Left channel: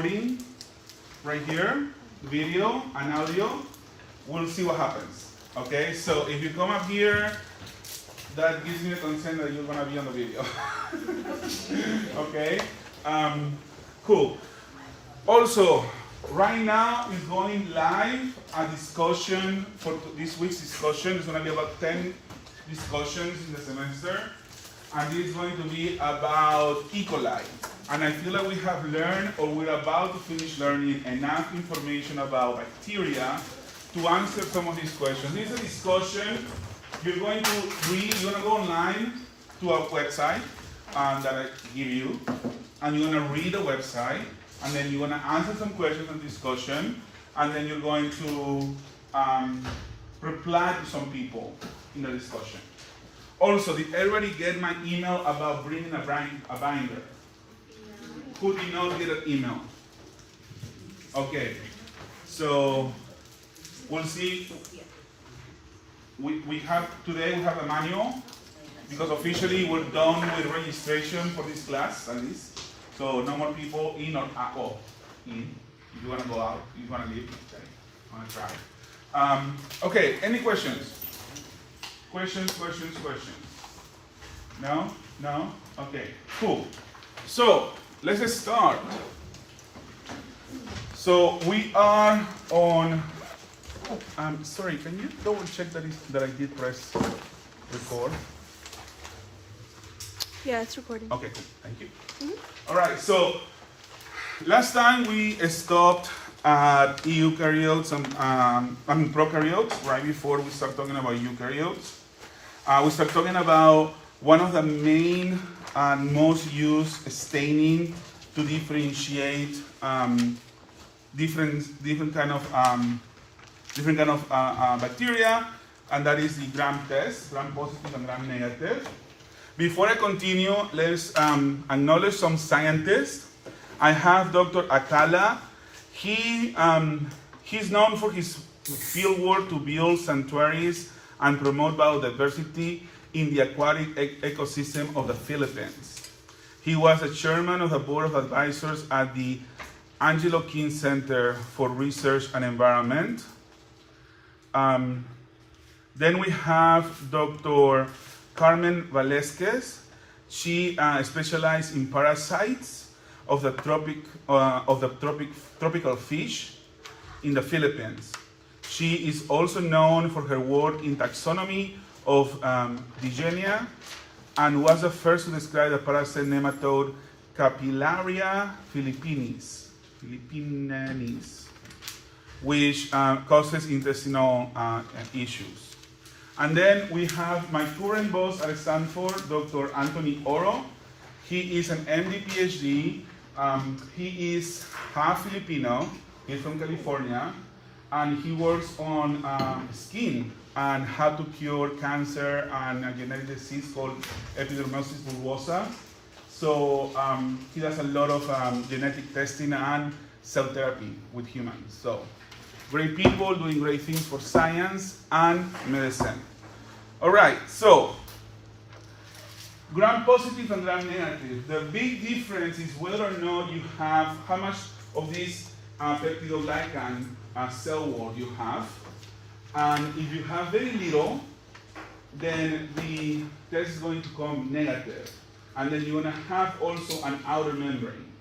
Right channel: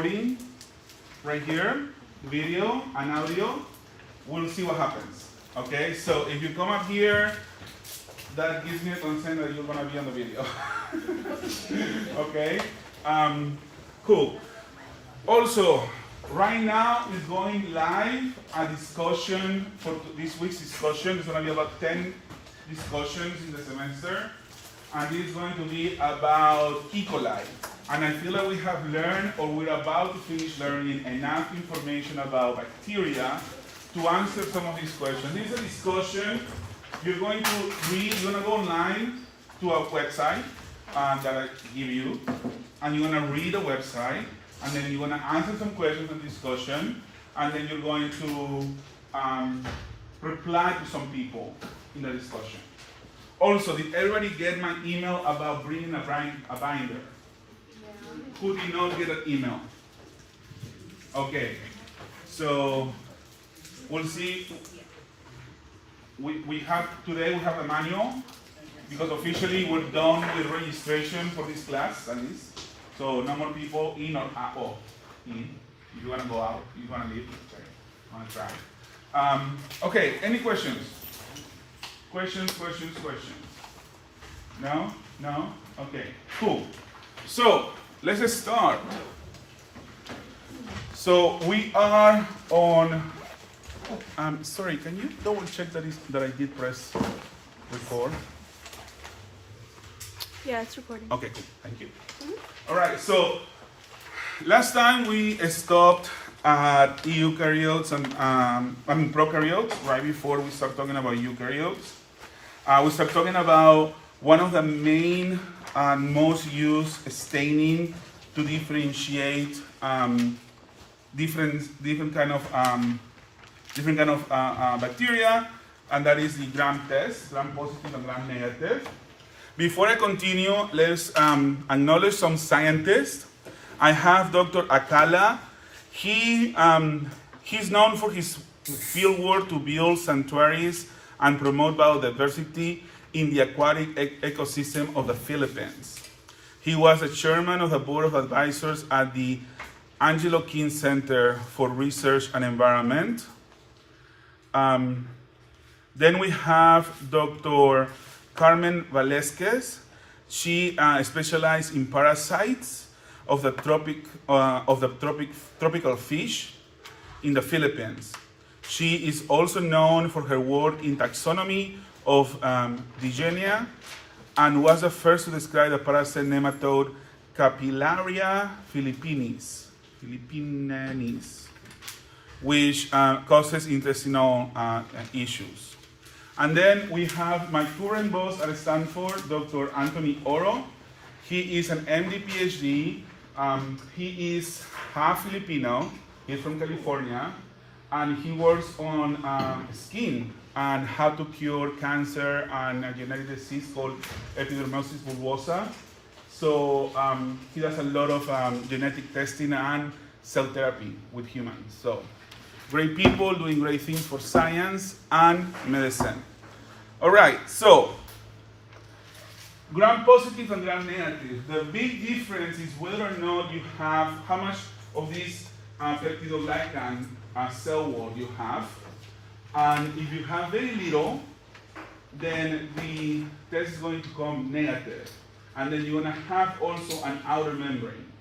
right here, video and audio. We'll see what happens. Okay, so if you come up here, that gives me the consent that you're gonna be on the video. Okay, cool. Also, right now is going live a discussion for this week's discussion. It's gonna be about 10 discussions in the semester, and this is going to be about E. coli. And I feel like we have learned, or we're about to finish learning, enough information about bacteria to answer some of these questions. This is a discussion. You're going to read, you're going to go online to a website that I give you, and you're going to read the website, and then you're going to answer some questions in discussion, and then you're going to reply to some people in the discussion. Also, did everybody get my email about bringing a binder? Who did not get an email? Okay, so we'll see. We have today we have a manual because officially we're done with registration for this class at least. So no more people in or out. Oh, in. If you want to go out, if you want to leave, okay. I want to try. Okay, any questions? Questions? No? No? Okay, cool. So let's start. So we are on. Sorry, can you double check that I did press record? Yeah, it's recording. Okay, thank you. All right, so last time we stopped at eukaryotes and prokaryotes, right before we start talking about eukaryotes. We start talking about one of the main and most used staining to differentiate different kind of bacteria, and that is the Gram test, Gram positive and Gram negative. Before I continue, let's acknowledge some scientists. I have Dr. Akala. He's known for his fieldwork to build sanctuaries and promote biodiversity in the aquatic ecosystem of the Philippines. He was the chairman of the board of advisors at the Angelo King Center for Research and Environment. Then we have Dr. Carmen Valesquez. She specialized in parasites of the tropical fish in the Philippines. She is also known for her work in taxonomy of Dygenia, and was the first to describe the parasite nematode Capillaria philippinis, which causes intestinal issues. And then we have my current boss at Stanford, Dr. Anthony Oro. He is an MD PhD. He is half Filipino. He's from California, and he works on skin and how to cure cancer and a genetic disease called epidermolysis bullosa. So he does a lot of genetic testing and cell therapy with humans. So great people doing great things for science and medicine. All right, so Gram positive and Gram negative. The big difference is whether or not you have, how much of this peptidoglycan cell wall you have. And if you have very little, then the test is going to come negative. And then you're going to have also an outer membrane.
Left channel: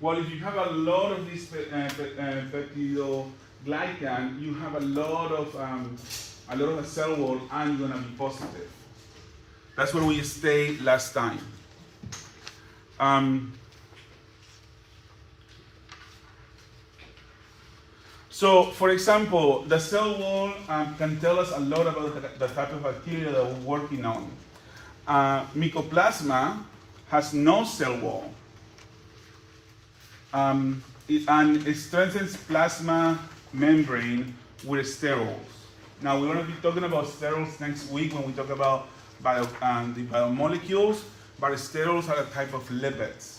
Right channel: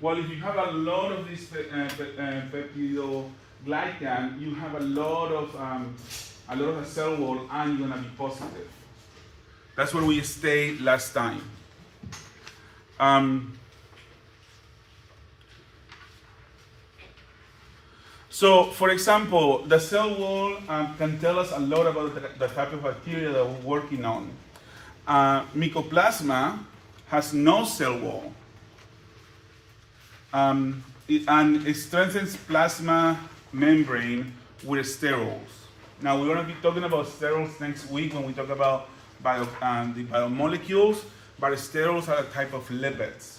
Well, if you have a lot of this peptidoglycan, you have a lot of the cell wall, and you're going to be positive. That's where we stayed last time. So, for example, the cell wall can tell us a lot about the type of bacteria that we're working on. Mycoplasma has no cell wall. And it strengthens plasma membrane with sterols. Now, we're going to be talking about sterols next week when we talk about the biomolecules, but sterols are a type of lipids.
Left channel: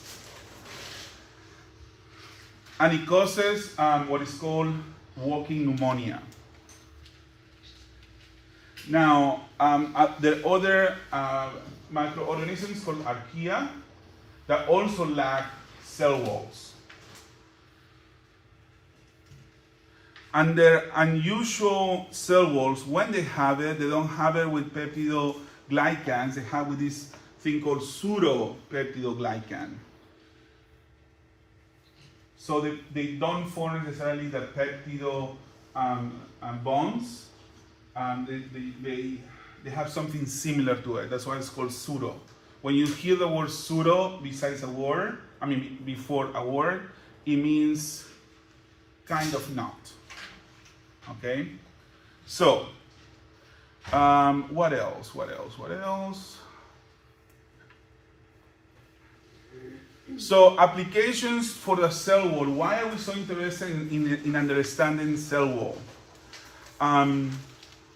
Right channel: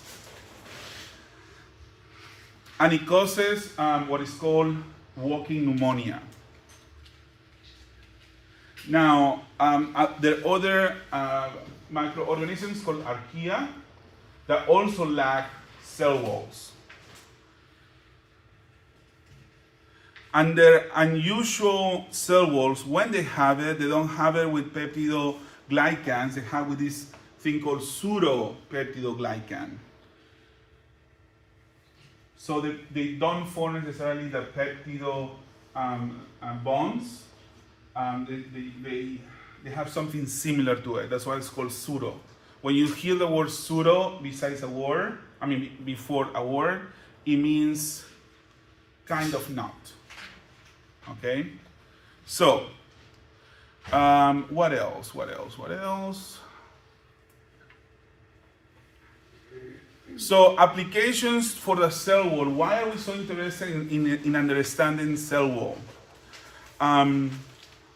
And it causes what is called walking pneumonia. Now, there are other microorganisms called archaea that also lack cell walls. Under unusual cell walls, when they have it, they don't have it with peptidoglycans, they have with this thing called pseudo-peptidoglycan. So they don't form necessarily the peptido bonds. They have something similar to it. That's why it's called pseudo. When you hear the word pseudo besides a word, before a word, it means kind of not. Okay? So, what else? So, applications for the cell wall. Why are we so interested in understanding cell wall?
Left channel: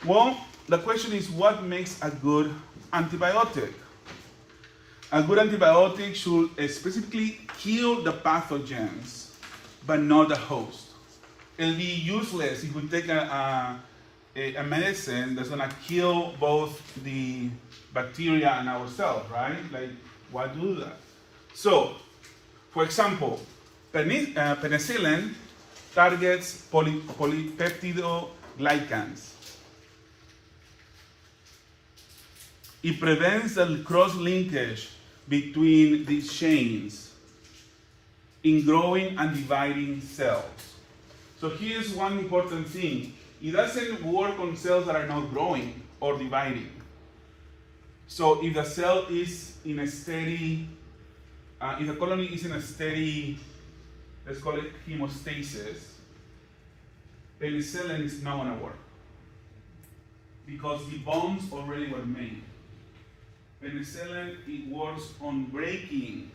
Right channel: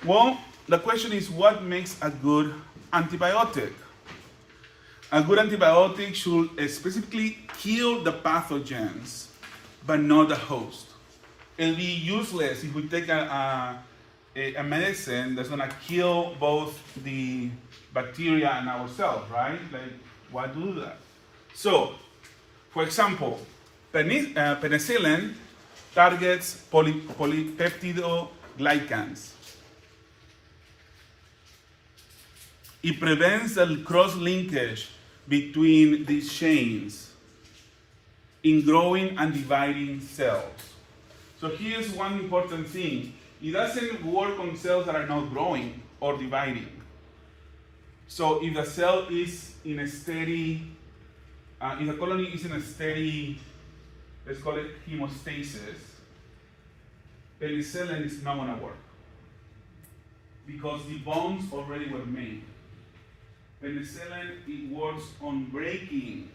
Well, the question is, what makes a good antibiotic? A good antibiotic should specifically kill the pathogens, but not the host. It'll be useless if we take a medicine that's going to kill both the bacteria and ourselves, right? Like, why do that? So, for example, penicillin targets polypeptidoglycans. It prevents the cross-linkage between these chains in growing and dividing cells. So here's one important thing. It doesn't work on cells that are not growing or dividing. So if the cell is in a steady, if the colony is in a steady, let's call it hemostasis, penicillin is not going to work because the bonds already were made. Penicillin, it works on breaking,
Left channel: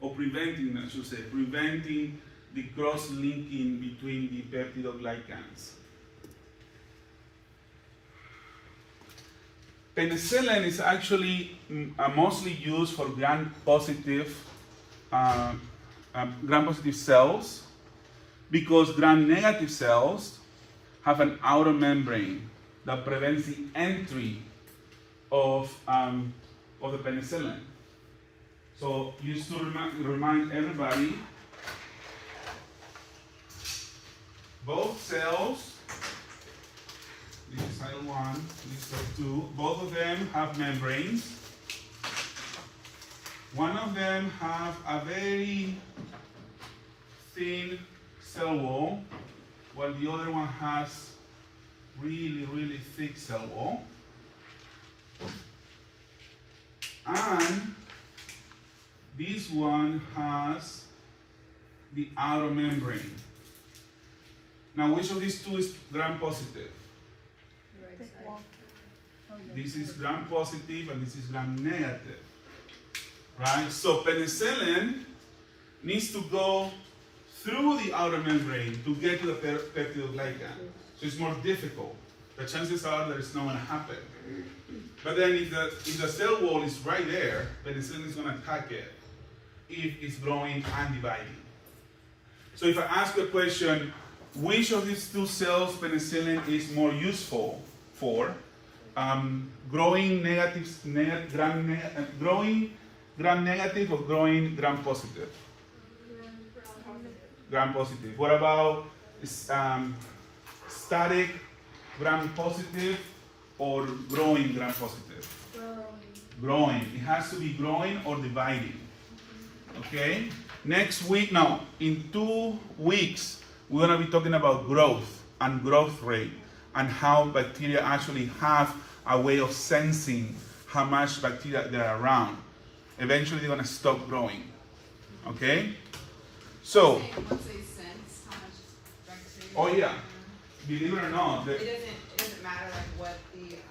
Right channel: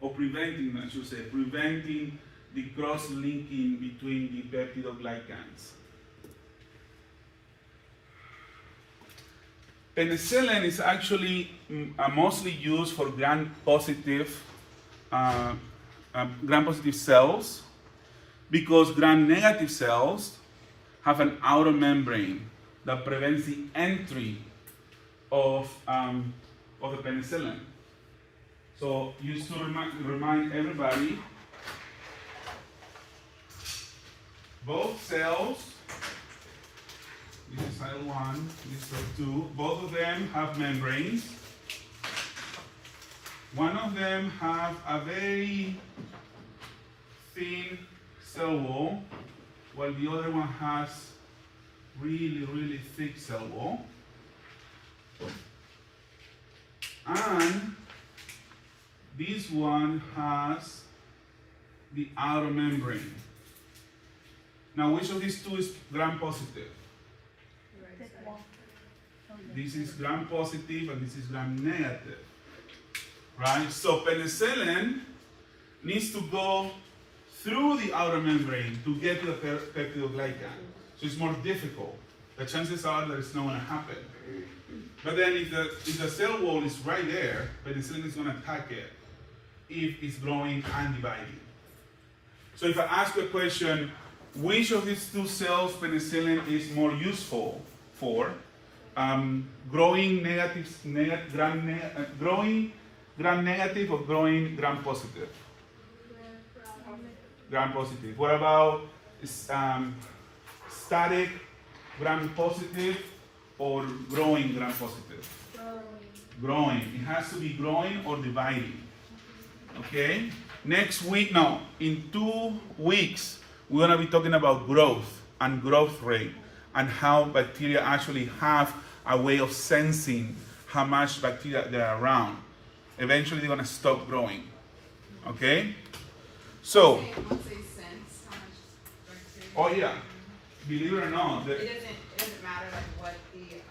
or preventing, I should say, preventing the cross-linking between the peptidoglycans. Penicillin is actually mostly used for gram-positive cells because gram-negative cells have an outer membrane that prevents the entry of the penicillin. So just to remind everybody, both cells, this is cell 1, this is cell 2, both of them have membranes. One of them have a very thin cell wall, while the other one has really, really thick cell wall. And this one has the outer membrane. Now, which of these two is gram-positive? This is gram-positive and this is gram-negative. Right? So penicillin needs to go through the outer membrane to get to the peptidoglycan. So it's more difficult. The chances are that it's not going to happen. But then if the cell wall is right there, penicillin is going to attack it if it's growing and dividing. So if I ask you a question, which of these two cells penicillin is more useful for? Growing gram-negative or growing gram-positive? Gram-positive. What about static gram-positive or growing gram-positive? Growing. It has to be growing or dividing. Okay? Next week, no, in 2 weeks, we're going to be talking about growth and growth rate and how bacteria actually have a way of sensing how much bacteria there are around. Eventually, they're going to stop growing. Okay? So. Once they sense how much bacteria. Oh yeah. Believe it or not. It doesn't matter like what the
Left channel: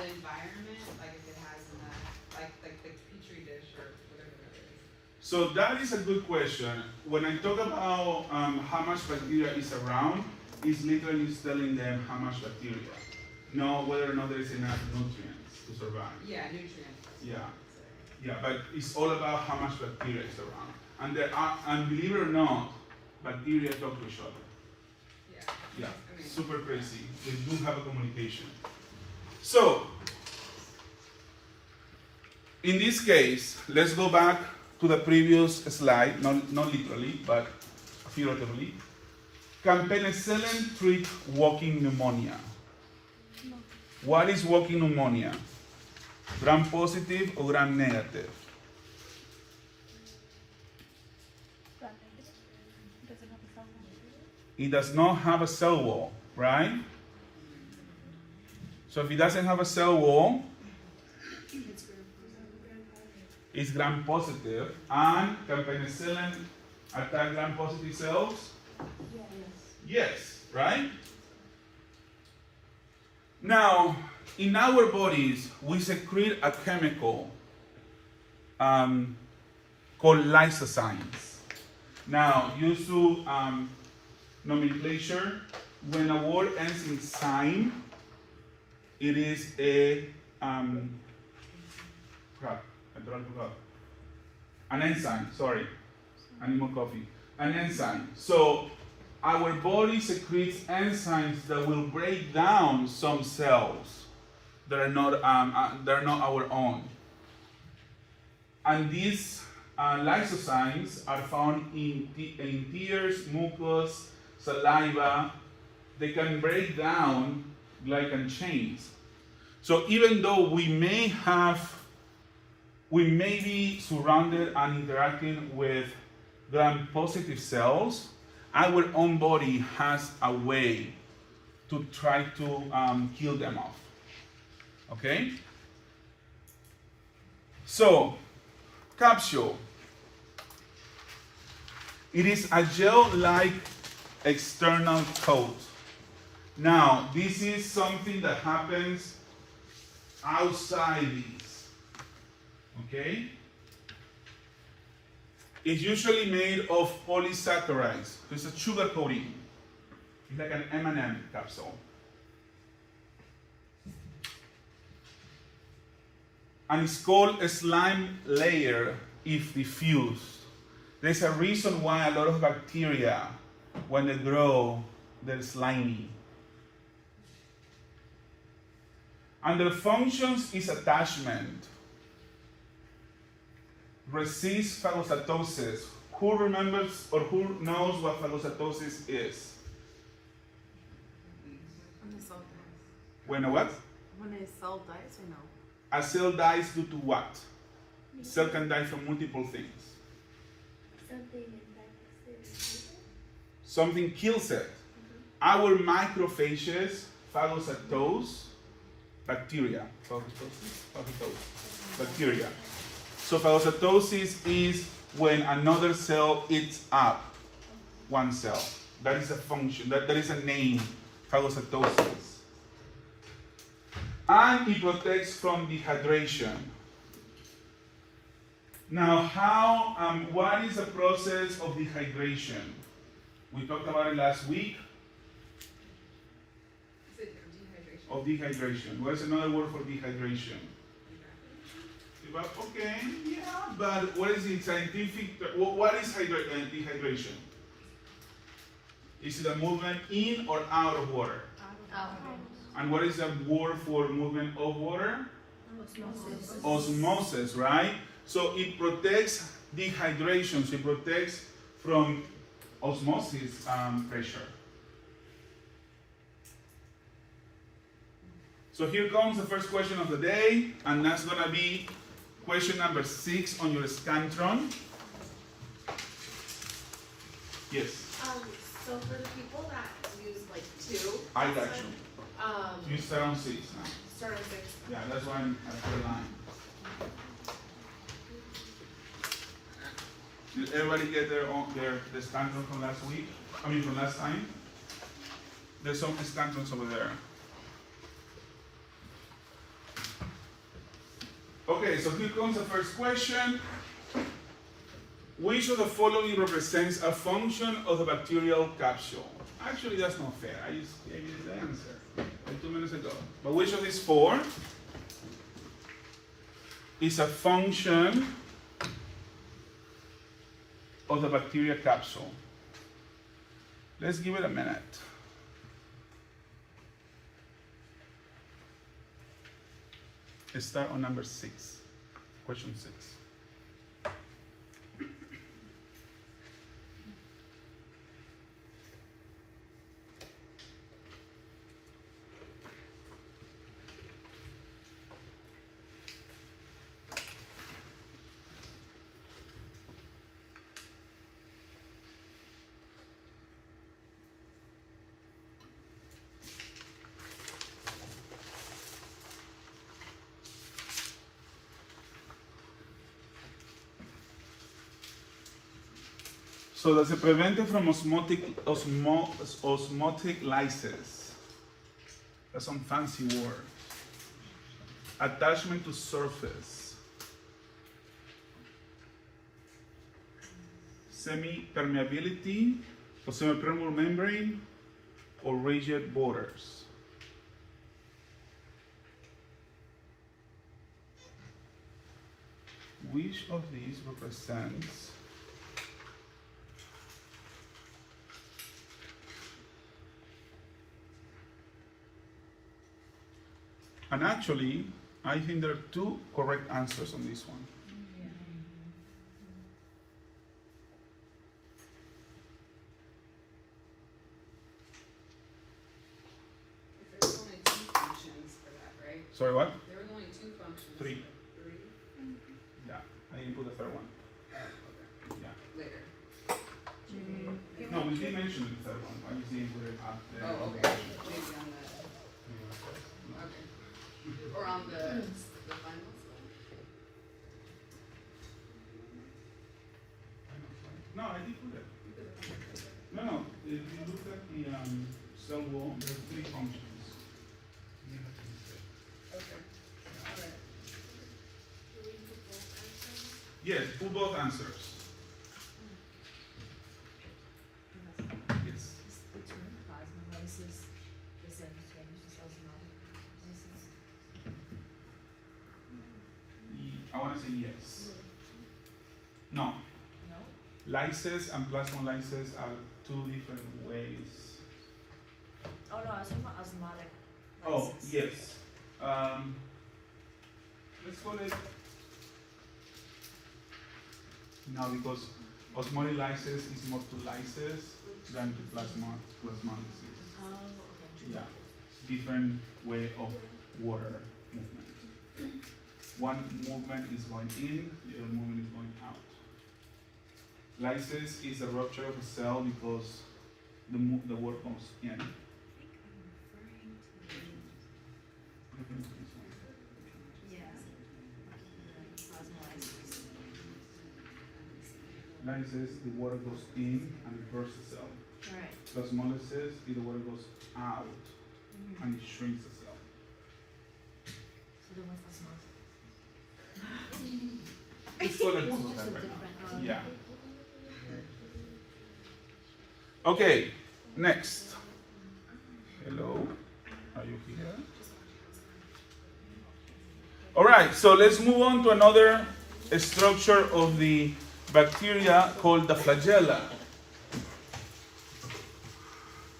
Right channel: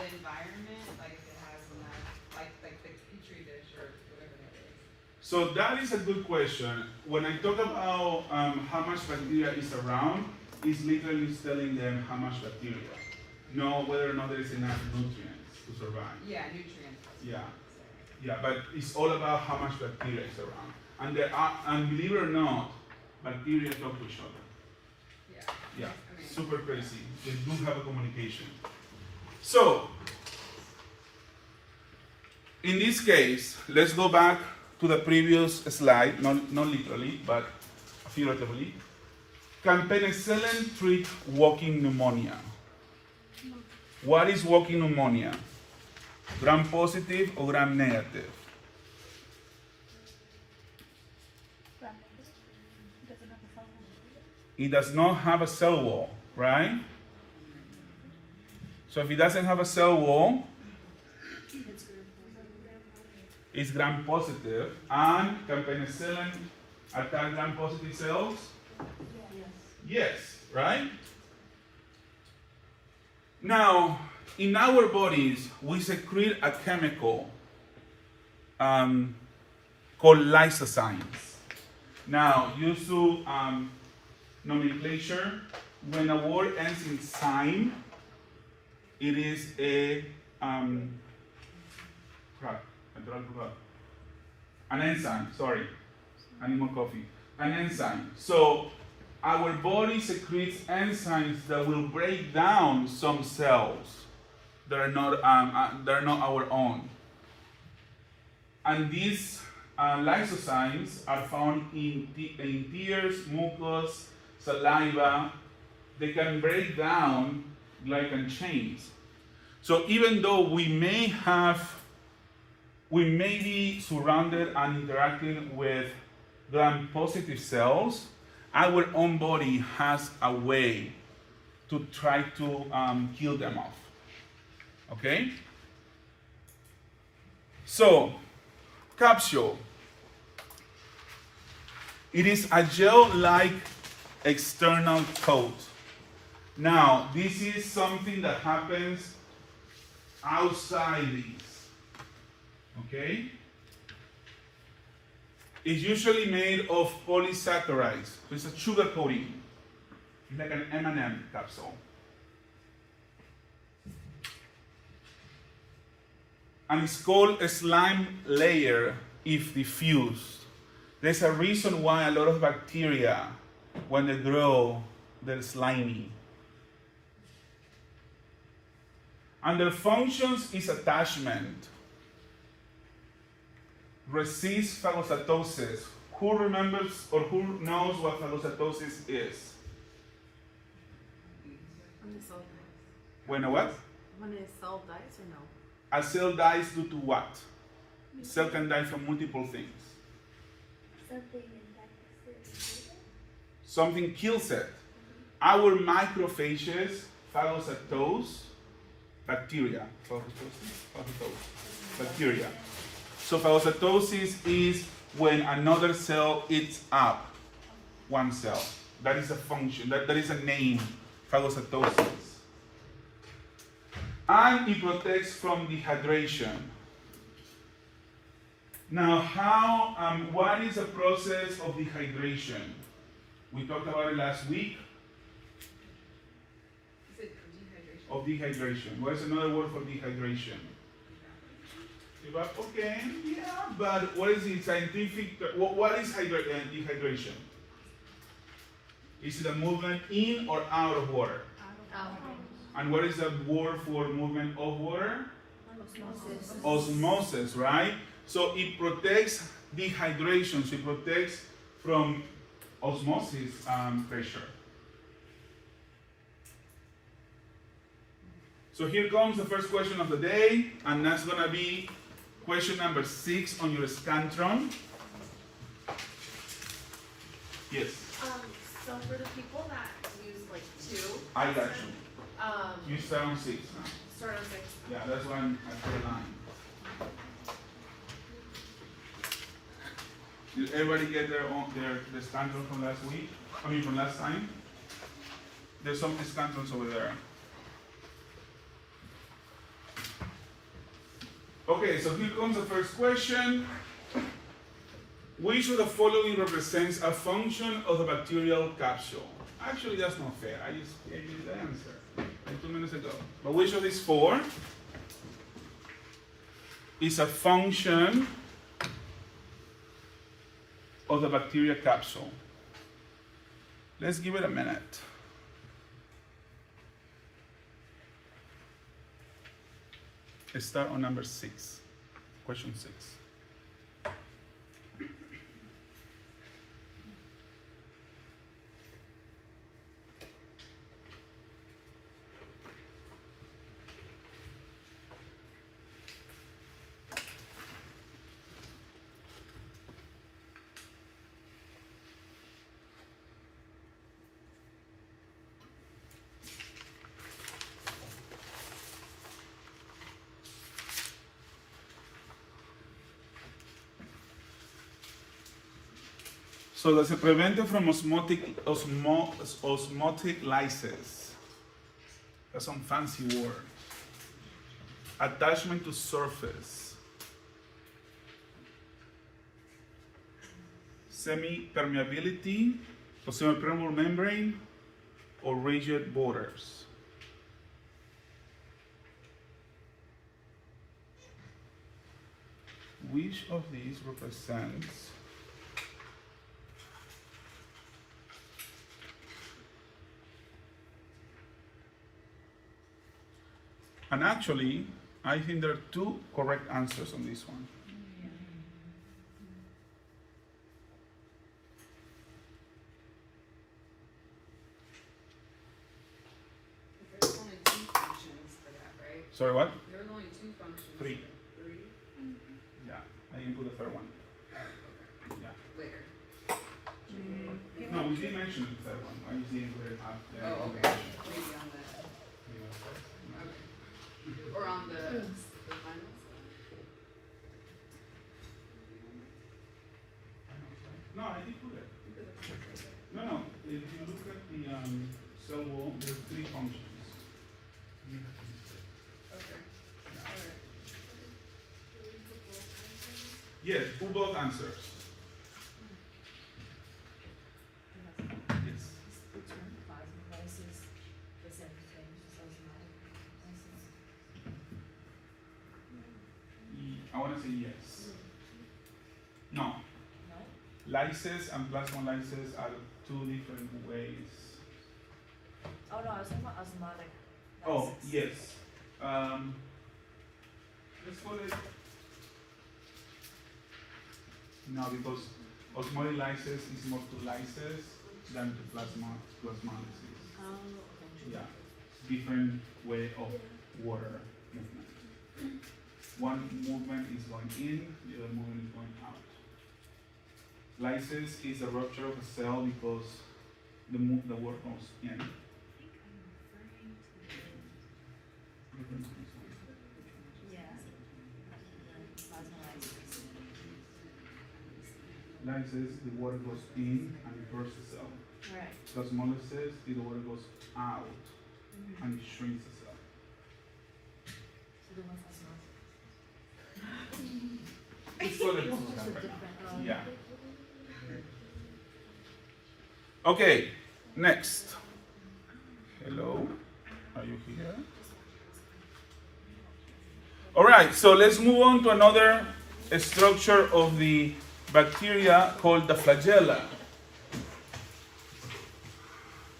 environment, like if it has enough, like the petri dish or whatever it is. So that is a good question. When I talk about how much bacteria is around, it's literally telling them how much bacteria. Not whether or not there is enough nutrients to survive. Yeah, nutrients. Yeah, but it's all about how much bacteria is around. And and believe it or not, bacteria talk to each other. Yeah, super crazy. They do have a communication. So, in this case, let's go back to the previous slide, not literally, but figuratively. Can penicillin treat walking pneumonia? What is walking pneumonia? Gram positive or gram negative? It does not have a cell wall, right? So if it doesn't have a cell wall, it's gram positive. And can penicillin attack gram positive cells? Yes, right? Now, in our bodies, we secrete a chemical called lysozymes. Now, used to nomenclature, when a word ends in zyme, it is a an enzyme, sorry, animal coffee, an enzyme. So our body secretes enzymes that will break down some cells that are not our own. And these lysozymes are found in tears, mucus, saliva. They can break down glycan chains. So even though we may be surrounded and interacting with gram-positive cells, our own body has a way to try to kill them off. Okay? So, capsule. It is a gel-like external coat. Now, this is something that happens outside these. Okay? It's usually made of polysaccharides. So it's a sugar coating. It's like an M&M capsule. And it's called a slime layer if diffused. There's a reason why a lot of bacteria, when they grow, they're slimy. And their functions is attachment. Resist phagocytosis. Who remembers or who knows what phagocytosis is? When the cell dies. When a what? When a cell dies or no? A cell dies due to what? A cell can die from multiple things. Something kills it. Our macrophages phagocytose bacteria. Bacteria. So phagocytosis is when another cell eats up one cell. That is a function, that is a name, phagocytosis. And it protects from dehydration. Now, what is the process of dehydration? We talked about it last week. Is it dehydration? Of dehydration. What is another word for dehydration? Okay, yeah, but what is the scientific, what is dehydration? Is it a movement in or out of water? Out. And what is the word for movement of water? Osmosis. Osmosis, right? So it protects dehydration, so it protects from osmosis pressure. So here comes the first question of the day, and that's going to be question number 6 on your Scantron. Yes? So for the people that use like 2, I got you. You start on 6 now. start on 6. Yeah, that's why I'm at the 9. Did everybody get their Scantron from last week? I mean from last time? There's some Scantrons over there. Okay, so here comes the first question. Which of the following represents a function of the bacterial capsule? Actually, that's not fair. I just gave you the answer like 2 minutes ago. But which of these 4 is a function of the bacteria capsule? Let's give it a minute. Let's start on number 6, question 6. So does it prevent it from osmotic lysis? That's some fancy word. Attachment to surface. Semi-permeability, or semi-permeable membrane, or rigid borders. Which of these represents and actually, I think there are two correct answers on this one. There's only two functions for that, right? Sorry, what? There was only two functions. Three. Three? Yeah, I didn't put the third one. Okay. Yeah. Later. No, we did mention the third one. I just didn't put it after. Oh, okay. Maybe on the, okay. Or on the finals? No, I did put it. No. If you look at the cell wall, there are three functions. Okay. Alright. Yes, put both answers. Yes. The term plasma lysis, the same thing as osmotic lysis. I want to say yes. No. No? Lysis and plasmolysis are two different ways. Oh no, I was talking about osmotic lysis. Oh, yes. Let's call it. No, because osmotic lysis is more to lysis than to plasmolysis. Oh, okay. Yeah, different way of water movement. One movement is going in, the other movement is going out. Lysis is a rupture of a cell because the water goes in. Yeah. Plasma lysis. Lysis, the water goes in and it bursts the cell. Right. Plasmolysis, the water goes out Mm-hmm. and it shrinks the cell. So then what's osmosis? It's called a It's two also right different. now. Yeah. Okay, next. Hello, are you here? All right, so let's move on to another structure of the bacteria called the flagella.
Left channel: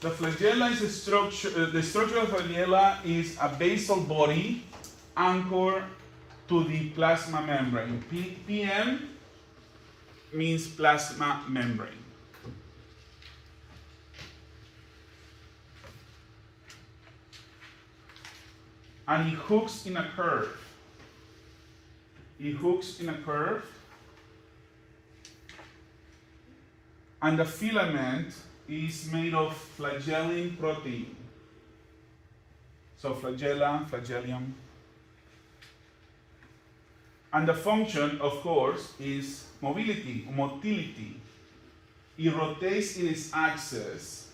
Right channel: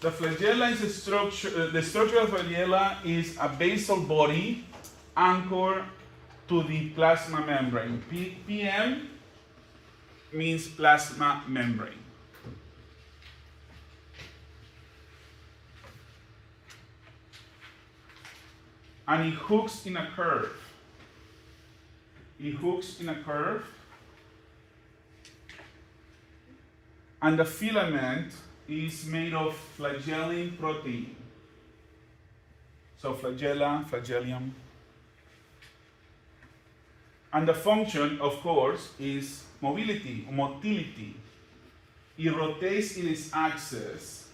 The flagella is a structure, the structure of flagella is a basal body anchored to the plasma membrane. PM means plasma membrane. And it hooks in a curve. It hooks in a curve. And the filament is made of flagellin protein. So flagella, flagellum. And the function, of course, is motility. It rotates in its axis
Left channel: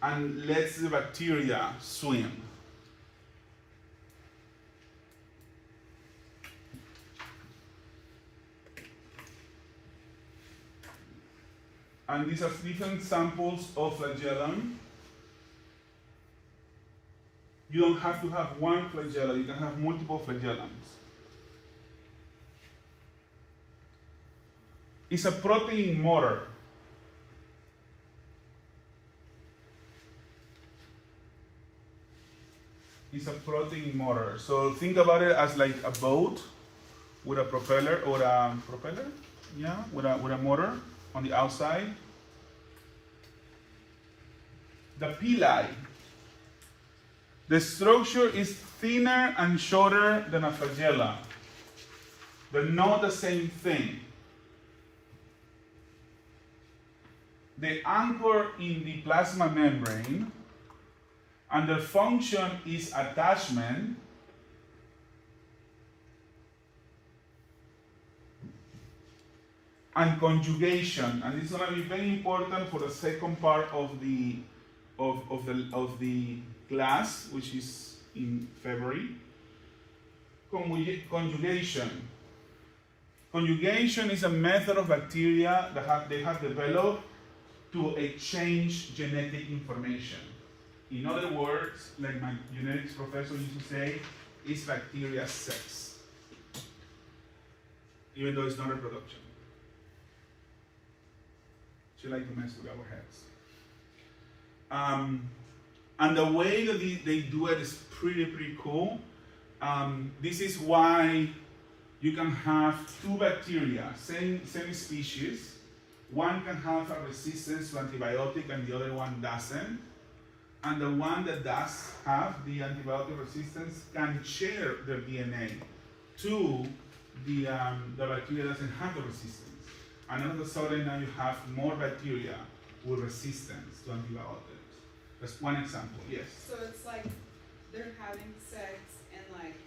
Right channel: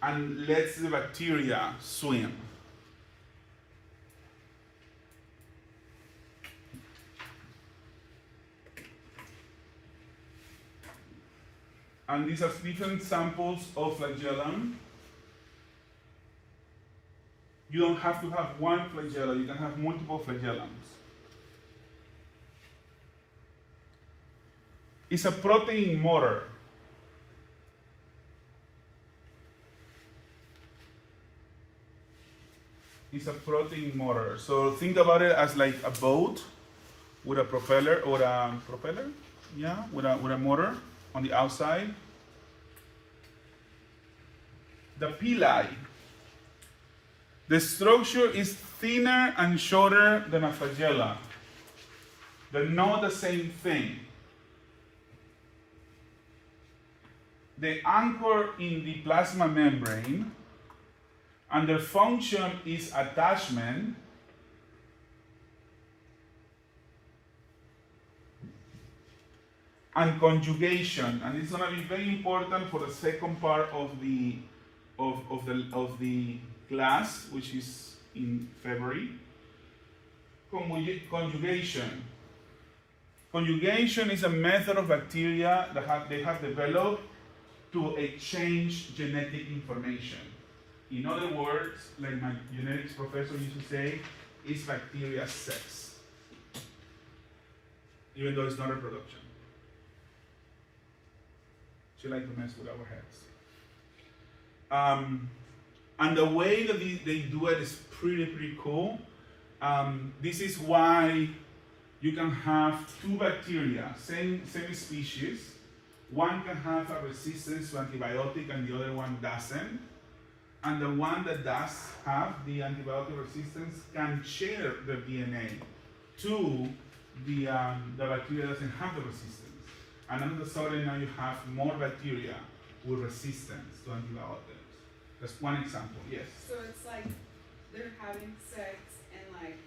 and lets the bacteria swim. And these are different samples of flagellum. You don't have to have one flagella, you can have multiple flagellums. It's a protein motor. It's a protein motor. So think about it as like a boat with a propeller or a propeller, yeah, with a motor on the outside. The pili. The structure is thinner and shorter than a flagella, but not the same thing. They anchor in the plasma membrane, and their function is attachment. and conjugation, and it's going to be very important for the second part of the class, which is in February. Conjugation. Conjugation is a method of bacteria that they have developed to exchange genetic information. In other words, like my genetics professor used to say, it's bacteria sex, even though it's not reproduction. She like to mess with our heads. And the way that they do it is pretty cool. This is why you can have two bacteria, same species. One can have a resistance to antibiotic and the other one doesn't. And the one that does have the antibiotic resistance can share their DNA to the bacteria that doesn't have the resistance. And all of a sudden now you have more bacteria with resistance to antibiotics. That's one example, yes. So it's like they're having sex and like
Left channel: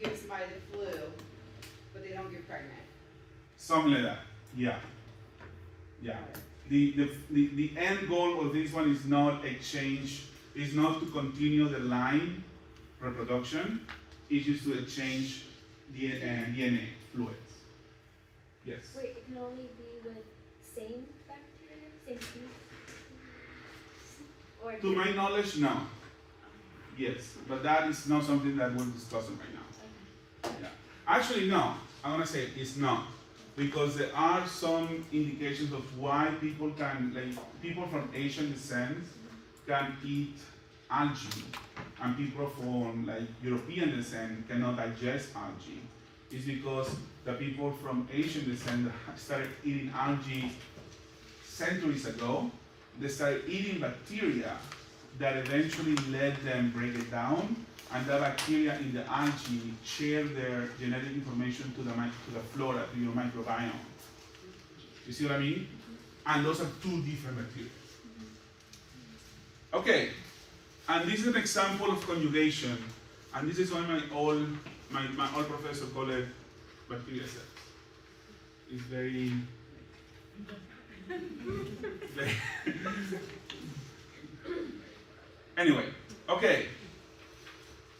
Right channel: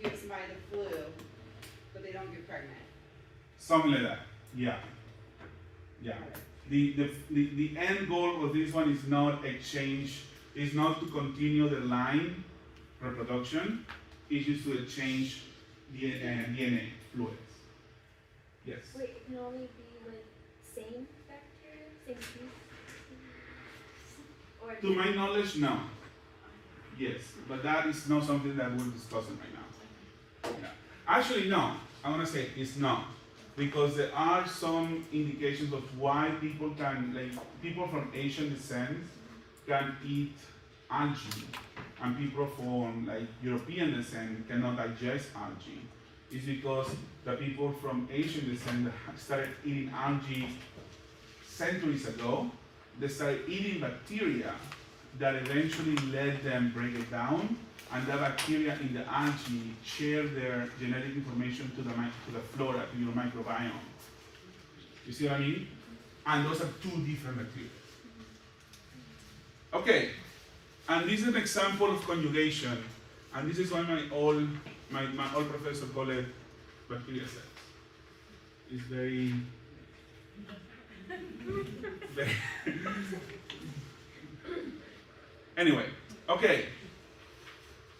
you give somebody the flu, but they don't get pregnant. Something like that, yeah. Yeah. The end goal of this one is not exchange, is not to continue the line reproduction, it's just to exchange DNA fluids. Yes. Wait, it can only be with same bacteria, same species? Or To my knowledge, no. Yes, but that is not something that we're discussing right now. Yeah. Actually, no. I want to say it's not. Because there are some indications of why people can, like people from Asian descent can eat algae, and people from like European descent cannot digest algae. It's because the people from Asian descent started eating algae centuries ago. They started eating bacteria that eventually led them break it down, and that bacteria in the algae share their genetic information to the flora, to your microbiome. You see what I mean? And those are two different bacteria. Okay, and this is an example of conjugation, and this is why my old professor called it Bailetti-Sáez. It's very anyway, okay.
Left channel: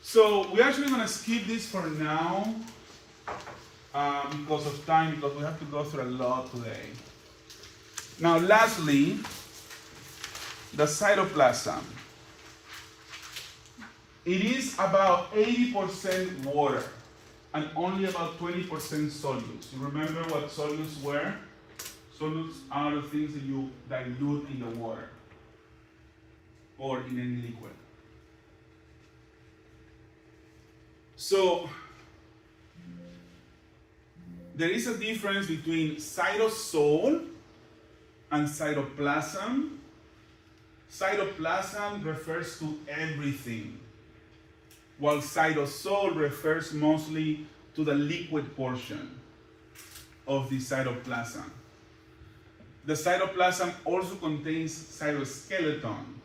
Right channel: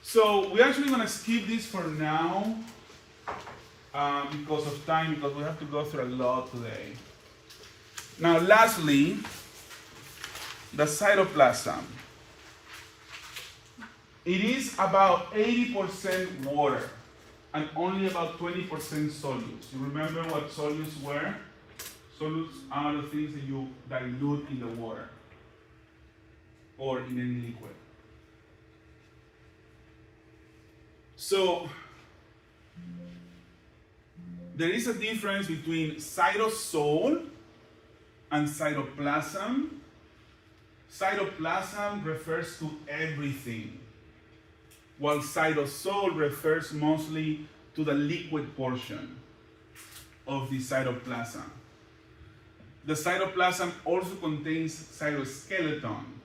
So we're actually going to skip this for now because of time, because we have to go through a lot today. Now, lastly, the cytoplasm. It is about 80% water and only about 20% solutes. You remember what solutes were? Solutes are the things that you dilute in the water or in any liquid. So, there is a difference between cytosol and cytoplasm. Cytoplasm refers to everything, while cytosol refers mostly to the liquid portion of the cytoplasm. The cytoplasm also contains cytoskeleton.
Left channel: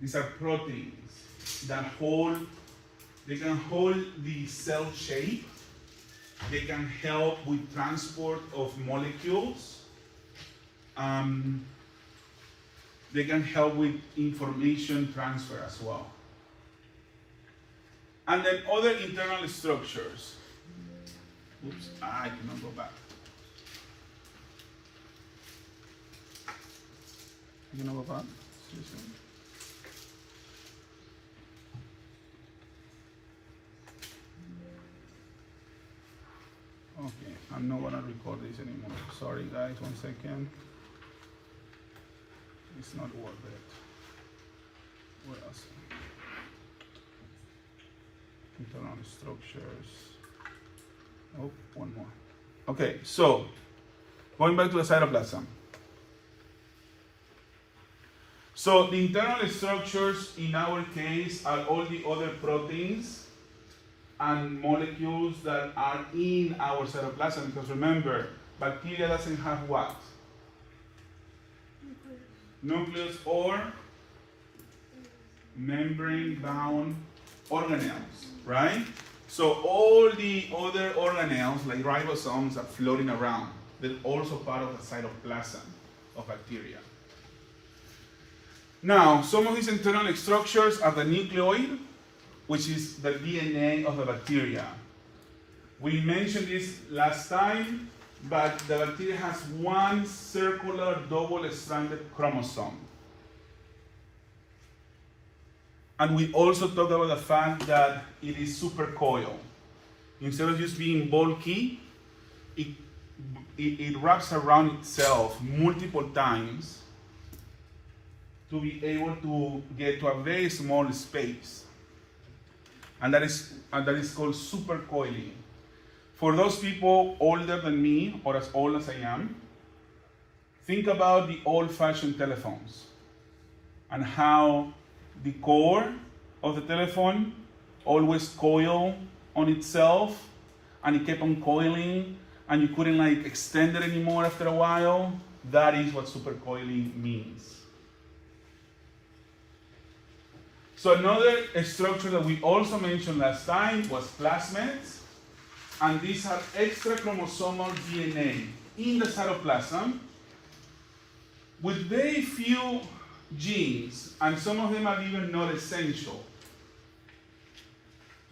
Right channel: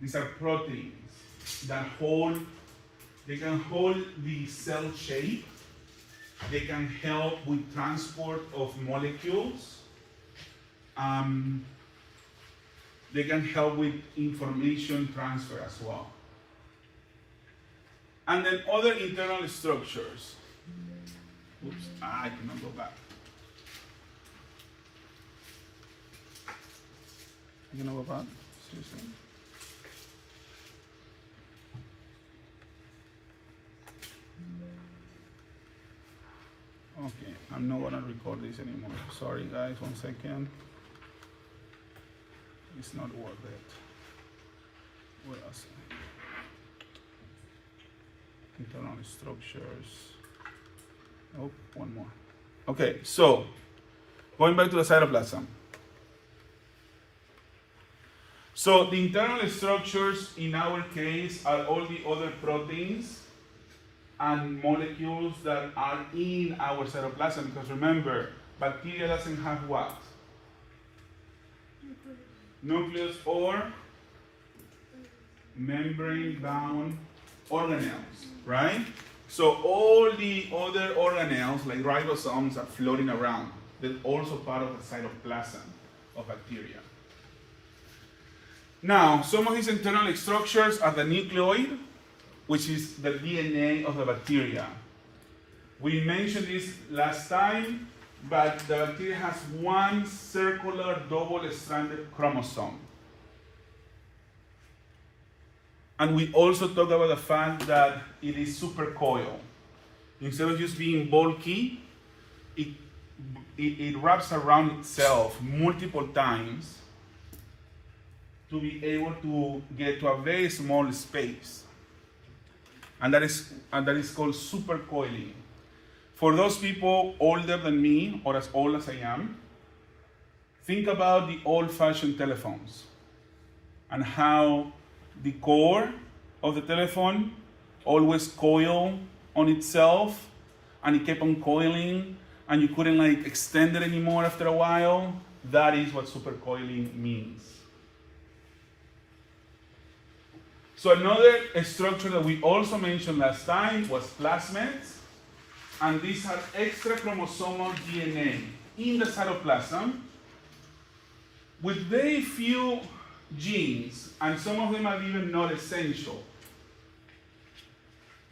These are proteins that they can hold the cell shape. They can help with transport of molecules. They can help with information transfer as well. And then other internal structures. Oops, I cannot go back. You can go back? Excuse me. Okay, I'm not gonna record this anymore. Sorry guys, 1 second. It's not worth it. Where else? Internal structures. Oh, one more. Okay, so going back to the cytoplasm. So the internal structures in our case are all the other proteins and molecules that are in our cytoplasm, because remember, bacteria doesn't have what? Nucleus or membrane-bound organelles, right? So all the other organelles, like ribosomes, are floating around. they're also part of the cytoplasm of bacteria. Now, some of these internal structures are the nucleoid, which is the DNA of the bacteria. We mentioned this last time, but the bacteria has one circular double-stranded chromosome. And we also talked about the fact that it is supercoiled. Instead of just being bulky, it wraps around itself multiple times to be able to get to a very small space. And that is called supercoiling. For those people older than me, or as old as I am, think about the old-fashioned telephones and how the core of the telephone always coiled on itself, and it kept on coiling, and you couldn't like extend it anymore after a while. That is what supercoiling means. So another structure that we also mentioned last time was plasmids. And these are extra chromosomal DNA in the cytoplasm with very few genes, and some of them are even not essential.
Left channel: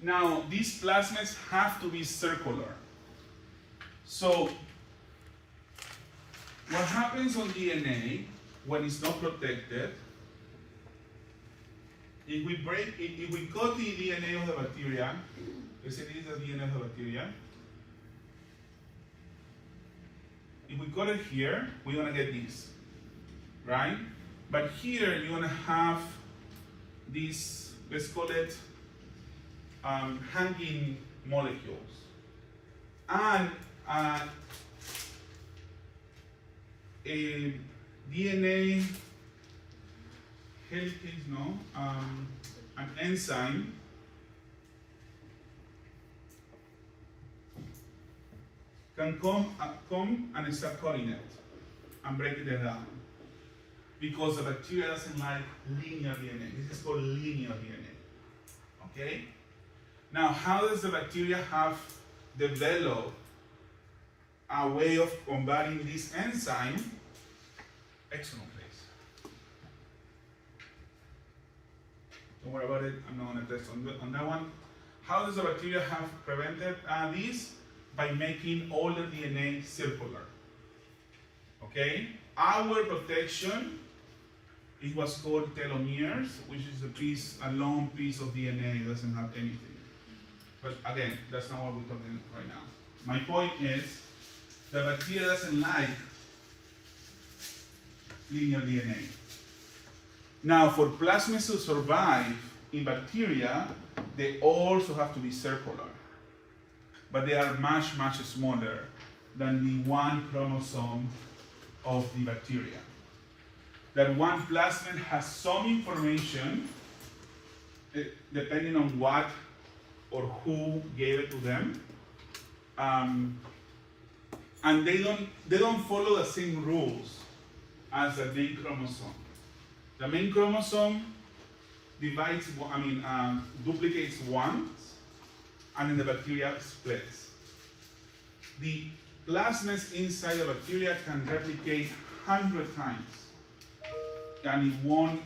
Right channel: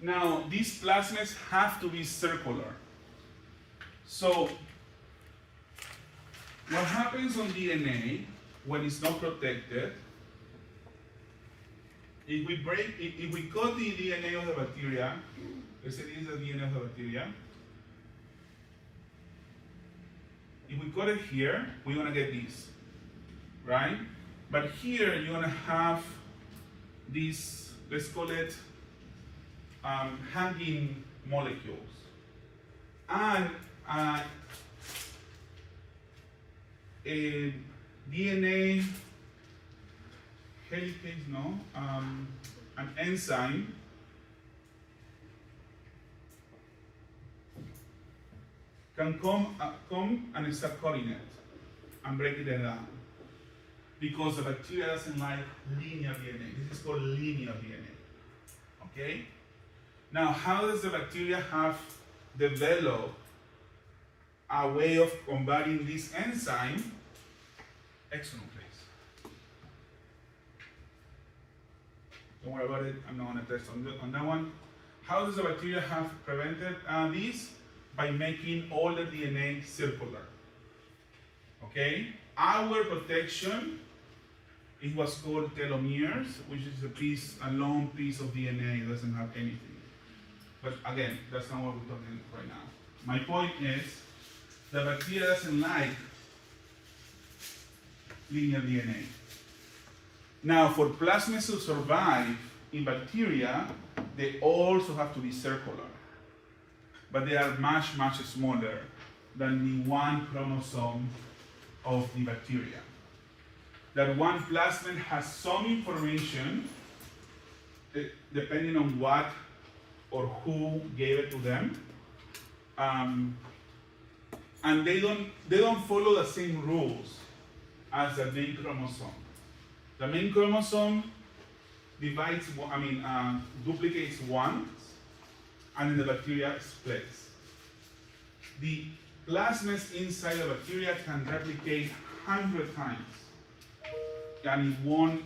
Now, these plasmids have to be circular. So, what happens on DNA when it's not protected, if we cut the DNA of the bacteria, let's say this is the DNA of the bacteria. If we cut it here, we're going to get this, right? But here, you're going to have these, let's call it hanging molecules. And a DNA helicase, no, an enzyme can come and start cutting it and breaking it down, because the bacteria doesn't like linear DNA. This is called linear DNA. Okay? Now, how does the bacteria have developed a way of combating this enzyme? Excellent place. Don't worry about it. I'm not going to test on that one. How does the bacteria have prevented this? By making all the DNA circular. Okay? Our protection, it was called telomeres, which is a long piece of DNA. It doesn't have anything. But again, that's not what we're talking about right now. My point is, the bacteria doesn't like linear DNA. Now, for plasmids to survive in bacteria, they also have to be circular. But they are much, much smaller than the one chromosome of the bacteria. That one plasmid has some information, depending on what or who gave it to them, and they don't follow the same rules as the main chromosome. The main chromosome duplicates once, and then the bacteria splits. The plasmids inside the bacteria can replicate 100 times, and it won't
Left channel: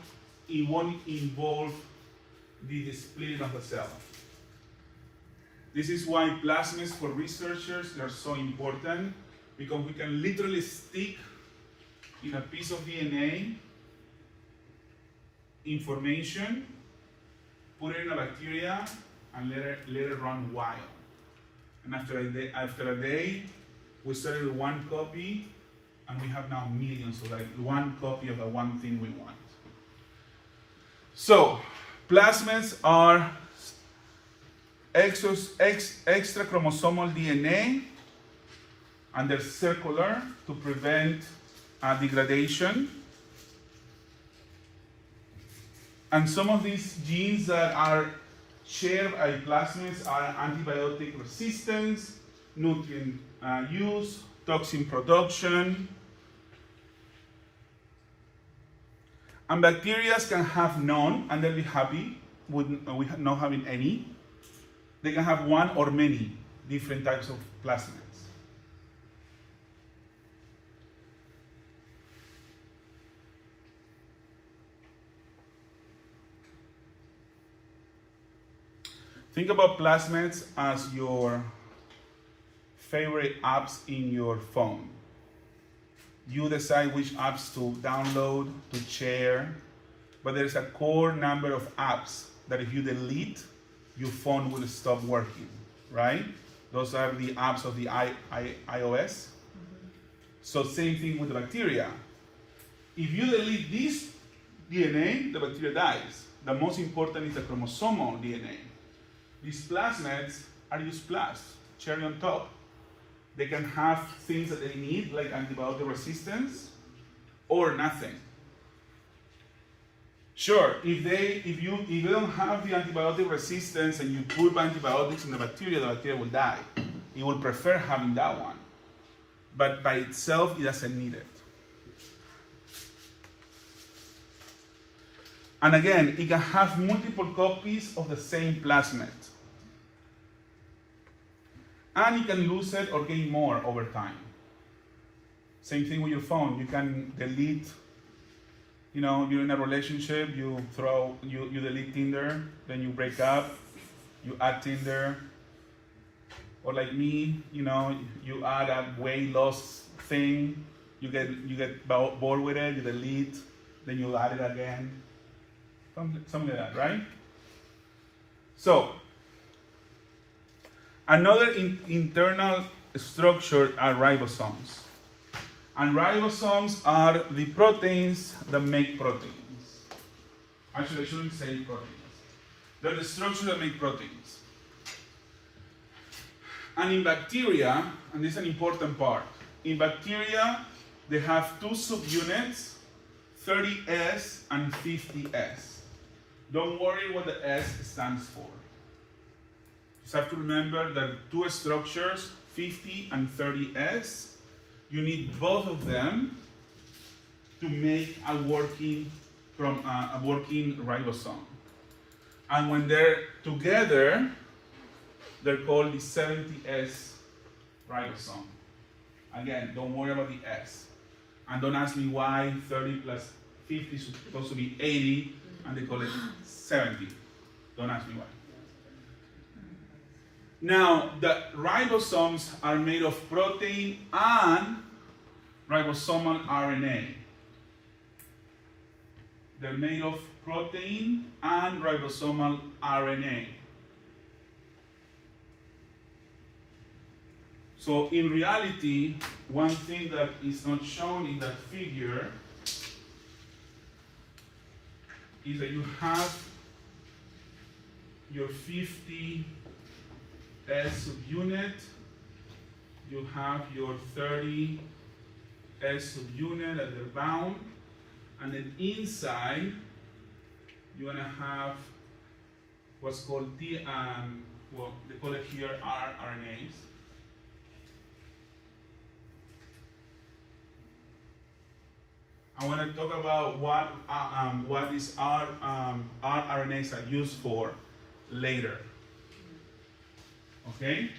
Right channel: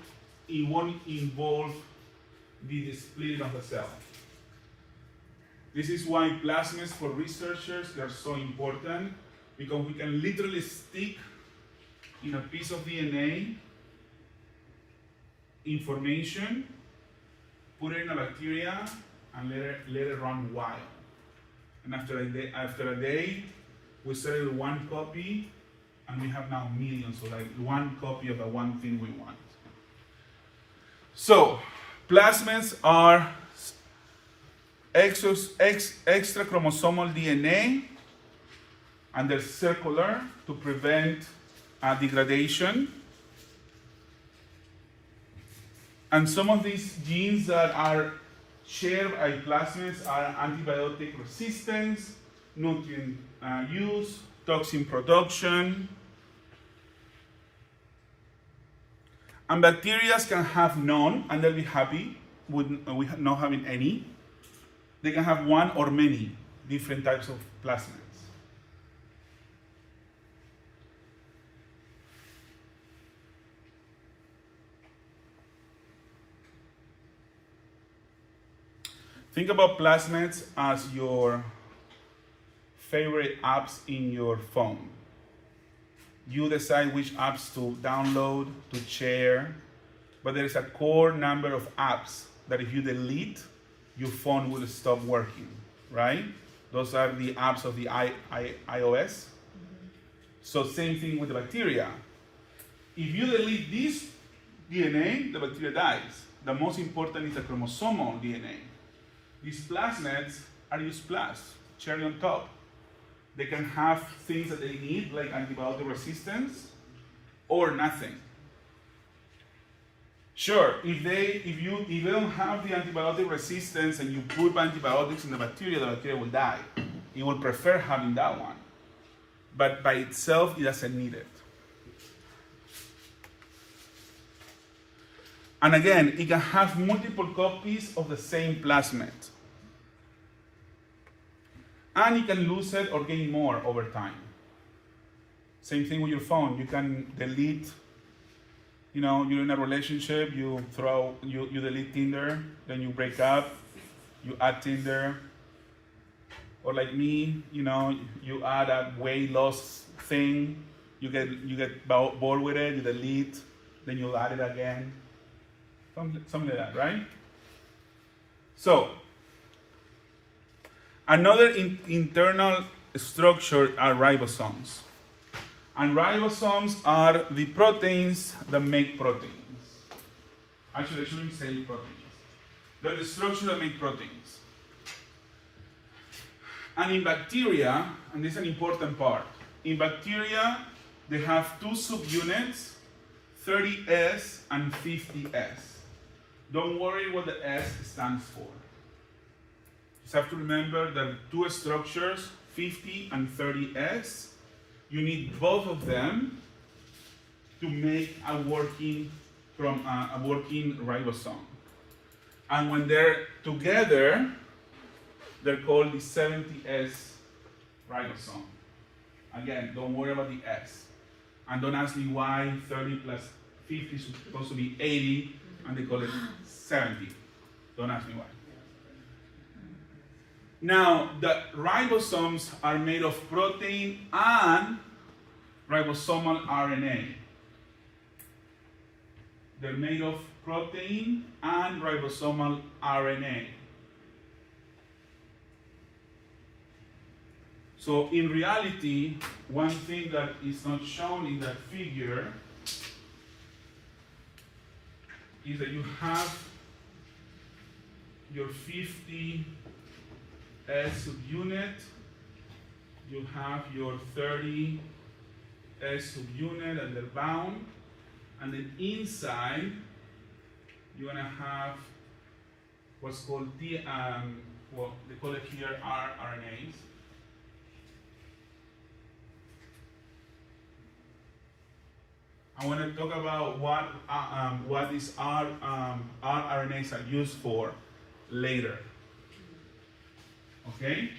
involve the splitting of the cell. This is why plasmids for researchers are so important, because we can literally stick in a piece of DNA information, put it in a bacteria, and let it run wild. And after a day, we started with one copy, and we have now millions, so like one copy of the one thing we want. So, plasmids are extra chromosomal DNA, and they're circular to prevent degradation. And some of these genes that are shared by plasmids are antibiotic resistance, nutrient use, toxin production. And bacteria can have none, and they'll be happy with not having any. They can have one or many different types of plasmids. Think about plasmids as your favorite apps in your phone. You decide which apps to download, to share, but there is a core number of apps that if you delete, your phone will stop working, right? Those are the apps of the iOS. So same thing with the bacteria. If you delete this DNA, the bacteria dies. The most important is the chromosomal DNA. These plasmids are just plus, cherry on top. They can have things that they need, like antibiotic resistance, or nothing. Sure, if you don't have the antibiotic resistance and you put antibiotics in the bacteria will die. It will prefer having that one. But by itself, it doesn't need it. And again, it can have multiple copies of the same plasmid. And you can lose it or gain more over time. Same thing with your phone. You can delete, you're in a relationship, you delete Tinder, then you break up, you add Tinder. Or like me, you add a weight loss thing, you get bored with it, you delete, then you add it again. Something like that, right? So, another internal structure are ribosomes. And ribosomes are the proteins that make proteins. Actually, I shouldn't say proteins. They're the structure that make proteins. And in bacteria, and this is an important part, in bacteria, they have two subunits, 30S and 50S. Don't worry what the S stands for. Just have to remember that two structures, 50 and 30S, you need both of them to make a working ribosome. And when they're together, they're called the 70S ribosome. Again, don't worry about the S. And don't ask me why 30 plus 50 is supposed to be 80 and they call it 70. Don't ask me why. Now, the ribosomes are made of protein and ribosomal RNA. They're made of protein and ribosomal RNA. So in reality, one thing that is not shown in that figure is that you have your 50S subunit, you have your 30S subunit and they're bound, and then inside you're gonna have what's called they call it here rRNAs. I want to talk about what these rRNAs are used for later. Okay?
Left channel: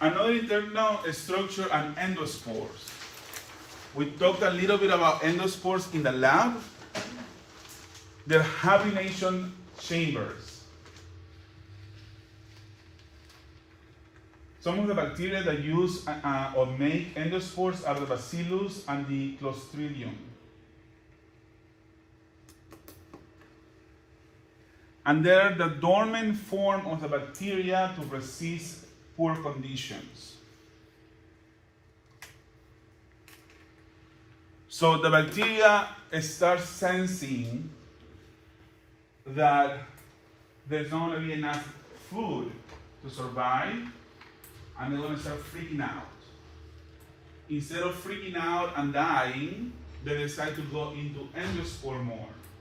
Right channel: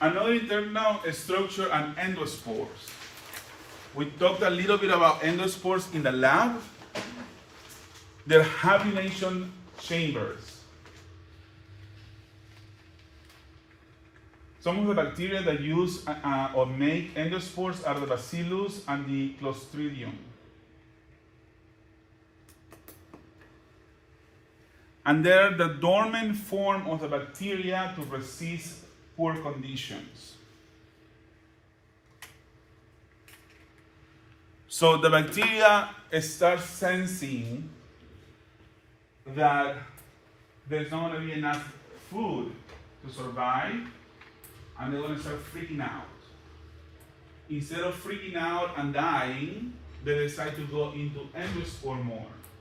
Another internal structure are endospores. We talked a little bit about endospores in the lab. They're hibernation chambers. Some of the bacteria that use or make endospores are the Bacillus and the Clostridium. And they're the dormant form of the bacteria to resist poor conditions. So the bacteria starts sensing that there's not going to be enough food to survive, and they're going to start freaking out. Instead of freaking out and dying, they decide to go into endospore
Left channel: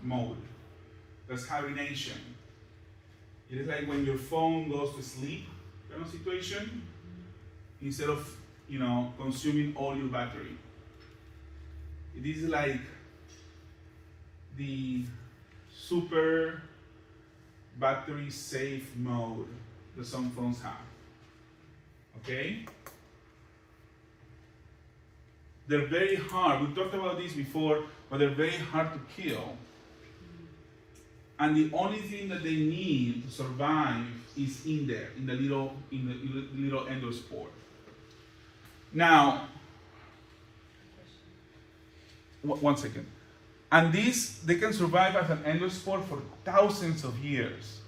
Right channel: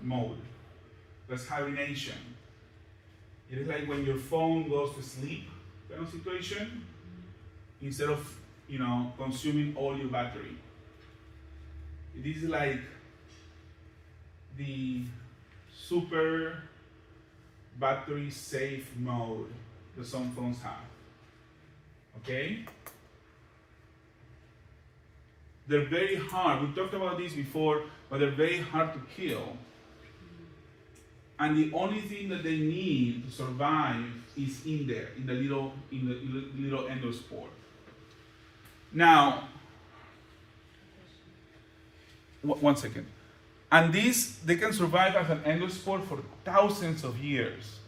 mode. That's hibernation. It is like when your phone goes to sleep kind of situation, instead of consuming all your battery. It is like the super battery safe mode that some phones have. Okay? They're very hard. We talked about this before, but they're very hard to kill. and the only thing that they need to survive is in there, in the little endospore. Now, one second. And these, they can survive as an endospore for thousands of years.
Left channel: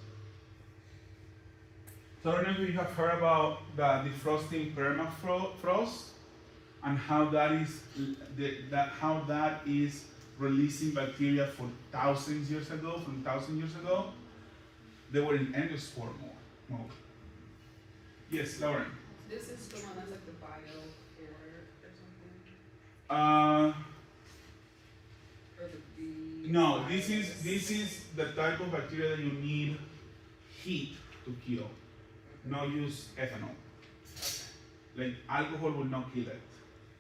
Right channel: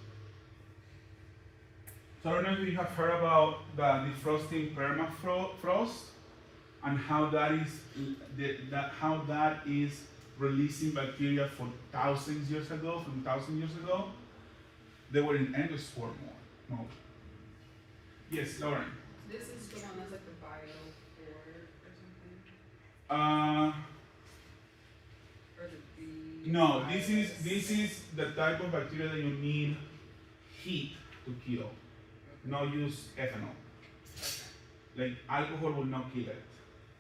So I don't know if you have heard about the defrosting permafrost and how that is releasing bacteria for thousands years ago. They were in endospore mode. Yes, Lauren. This is the one that's like the biofilm or something? Or the No, this is the type of bacteria that you need heat to kill. No use ethanol. Like alcohol will not kill it.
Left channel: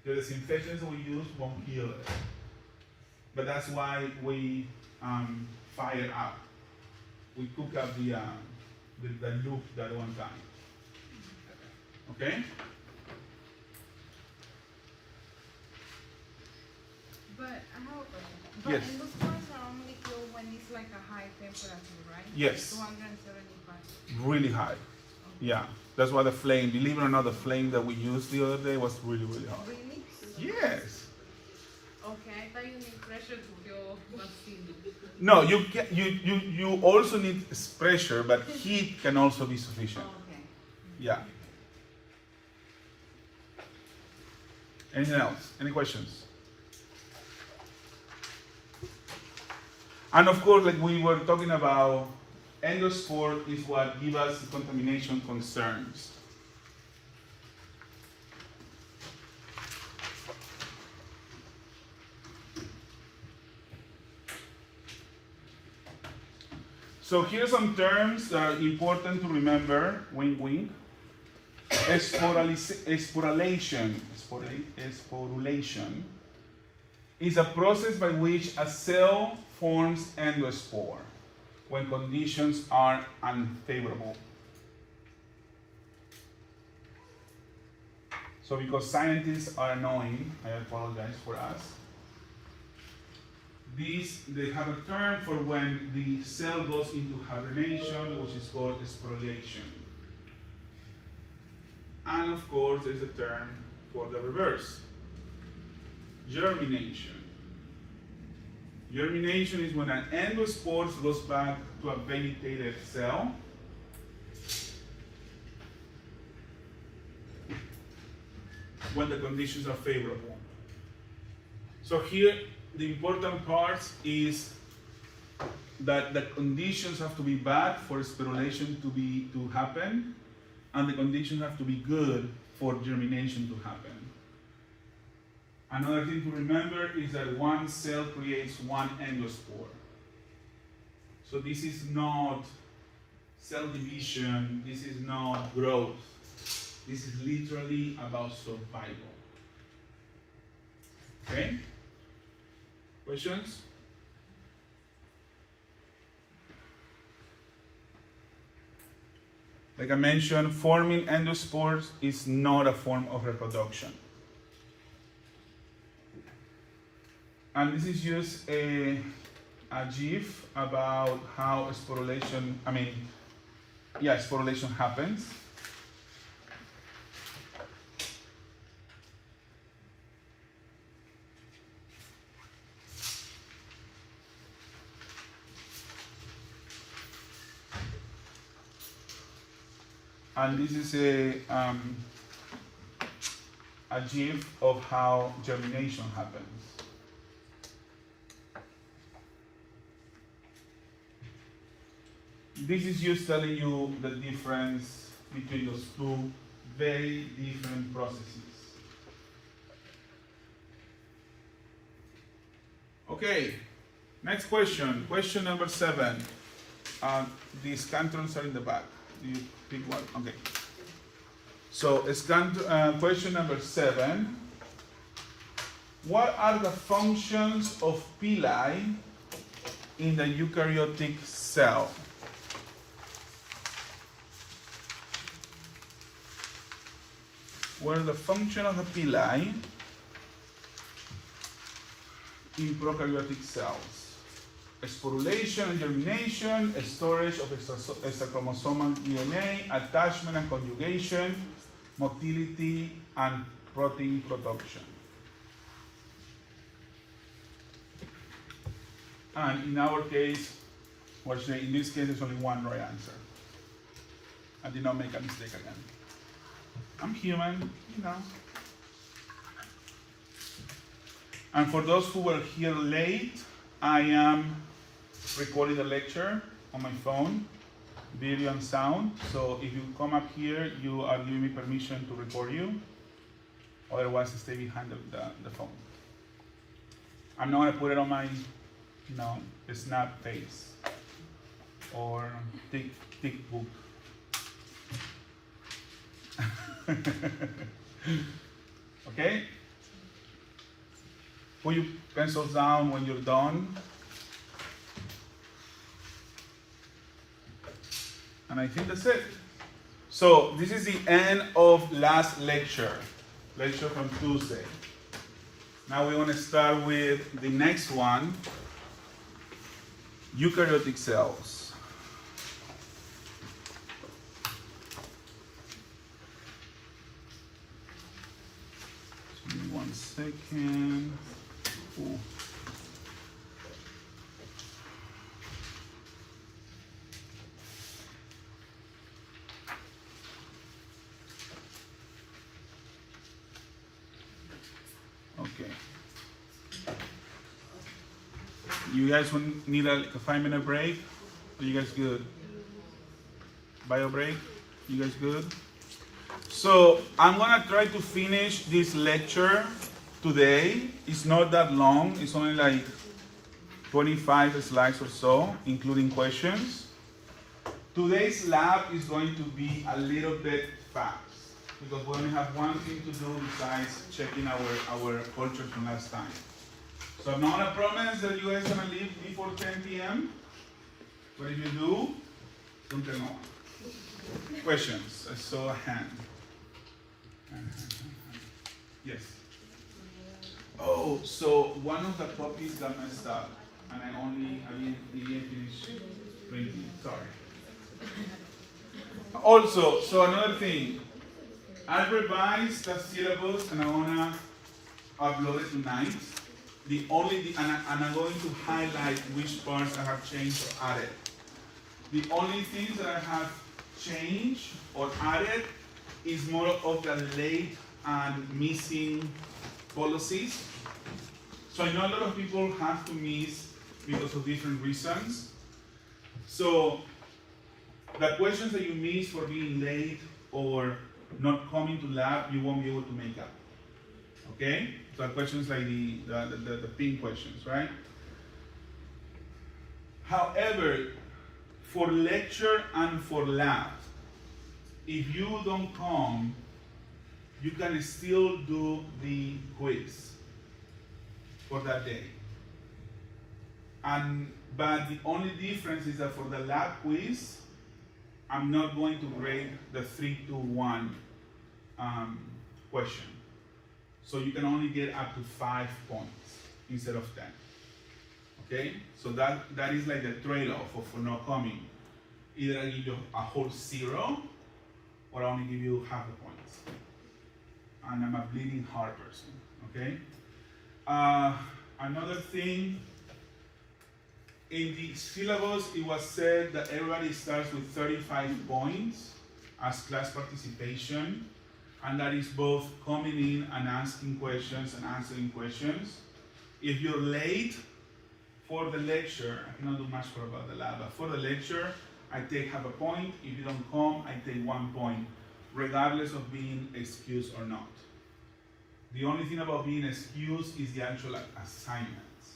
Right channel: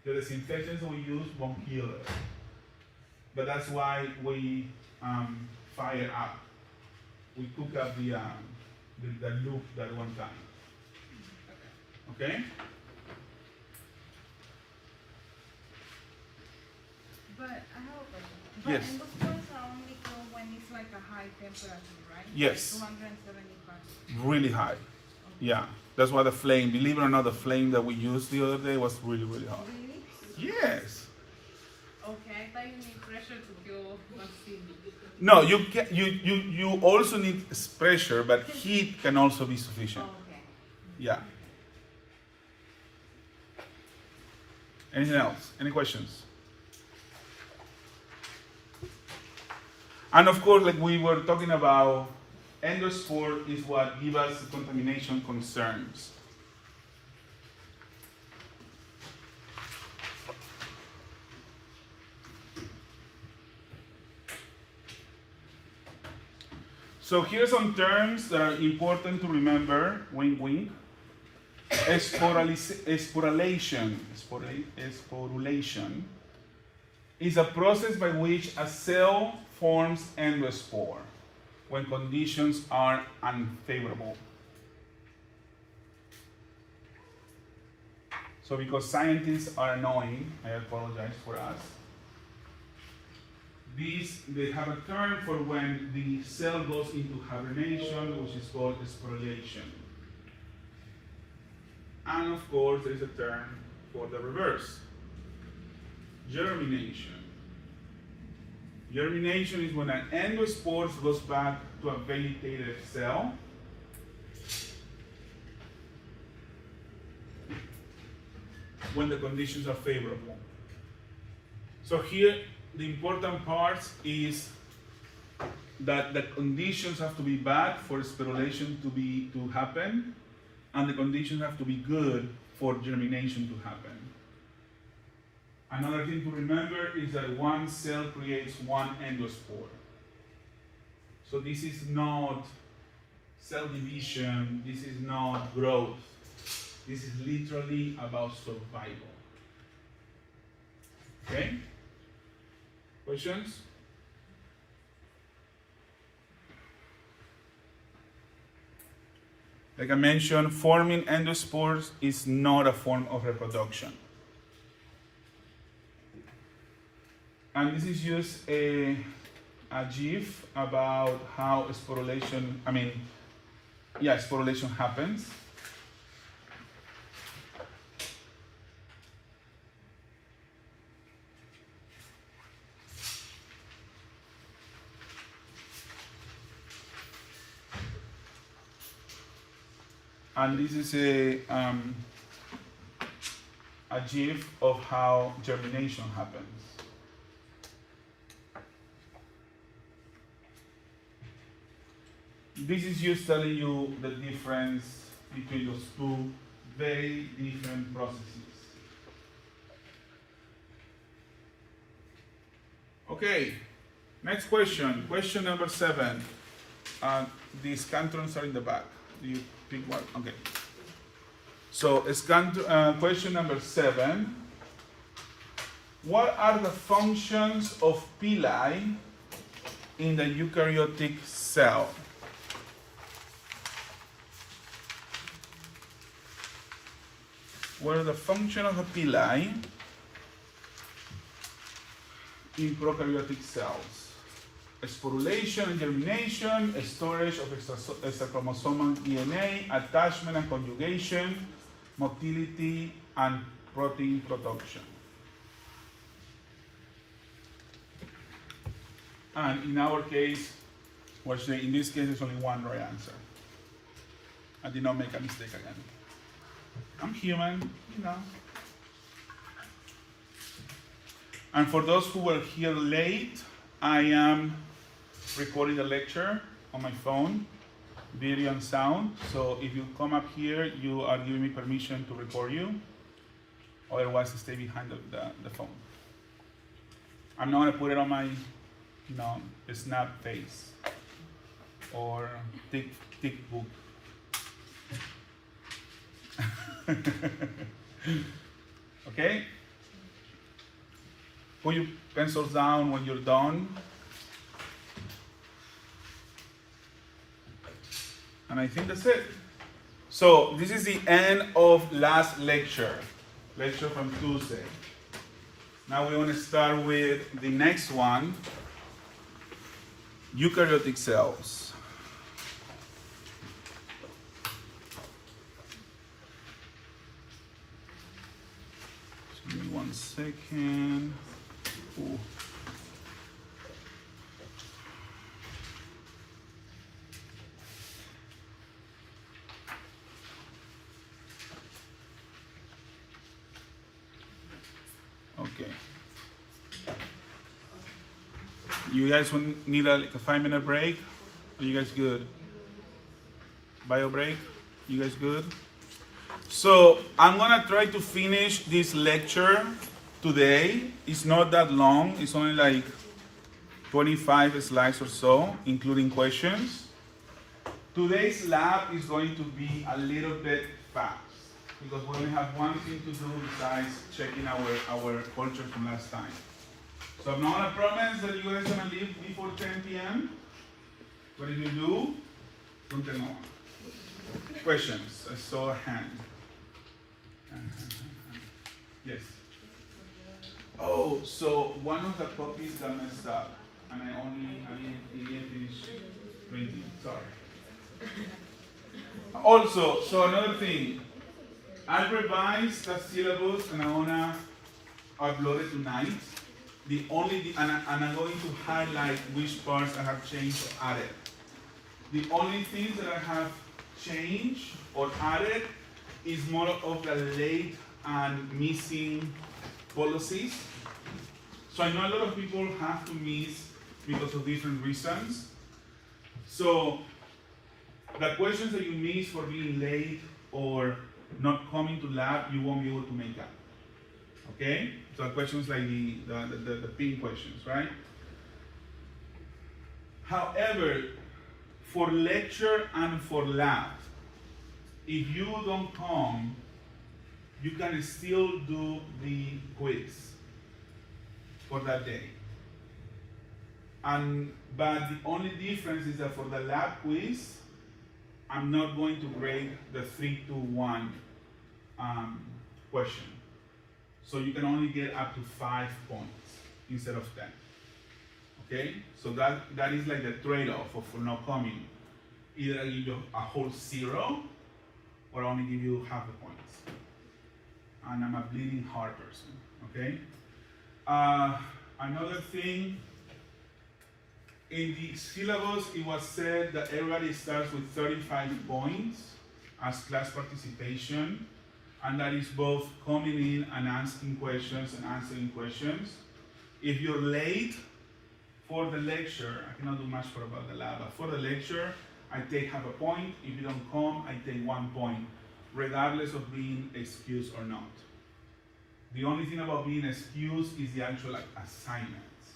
The disinfectants we use won't kill it. But that's why we fire up. We cook up the loop that one time. Okay? But I have a question. But Yes. endospores are only killed when it's like a high temperature, right? Yes. 275. Really high. Yeah. That's why the flame, believe it or not, the flame that we used the other day was really, really hot. Really? Yes. Okay, I thought you need pressure to kill bacteria. No, you also need pressure, but heat can also be sufficient. Okay. Yeah. Anything else? Any questions? And of course, like we were talking about, endospore is what gives us contamination concerns. So here are some terms that are important to remember. Wink, wink. Sporulation is a process by which a cell forms endospore when conditions are unfavorable. So because scientists are annoying, I apologize for us. They have a term for when the cell goes into hibernation, which is called sporulation. And of course, there's a term for the reverse, germination. Germination is when an endospore goes back to a vegetated cell. When the conditions are favorable. So here, the important part is that the conditions have to be bad for sporulation to happen, and the conditions have to be good for germination to happen. Another thing to remember is that one cell creates one endospore. So this is not cell division, this is not growth. This is literally about survival. Okay? Questions? Like I mentioned, forming endospores is not a form of reproduction. And this is just a GIF about how sporulation happens. And this is a GIF of how germination happens. This is just telling you the difference between those two very different processes. Okay, next question. Question number 7. These cantrons are in the back. You pick one. Okay. So, question number 7. What are the functions of pili in the eukaryotic cell? What are the functions of the pili in prokaryotic cells? sporulation and germination, storage of extrachromosomal DNA, attachment and conjugation, motility, and protein production. And in our case, in this case, there's only one right answer. I did not make a mistake again. I'm human, you know. And for those who were here late, I am recording the lecture on my phone, video and sound. So if you come up here, you are giving me permission to record you. Otherwise, stay behind the phone. I'm not gonna put it on my, snap face or thick book. Okay? Put your pencils down when you're done. And I think that's it. So this is the end of last lecture from Tuesday. Now we want to start with the next one, eukaryotic cells. Just give me 1 second. Ooh. Okay. You guys need a 5-minute break? Are you guys good? Bio break? You guys good? So I'm gonna try to finish this lecture today. It's not that long. It's only like 25 slides or so, including questions. Today's lab is going to be a little bit fast because we only have one thing to do besides checking our culture from last time. So I'm not gonna promise that you guys are gonna leave before 10 p.m. But if you do, don't tell no one. Questions? I saw a hand. Yes. Oh, so one of the copies got messed up, and I didn't finish printing. Sorry. Also, so another thing, I revised the syllabus and I wanna upload it tonight. And I'm going to highlight which parts I have changed or added. The only things that I have changed or added is more of the late and missing policies. So I know a lot of people have to miss because of different reasons. So the questions that you miss for being late or not coming to lab, you won't be able to make up. Okay? So questions like the pink questions, right? However, for lecture and for lab, if you don't come, you can still do the quiz for that day. But the only difference is that for the lab quiz, I'm not going to grade the 3, 2, 1 question. So you can only get up to 5 points instead of 10. Okay? So that is like the trade-off for not coming. Either I give you a whole 0 or I only give you half the points. And I'm a bleeding heart person. Okay? Another thing, in the syllabus it was said that everybody starts with 35 points as class participation. And that is both coming in and asking questions and answering questions. If you're late for the lecture, I cannot do much more about the lab, but for the lecture, I take half a point. If you don't come, I take 1 point, regardless of being excused or not. The only thing about being excused is the actual assignments.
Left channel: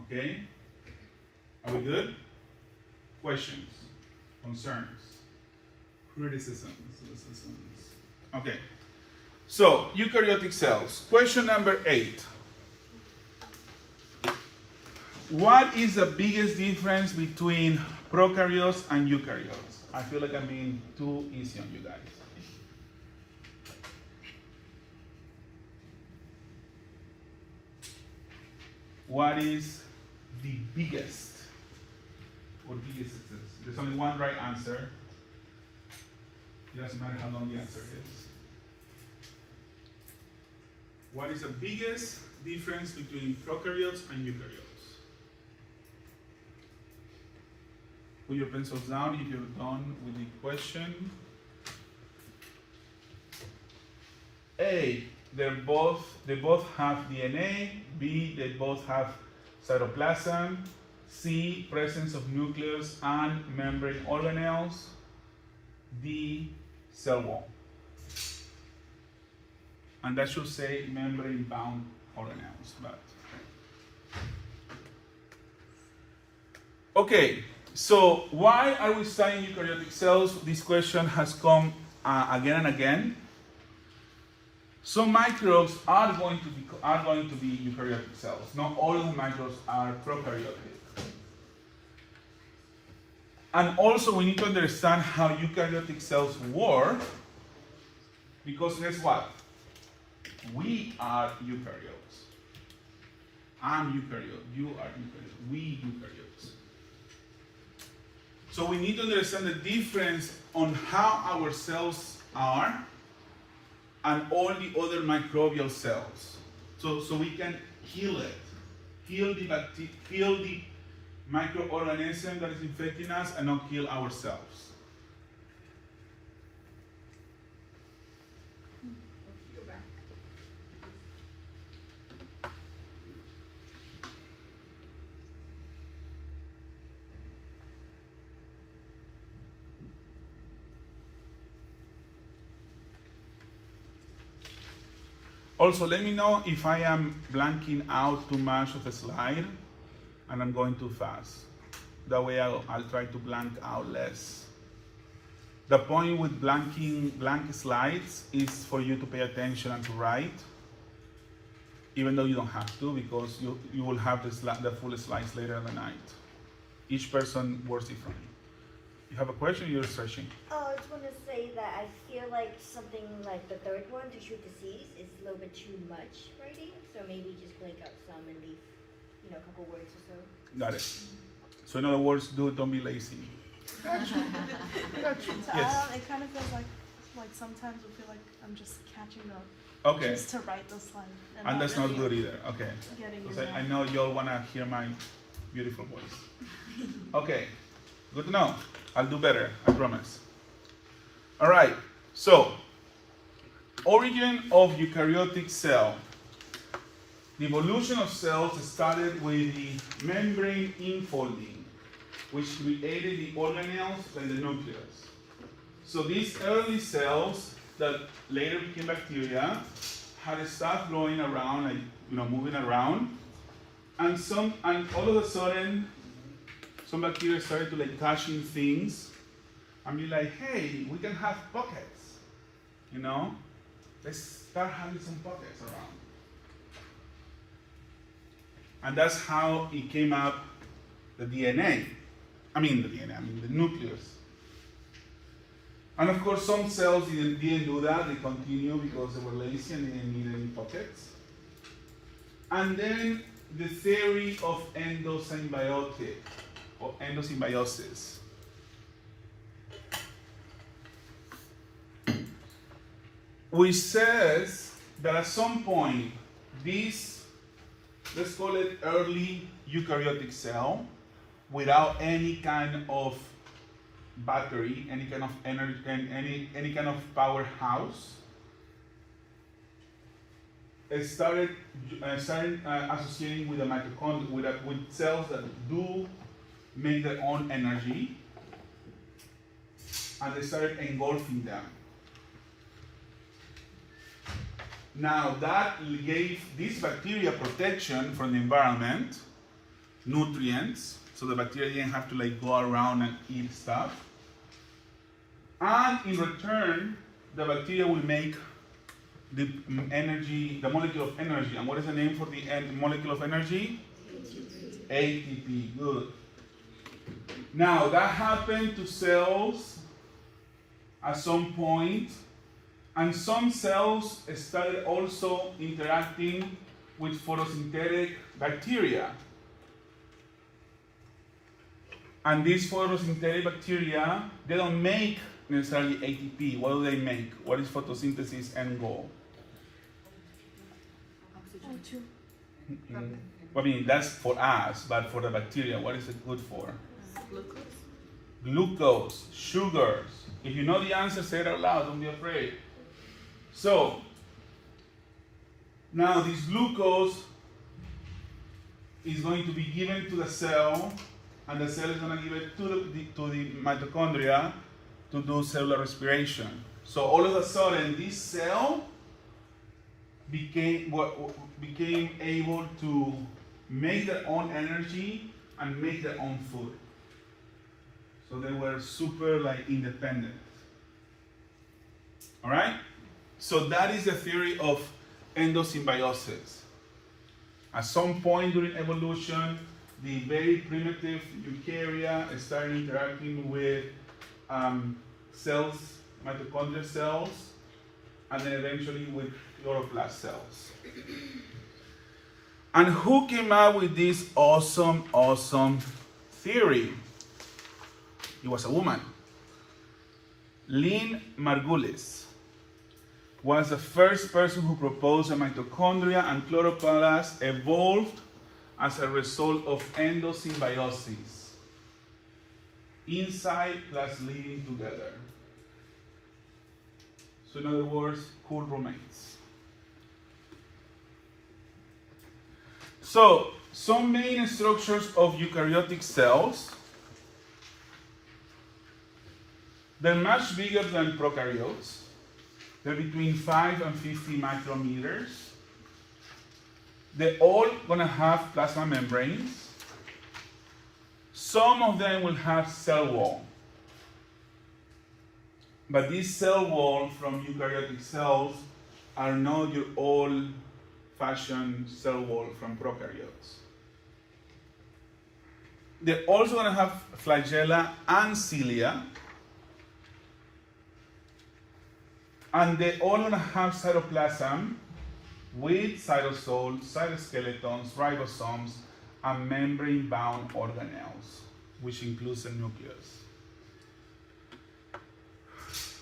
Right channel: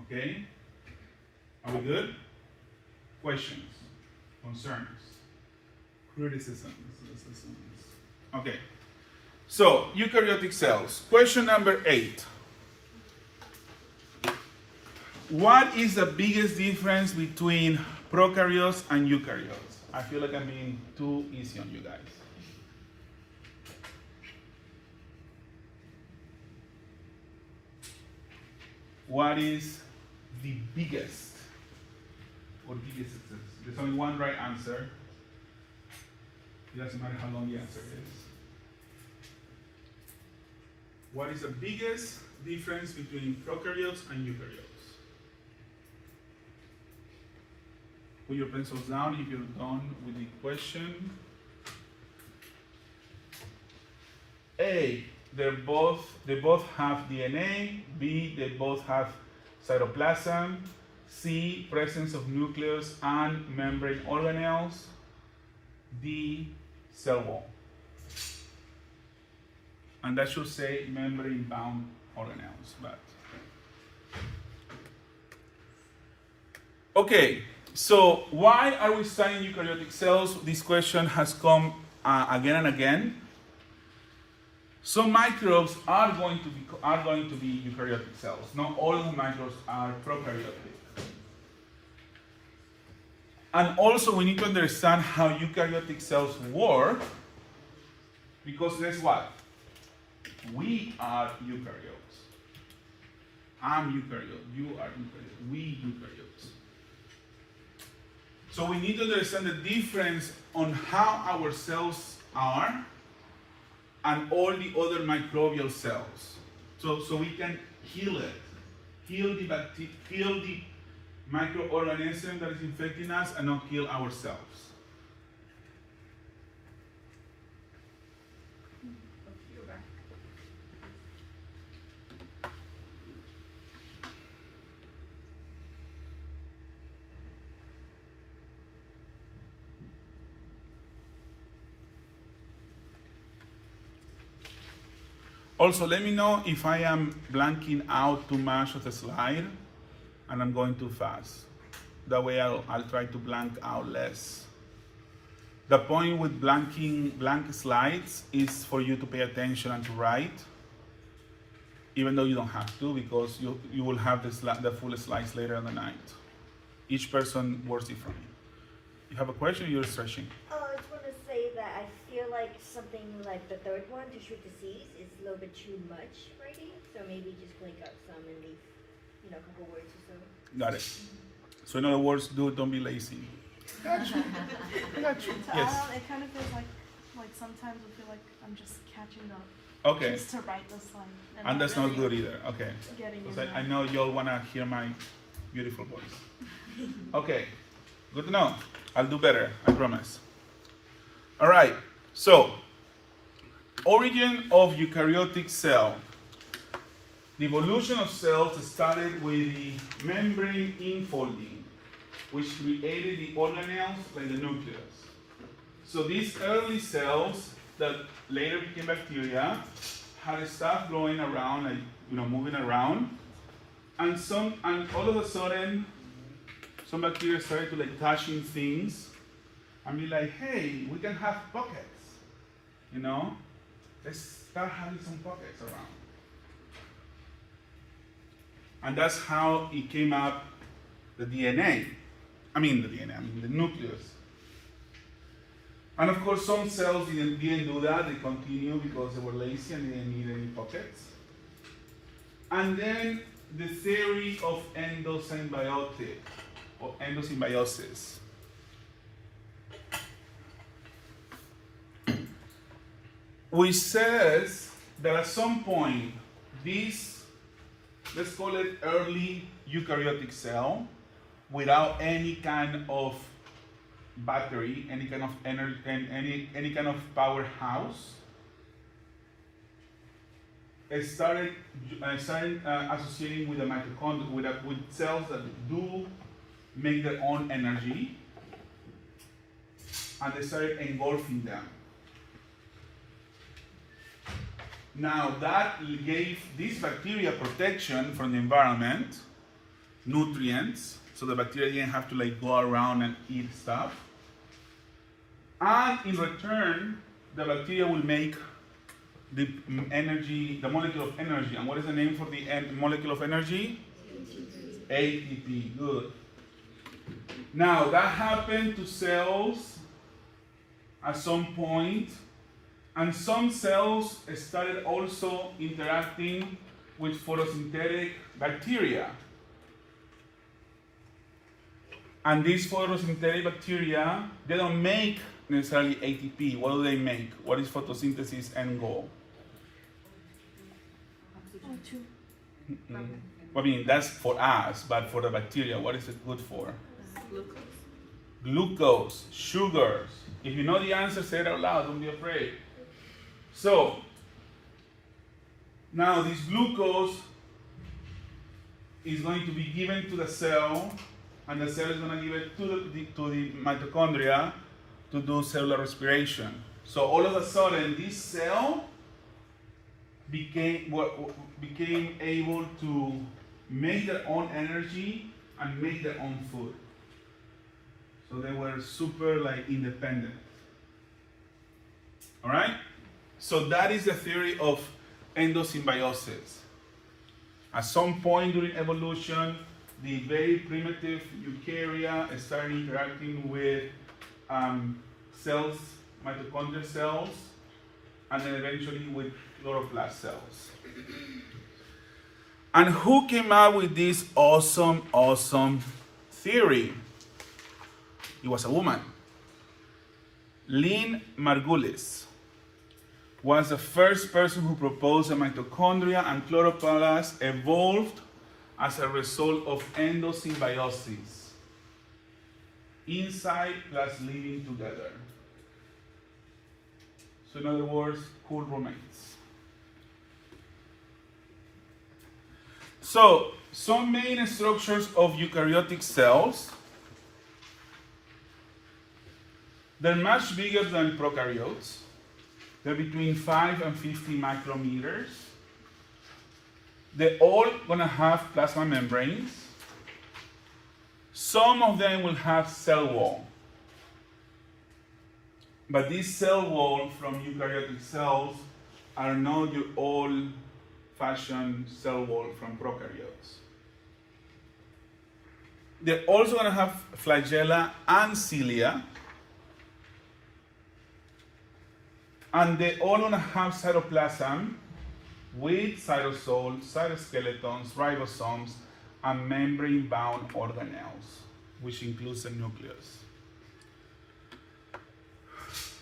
Okay? Are we good? Questions, concerns, criticisms. Okay, so eukaryotic cells. Question number 8. What is the biggest difference between prokaryotes and eukaryotes? I feel like I'm being too easy on you guys. What is the biggest? Or biggest cells? There's only one right answer. It doesn't matter how long the answer is. What is the biggest difference between prokaryotes and eukaryotes? Put your pencils down if you're done with the question. A, they both have DNA. B, they both have cytoplasm. C, presence of nucleus and membrane organelles. D, cell wall. And that should say membrane bound organelles, but. Okay, so why are we studying eukaryotic cells? This question has come again and again. Some microbes are going to be eukaryotic cells. Not all of the microbes are prokaryotic. And also we need to understand how eukaryotic cells work, because guess what? We are eukaryotes. I'm eukaryote, you are eukaryote, we eukaryotes. So we need to understand the difference on how our cells are and all the other microbial cells. So we can heal it, heal the microorganism that is infecting us and not kill ourselves. Also, let me know if I am blanking out too much of a slide and I'm going too fast. That way I'll try to blank out less. The point with blank slides is for you to pay attention and to write, even though you don't have to, because you will have the full slides later in the night. Each person works differently. You have a question, you're searching? Oh, I just want to say that I feel like something like the third one, to treat disease, is a little bit too much writing. So maybe just blank out some and leave, a couple words or so. Got it. So in other words, don't be lazy. Gotcha. Gotcha. So Yes. it kind of feels like sometimes I feel like I'm just catching up. Okay. Just to write the slide. And that's not really good either. Okay. Getting in Because I there. know y'all want to hear my beautiful voice. Okay. Good to know. I'll do better. I promise. All right. So, origin of eukaryotic cell. The evolution of cells started with the membrane infolding, which created the organelles like the nucleus. So these early cells that later became bacteria had stuff growing around, like moving around, and all of a sudden, some bacteria started to touching things and be like, hey, we can have pockets, Let's start having some pockets around. And that's how it came up, the nucleus. And of course, some cells didn't do that. They continued because they were lazy and they didn't need any pockets. And then the theory of endosymbiosis. Which says that at some point, this, let's call it early eukaryotic cell, without any kind of battery, any kind of energy, any kind of powerhouse, it started associating with the mitochondria, with cells that do make their own energy, and they started engulfing them. Now that gave this bacteria protection from the environment, nutrients, so the bacteria didn't have to go around and eat stuff. And in return, the bacteria will make the molecule of energy. And what is the name for the molecule of energy? ATP. Good. Now that happened to cells at some point, and some cells started also interacting with photosynthetic bacteria. And these photosynthetic bacteria, they don't make necessarily ATP. What do they make? What is photosynthesis end goal? Oh, true. I mean, that's for us, but for the bacteria, what is it good for? Glucose. Glucose, sugars. If you know the answer, say it out loud, don't be afraid. So, now this glucose is going to be given to the cell, and the cell is going to give it to the mitochondria to do cellular respiration. So all of a sudden, this cell became able to make their own energy and make their own food. So they were super independent. All right? So that is the theory of endosymbiosis. At some point during evolution, the very primitive eukarya started interacting with cells, mitochondrial cells, and then eventually with chloroplast cells. And who came up with this awesome theory? It was a woman. Lynn Margulis was the first person who proposed that mitochondria and chloroplasts evolved as a result of endosymbiosis. Inside plus living together. So in other words, cool roommates. So, some main structures of eukaryotic cells. They're much bigger than prokaryotes. They're between 5 and 50 micrometers. They're all gonna have plasma membranes. Some of them will have cell wall. But these cell wall from eukaryotic cells are not your old-fashioned cell wall from prokaryotes. They're also gonna have flagella and cilia. And they all gonna have cytoplasm with cytosols, cytoskeletons, ribosomes, and membrane-bound organelles, which includes the nucleus.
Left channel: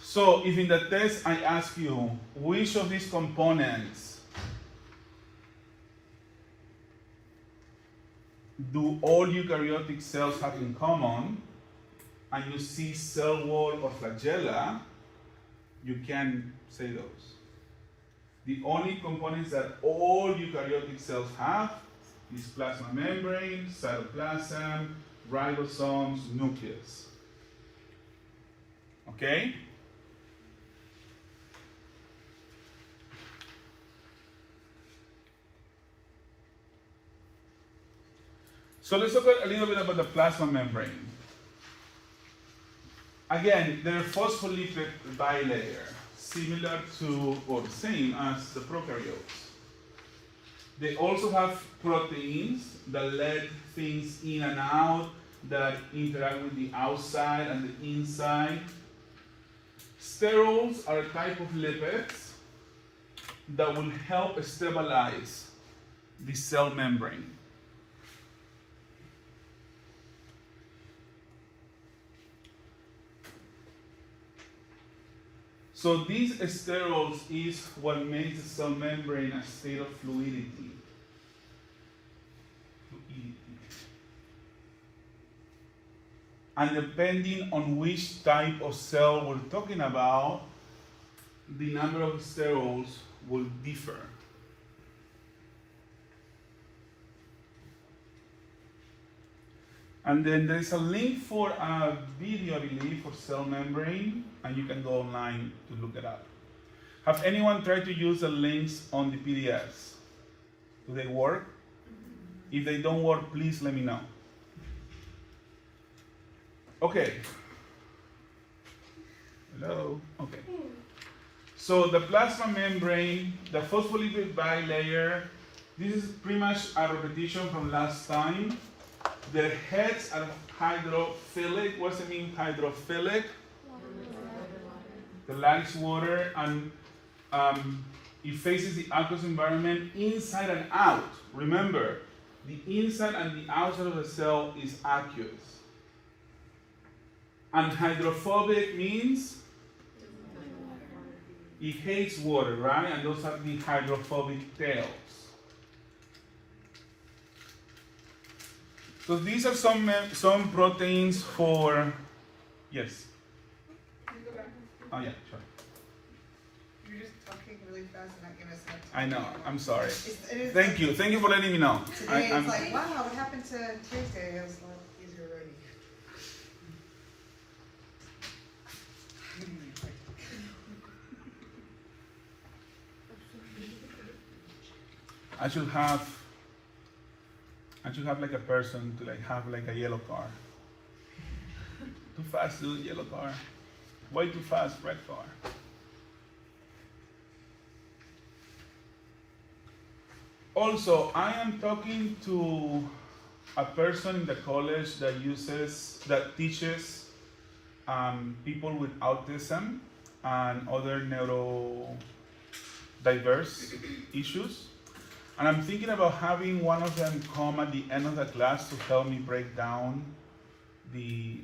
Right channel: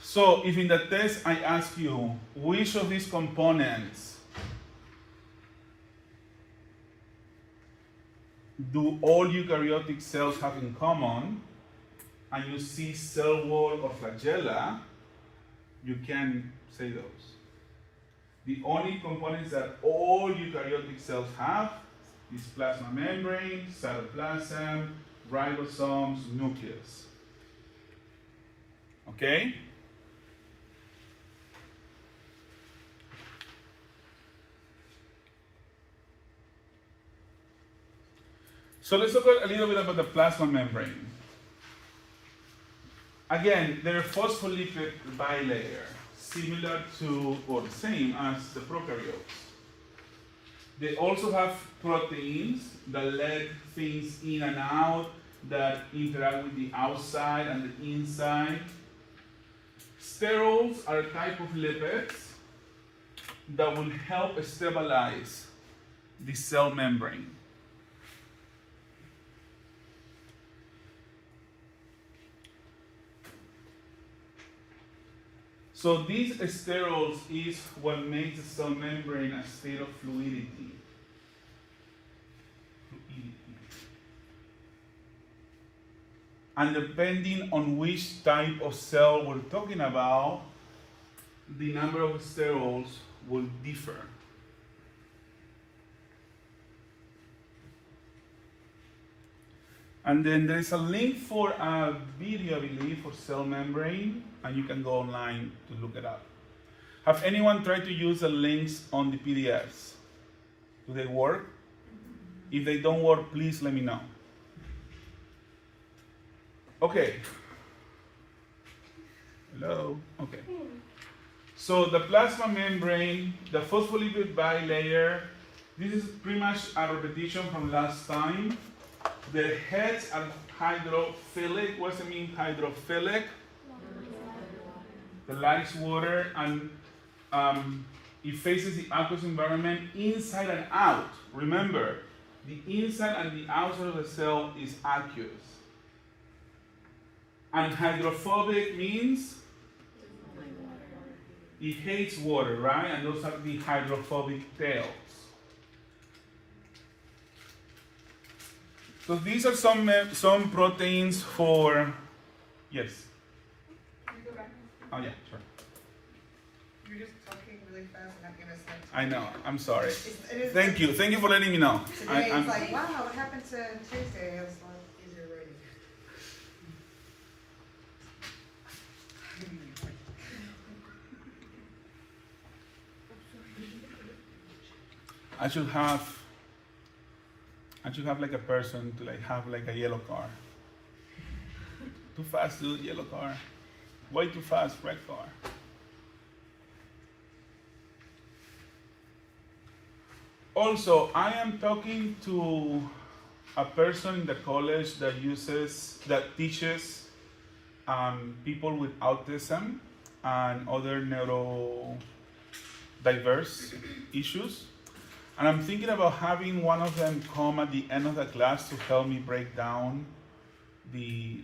So if in the test I ask you, which of these components do all eukaryotic cells have in common, and you see cell wall or flagella, you can say those. The only components that all eukaryotic cells have is plasma membrane, cytoplasm, ribosomes, nucleus. Okay? So let's talk a little bit about the plasma membrane. Again, they're phospholipid bilayer, similar to or the same as the prokaryotes. They also have proteins that let things in and out, that interact with the outside and the inside. Sterols are a type of lipids that will help stabilize the cell membrane. So these sterols is what makes the cell membrane a state of fluidity. And depending on which type of cell we're talking about, the number of sterols will differ. And then there's a link for a video, I believe, for cell membrane, and you can go online to look it up. Have anyone tried to use the links on the PDFs? Do they work? If they don't work, please let me know. Okay. Hello? Okay. So the plasma membrane, the phospholipid bilayer, this is pretty much a repetition from last time. The heads are hydrophilic. What does it mean, hydrophilic? The likes water, and it faces the aqueous environment inside and out. Remember, the inside and the outside of the cell is aqueous. And hydrophobic means it hates water, right? And those are the hydrophobic tails. So these are some proteins for, yes. Can you go back? Oh yeah, sure. You're just talking really fast and I'm gonna start. I know. I'm sorry. It is Thank you. Thank you for letting me know. Today it's like, wow, what happened to Tuesday? It was a lot easier writing. I should have like a person to like have like a yellow car. Too fast, dude, yellow car. Way too fast, red car. Also, I am talking to a person in the college that teaches people with autism and other neurodiverse issues. And I'm thinking about having one of them come at the end of the class to help me break down the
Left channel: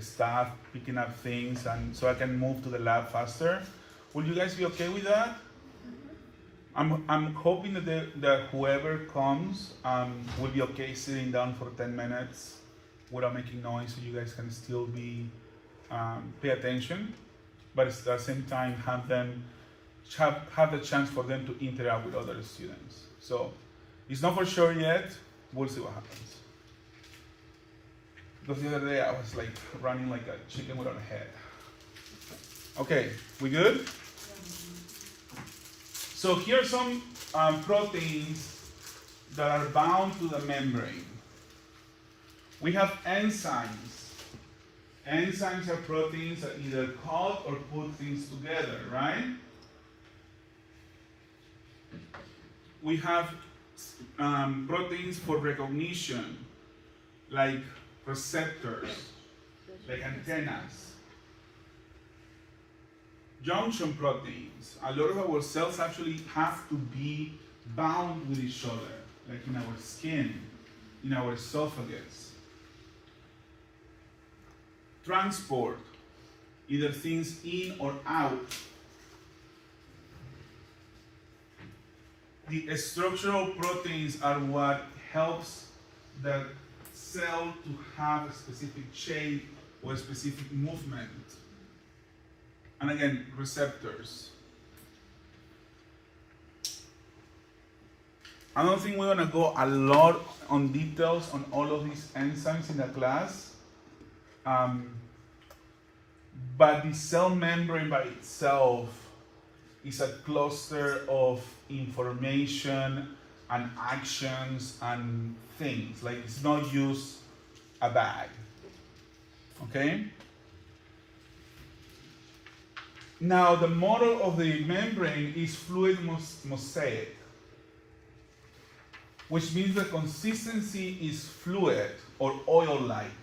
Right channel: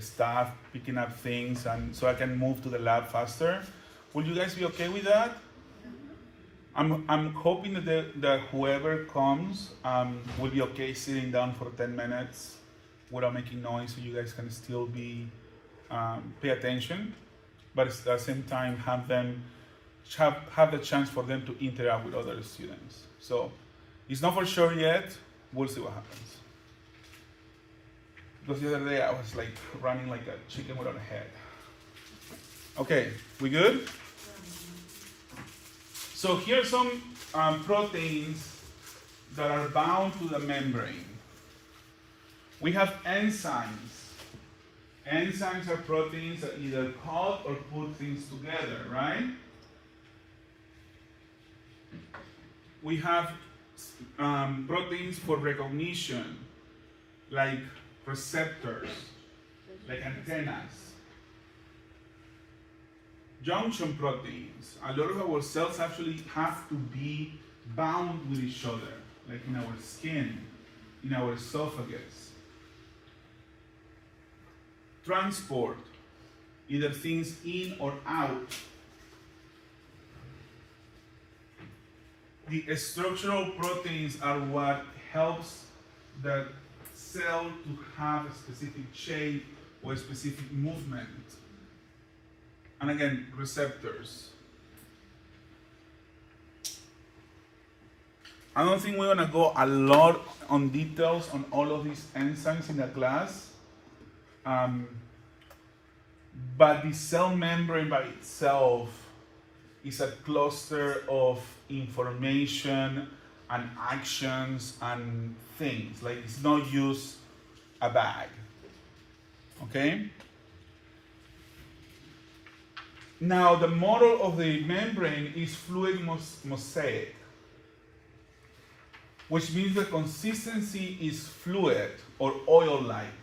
stuff, picking up things, and so I can move to the lab faster. Will you guys be okay with that? I'm hoping that whoever comes will be okay sitting down for 10 minutes without making noise, so you guys can still be pay attention, but at the same time have the chance for them to interact with other students. So it's not for sure yet. We'll see what happens. Because the other day I was like running like a chicken without a head. Okay, we good? So here's some proteins that are bound to the membrane. We have enzymes. Enzymes are proteins that either cut or put things together, right? We have proteins for recognition, like receptors, like antennas. Junction proteins. A lot of our cells actually have to be bound with each other, like in our skin, in our esophagus. Transport, either things in or out. The structural proteins are what helps the cell to have a specific shape or a specific movement. And again, receptors. I don't think we're gonna go a lot on details on all of these enzymes in the class. But the cell membrane by itself is a cluster of information and actions and things. Like, it's not just a bag. Okay? Now, the model of the membrane is fluid mosaic, which means the consistency is fluid or oil-like.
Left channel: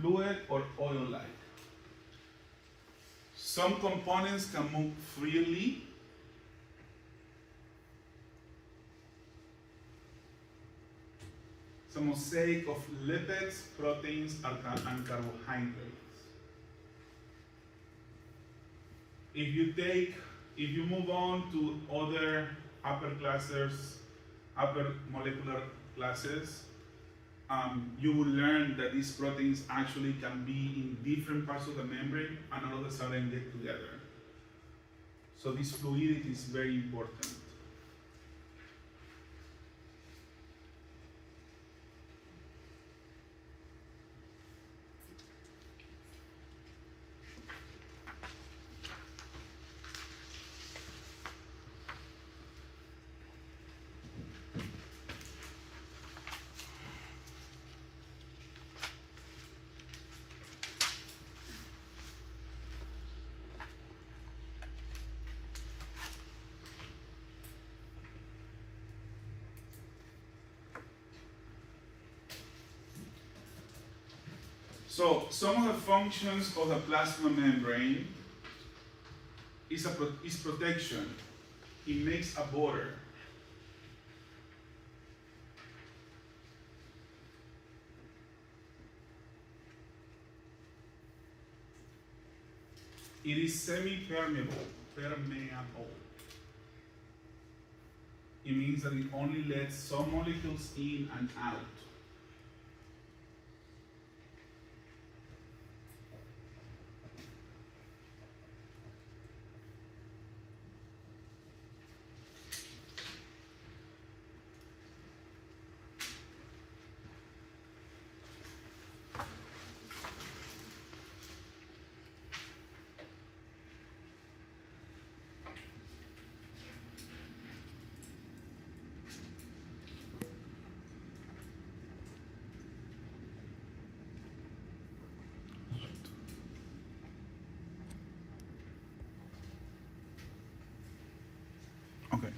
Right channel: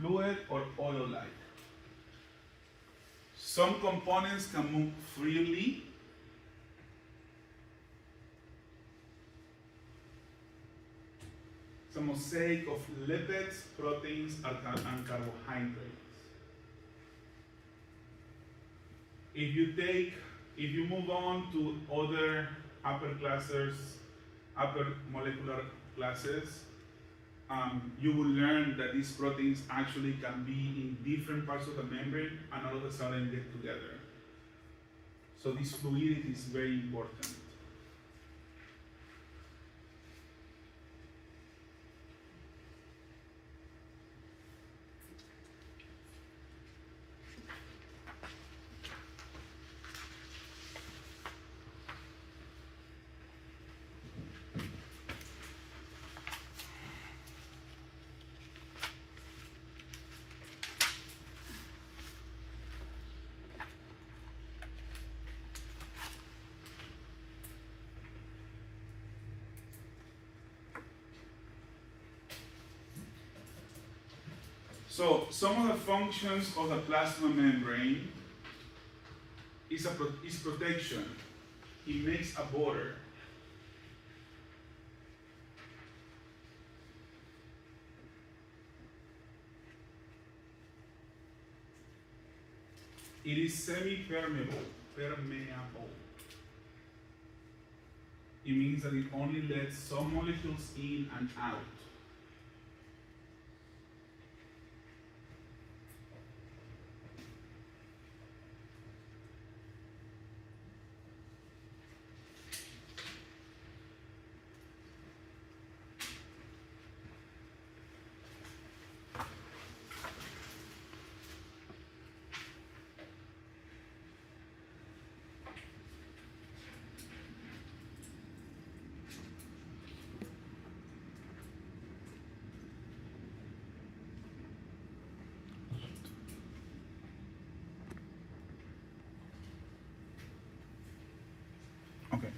Fluid or oil-like. Some components can move freely. It's a mosaic of lipids, proteins, and carbohydrates. If you move on to other upper molecular classes, you will learn that these proteins actually can be in different parts of the membrane and all of a sudden get together. So this fluidity is very important. So some of the functions of the plasma membrane is protection. It makes a border. It is semi-permeable, permeable. It means that it only lets some molecules in and out. Okay.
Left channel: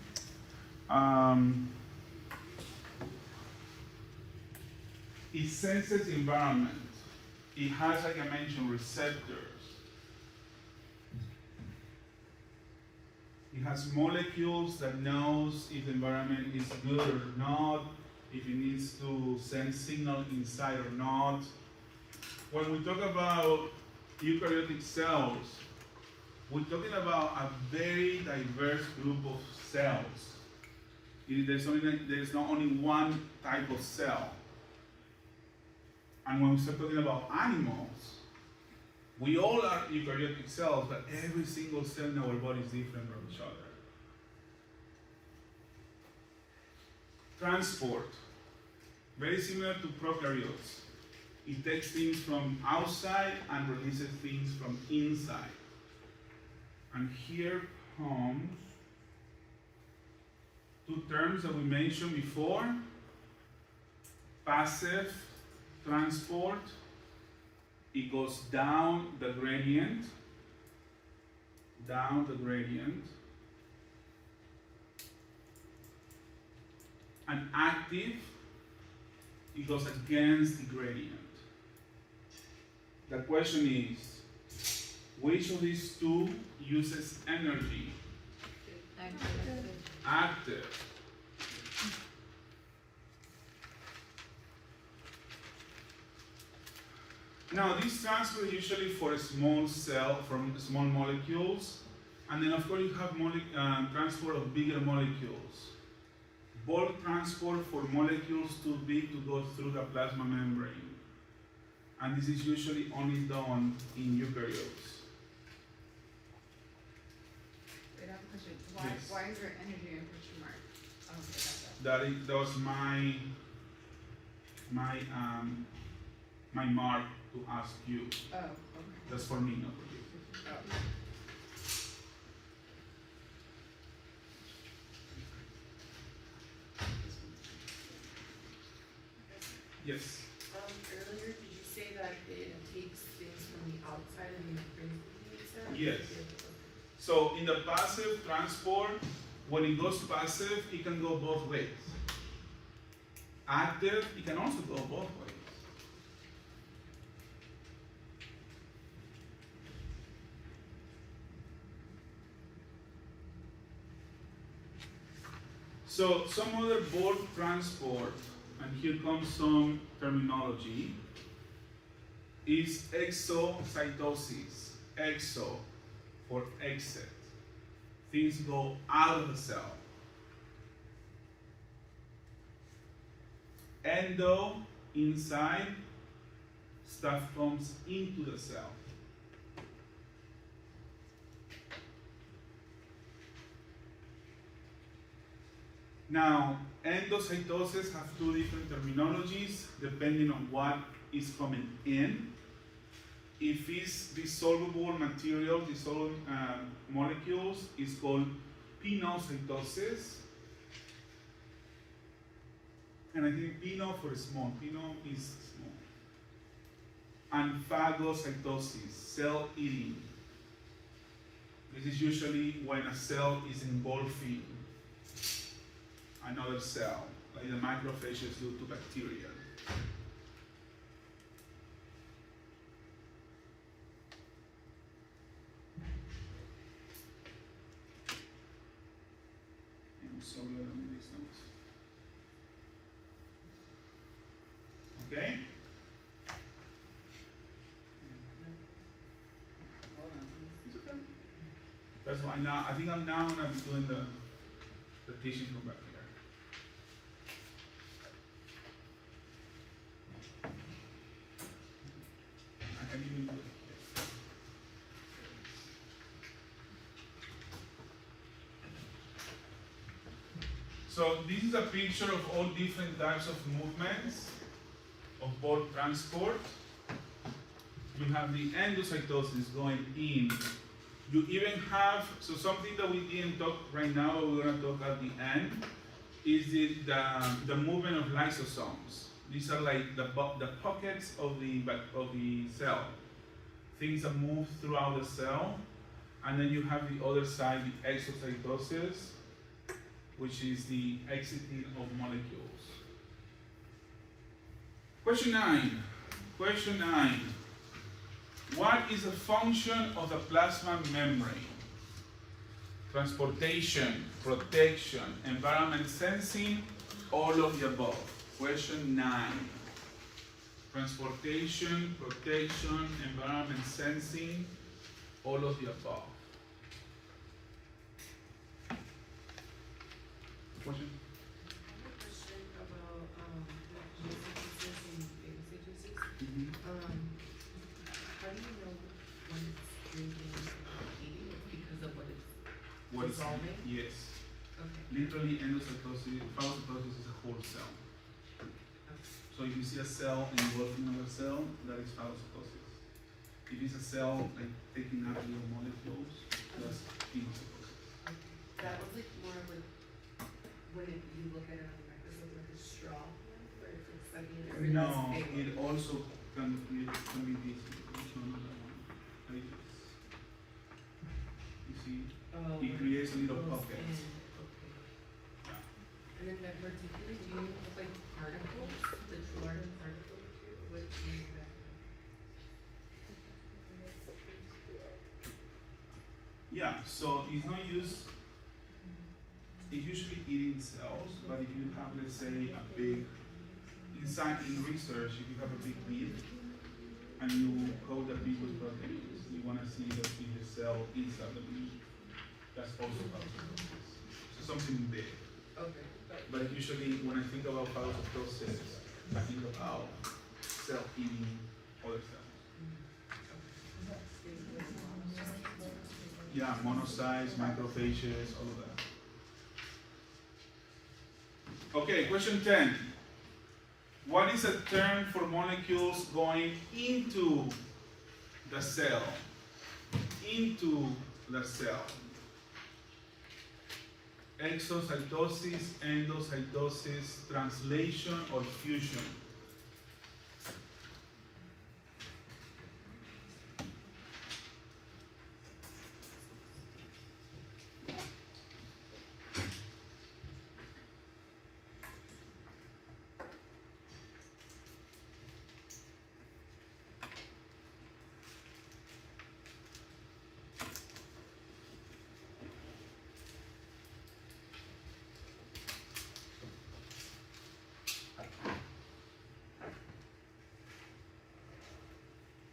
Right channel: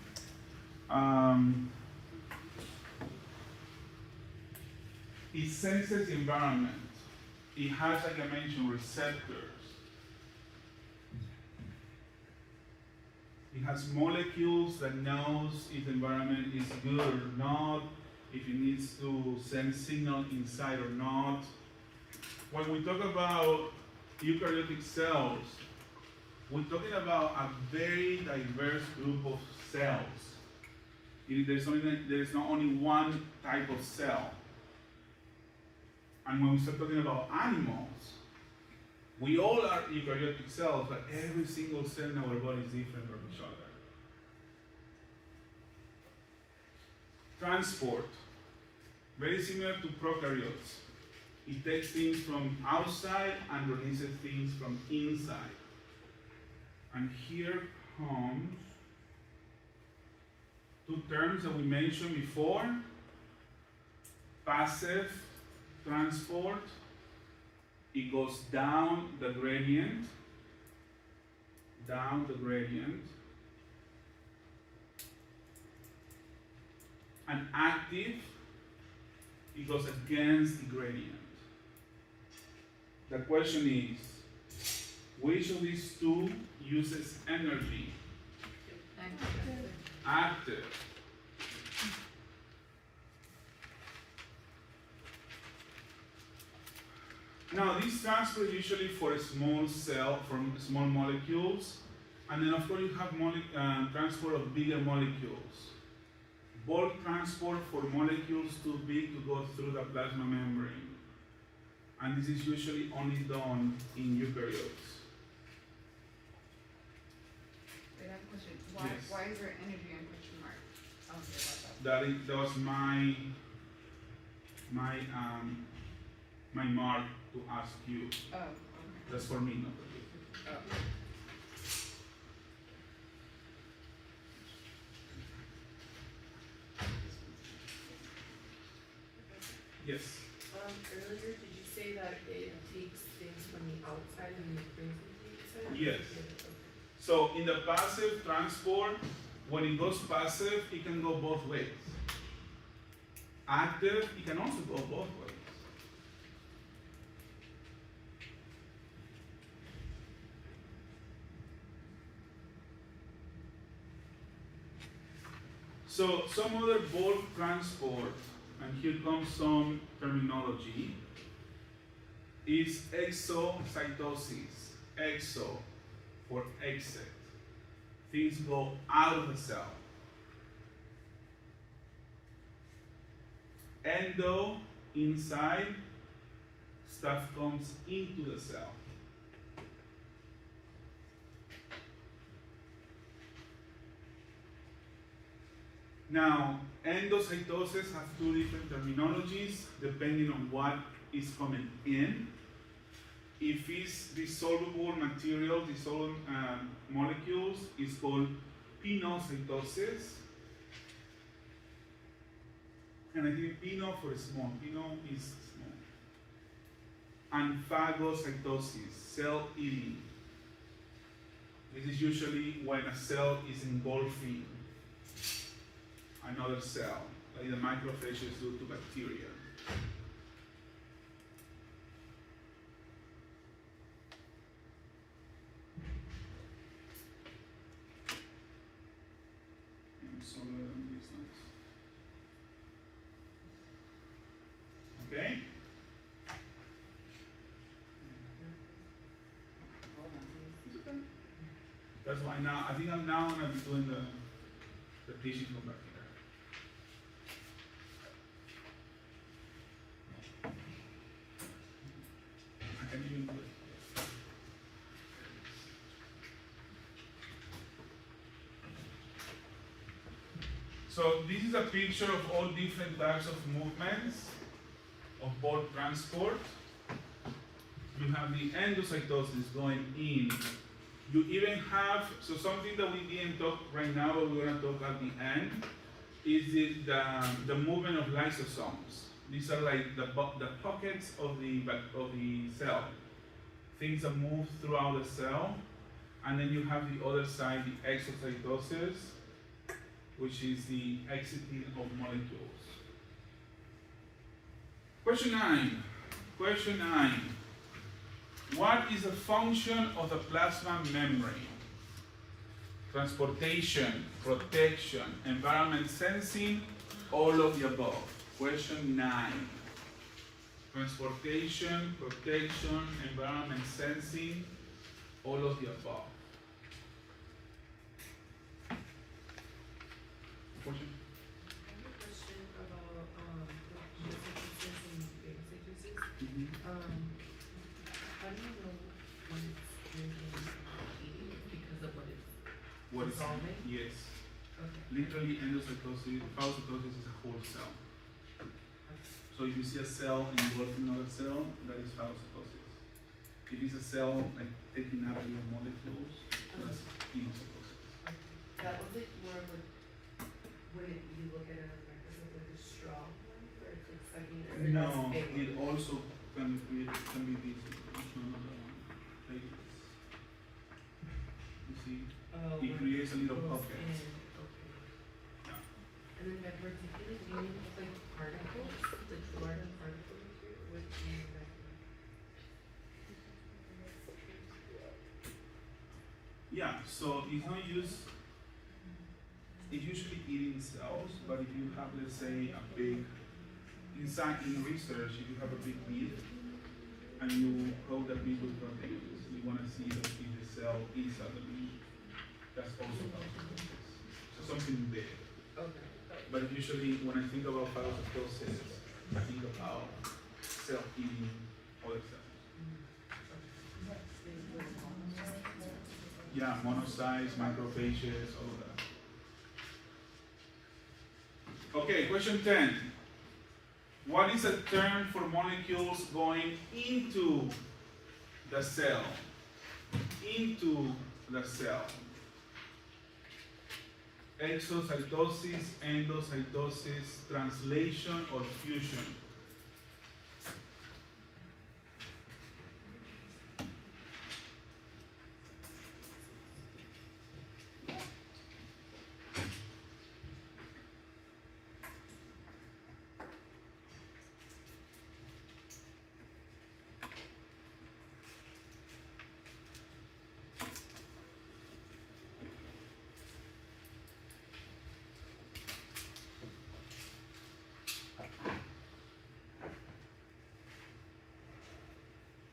It senses the environment. It has, like I mentioned, receptors. It has molecules that knows if the environment is good or not, if it needs to send signal inside or not. When we talk about eukaryotic cells, we're talking about a very diverse group of cells. There's not only one type of cell. And when we start talking about animals, we all are eukaryotic cells, but every single cell in our body is different from each other. Transport, very similar to prokaryotes. It takes things from outside and releases things from inside. And here comes two terms that we mentioned before: passive transport. It goes down the gradient, and active, it goes against the gradient. The question is, which of these two uses energy? Active. Now, this transfer is usually for a small cell, from small molecules, and then of course you have transport of bigger molecules. Bulk transport for molecules too big to go through the plasma membrane. And this is usually only done in eukaryotes. Wait, I have a question. Why, Yes. why is there energy in question mark? I don't care about that. That was my mark to ask you. Oh, okay. That's for me, not for you. Oh. Yes. Earlier, did you say that it takes things from the outside and it brings them to the inside? Yes. So in the passive transport, when it goes passive, it can go both ways. Active, it can also go both ways. So some other bulk transport, and here comes some terminology, is exocytosis. Exo for exit. Things go out of the cell. Endo, inside, stuff comes into the cell. Now, endocytosis have two different terminologies depending on what is coming in. If it's dissolvable material, dissolvable molecules, it's called pinocytosis. And I think pino for small, pino is small. And phagocytosis, cell eating. This is usually when a cell is engulfing another cell, like the macrophages do to bacteria. I'm sorry, I don't do these notes. Okay? Is it why now, I think I'm now gonna be doing the teaching from back here. I can even do it. So this is a picture of all different types of movements of ball transport. You have the endocytosis going in. You even have, so something that we didn't talk right now, but we're gonna talk at the end, is the movement of lysosomes. These are like the pockets of the cell. Things that move throughout the cell. And then you have the other side, the exocytosis, which is the exiting of molecules. Question 9. Question 9. What is the function of the plasma membrane? Transportation, protection, environment sensing, all of the above. Question 9. Transportation, protection, environment sensing, all of the above. Question? I have a question about the messages and messages. Mm-hmm. How do you know when it's drinking eating because of what it's What is dissolving? Yes. Okay. Literally, endocytosis, phagocytosis is a whole cell. So if you see a cell engulfing another cell, that is phagocytosis. If it's a cell like taking up your molecules, that's endocytosis. That was like more of a, when you look at it on the microscope, like a straw one, where it's sucking it, or No, it's big it one? also can be this. Which one is the one? Like this. You see, Oh, it creates a little goes pocket. in, okay. And then that particular, do you have like particles, the large particles too, what do you have? Yeah, so it's not used. It's usually eating cells, but if you have, let's say, a big, in research, if you have a big bead and you coat the bead with proteins, you want to see the cell inside the bead. That's also phagocytosis. So something big. Okay. But usually, when I think about phagocytosis, I think about cell eating other cells. Yeah, monocytes, macrophages, all of that. Okay, question 10. What is a term for molecules going into the cell? Into the cell. Exocytosis, endocytosis, translation, or fusion?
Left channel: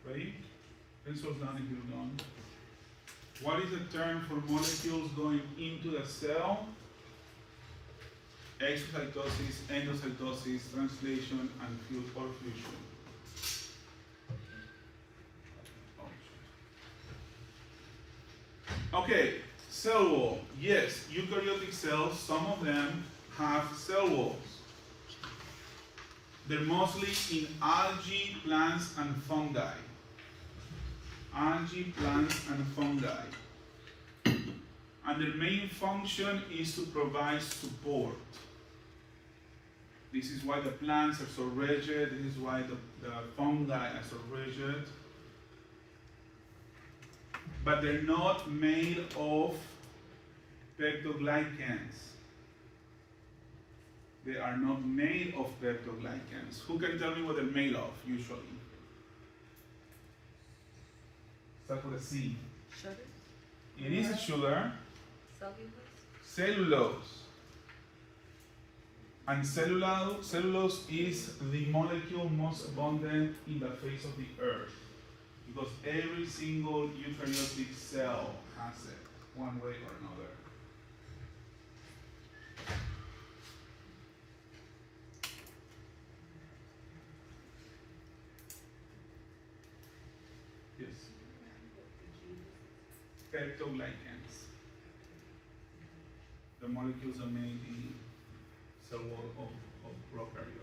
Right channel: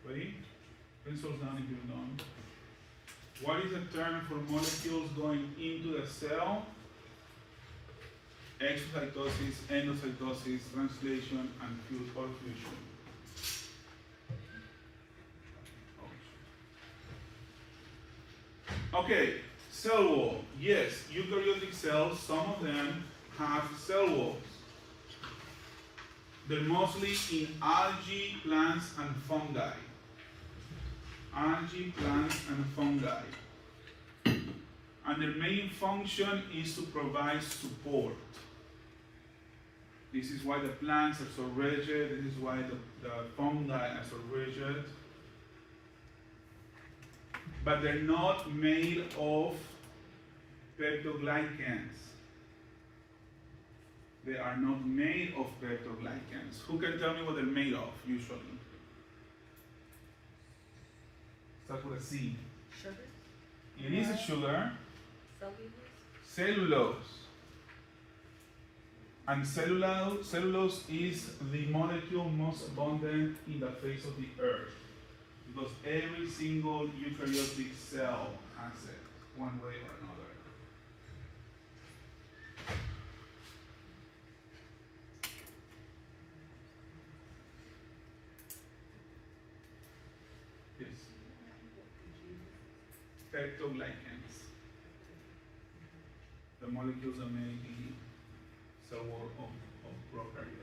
Ready? Pencils down if you're done. What is the term for molecules going into the cell? Exocytosis, endocytosis, translation, and fusion. Okay, cell wall. Yes, eukaryotic cells, some of them have cell walls. They're mostly in algae, plants, and fungi. Algae, plants, and fungi. And their main function is to provide support. This is why the plants are so rigid. This is why the fungi are so rigid. But they're not made of peptoglycans. They are not made of peptoglycans. Who can tell me what they're made of, usually? Start with a C. Sugar? It is a sugar. Cellulose? Cellulose. And cellulose is the molecule most abundant in the face of the earth. Because every single eukaryotic cell has it. one way or another. Yes. Peptoglycans. The molecules are made in cell wall of prokaryotes.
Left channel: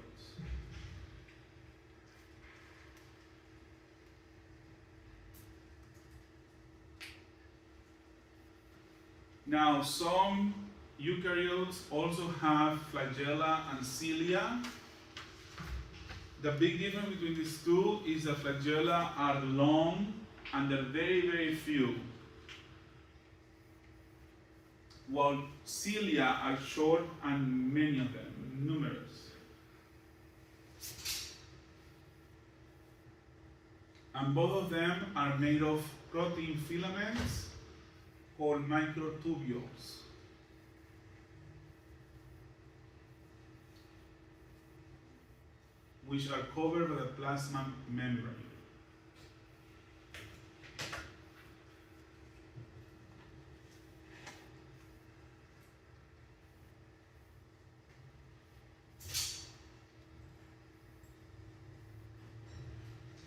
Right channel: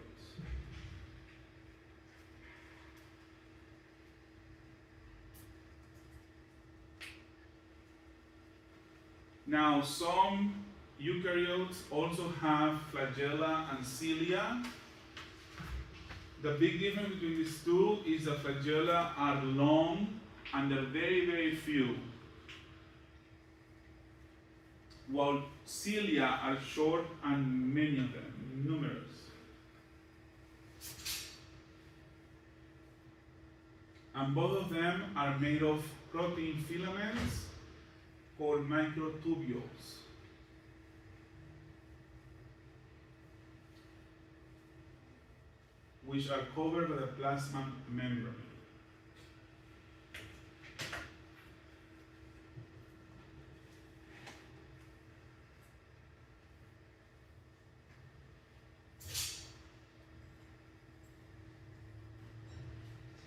Now, some eukaryotes also have flagella and cilia. The big difference between these two is that flagella are long and they're very, very few, while cilia are short and many of them, numerous. And both of them are made of protein filaments called microtubules. Which are covered by the plasma membrane.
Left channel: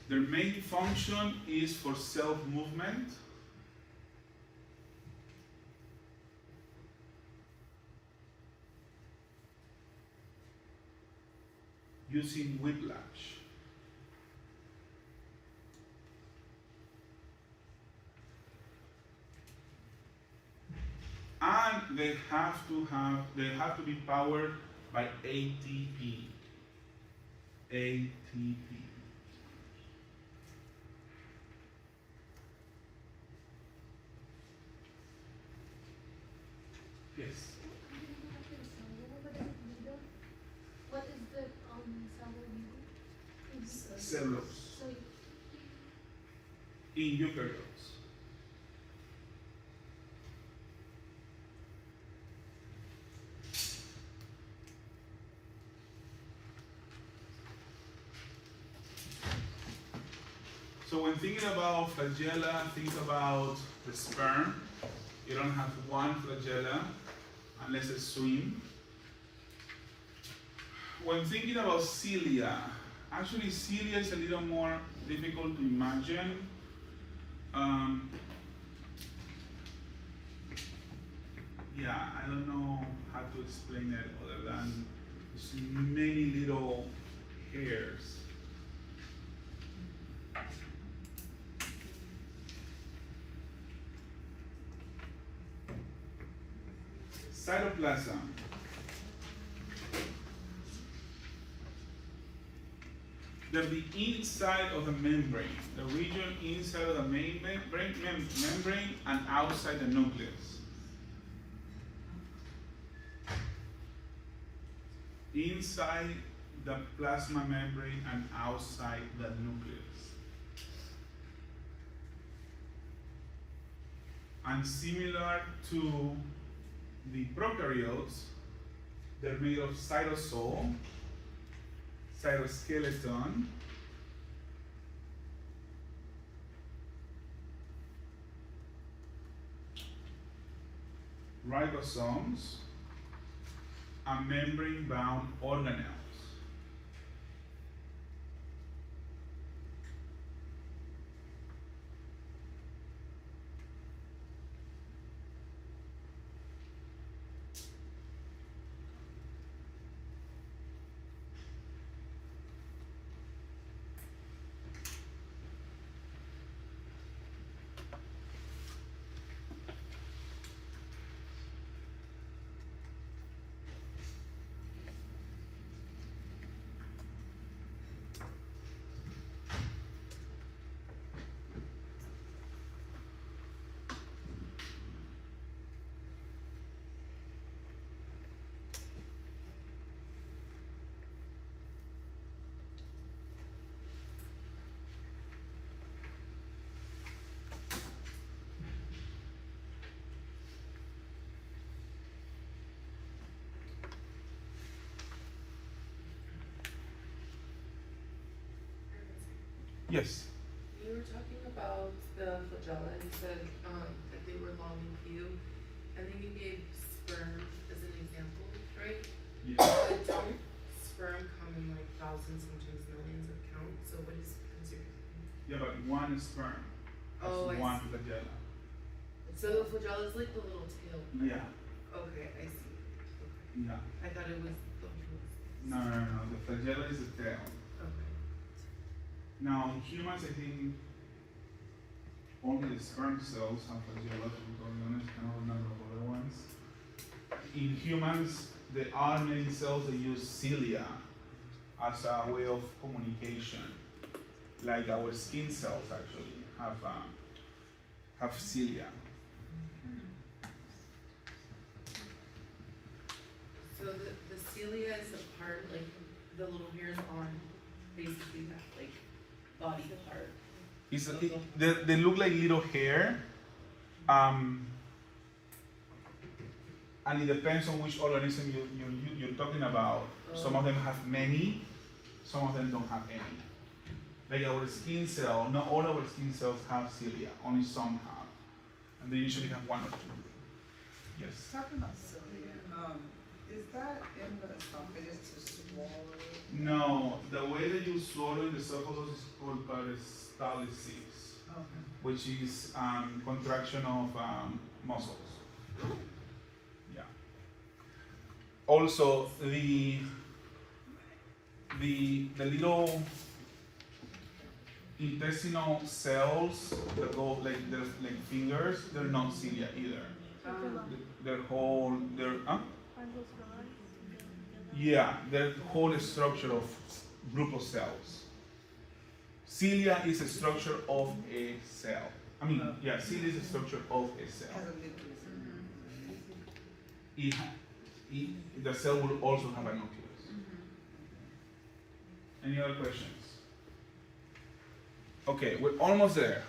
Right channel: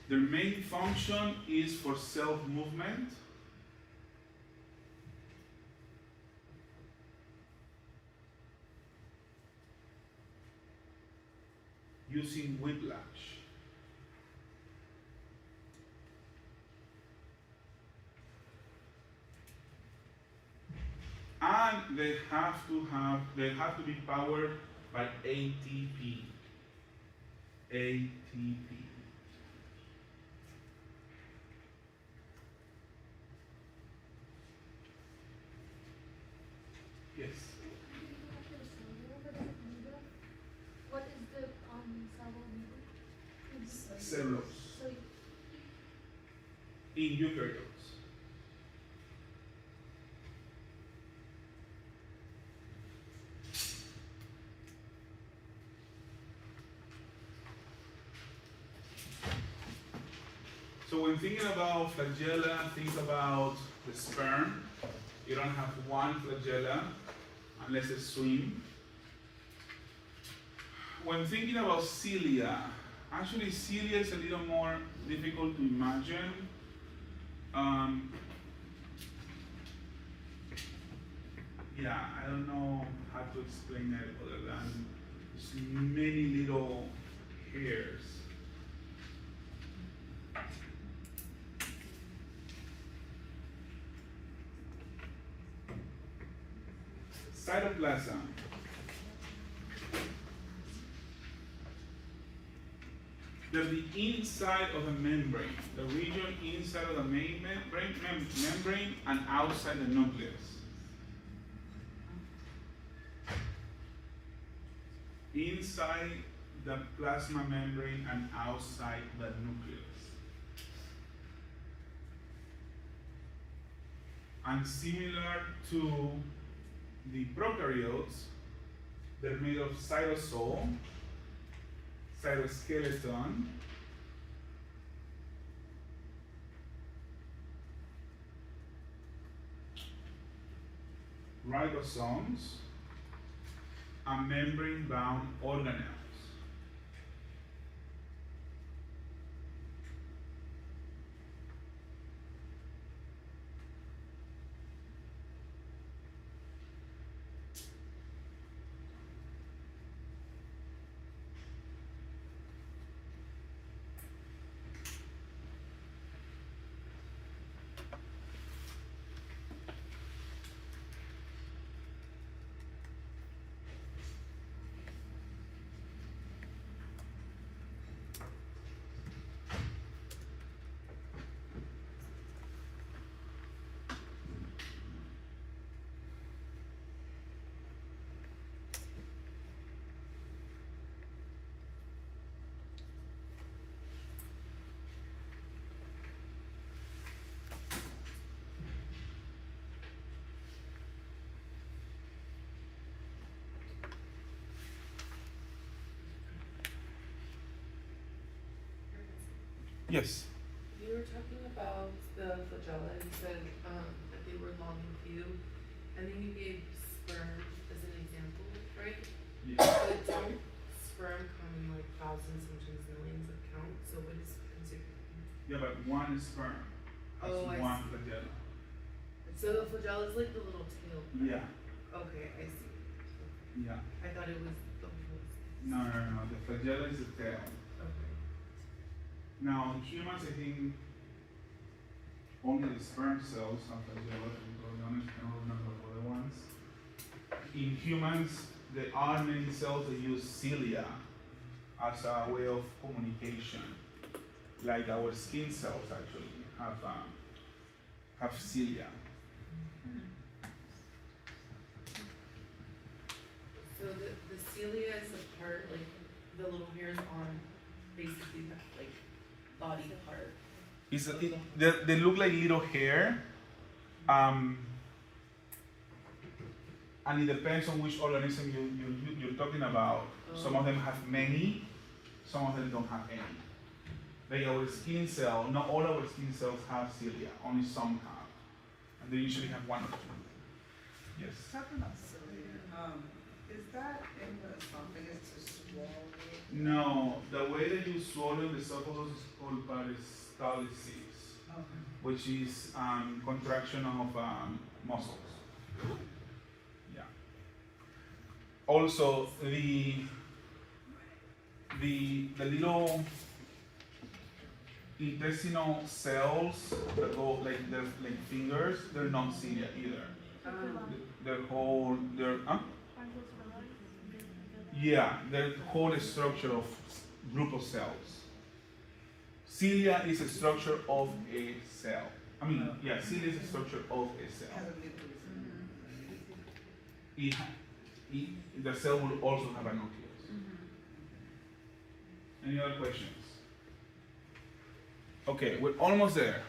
Their main function is for self-movement. Using whiplash. And they have to be powered by ATP. ATP. Yes. What is the cell? Cellulose. So In eukaryotes. So when thinking about flagella, think about the sperm. You don't have one flagella unless it's swim. When thinking about cilia, actually cilia is a little more difficult to imagine. Yeah, I don't know how to explain it other than there's many little hairs. Cytoplasm. They're the inside of the membrane, the region inside of the main membrane and outside the nucleus. Inside the plasma membrane and outside the nucleus. And similar to the prokaryotes, they're made of cytosol, cytoskeleton, ribosomes, and membrane-bound organelles. Yes. You were talking about the flagella and you said that they were long and few, and then you gave sperm as an example, right? Yeah. But don't sperm come in like thousands, sometimes millions of counts, so what is considered? Yeah, but one sperm has Oh, I one see. flagella. So the flagella is like the little tail. Yeah, Okay, I see. Okay. yeah. I thought it was the whole. No. The flagella is the tail. Okay. Now, in humans, I think only the sperm cells have flagella, to be totally honest. I don't remember other ones. In humans, there are many cells that use cilia as a way of communication. Like our skin cells actually have cilia. So the cilia is the part, like the little hairs on basically that like body part. They look like little hair, and it depends on which organism you're talking about. Some of them have many, some of them don't have any. Like our skin cell, not all our skin cells have cilia, only some have, and they usually have one or two. Yes. Talking about cilia, is that in the esophagus to swallow? No, the way that you swallow the esophagus is called peristalsis, Okay. which is contraction of muscles. Yeah. Also, the little intestinal cells that go like fingers, they're not cilia either. Their whole yeah, the whole structure of group of cells. Cilia is a structure of a cell. I mean, yeah, cilia is a structure of a cell. Has a nucleus. The cell will also have a nucleus. Any other questions? Okay, we're almost there.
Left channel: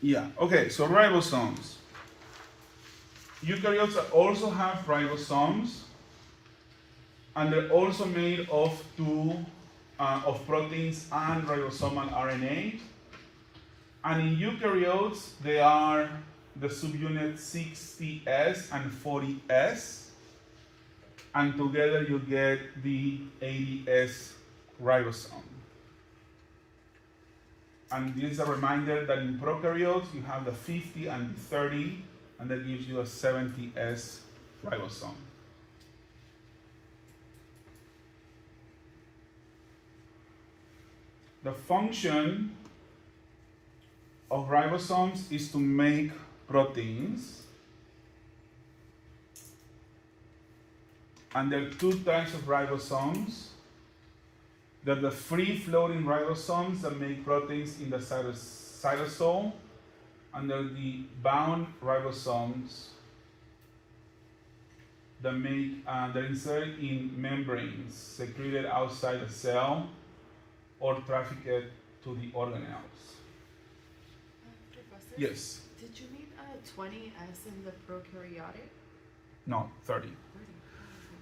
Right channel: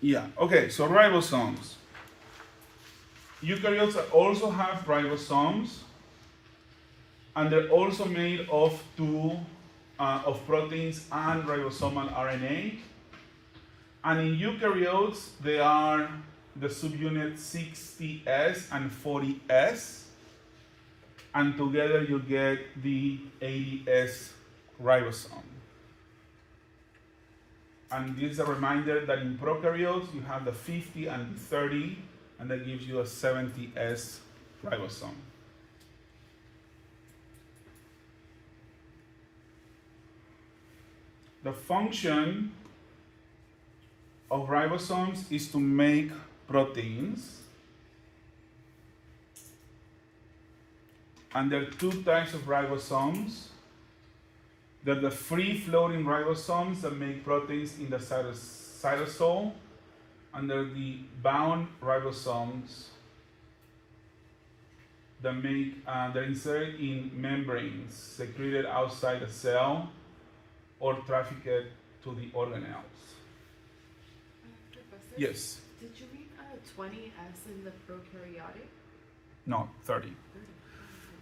Yeah, okay, so ribosomes. Eukaryotes also have ribosomes, and they're also made of of proteins and ribosomal RNA. And in eukaryotes, they are the subunit 60S and 40S, and together you get the 80S ribosome. And this is a reminder that in prokaryotes you have the 50 and the 30, and that gives you a 70S ribosome. The function of ribosomes is to make proteins. And there are two types of ribosomes. There are the free-floating ribosomes that make proteins in the cytosol, and there are the bound ribosomes that they're inserted in membranes secreted outside the cell or trafficked to the organelles. Professor? Yes. Did you mean 20S in the prokaryotic? No, 30. 30.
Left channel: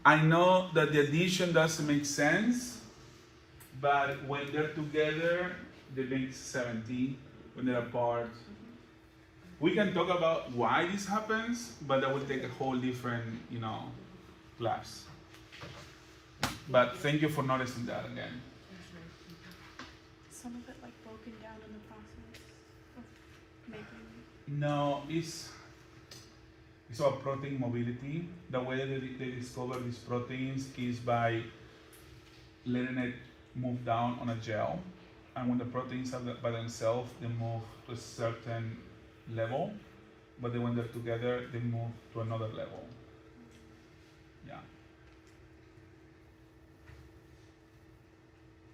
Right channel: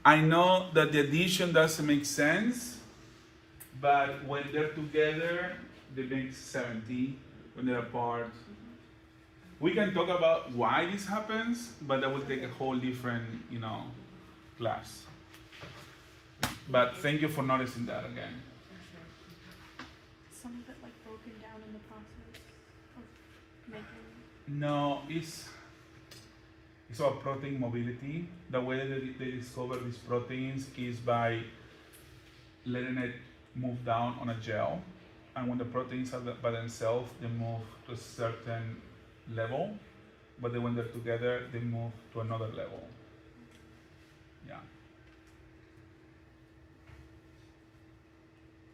I know that the addition doesn't make sense, but when they're together, they make 70. When they're apart, we can talk about why this happens, but that will take a whole different, class. But thank you for noticing that again. Some of it like broken down in the process of making. No, it's about protein mobility. The way that they discover these proteins is by letting it move down on a gel, and when the proteins are by themselves, they move to a certain level, but then when they're together, they move to another level. Yeah.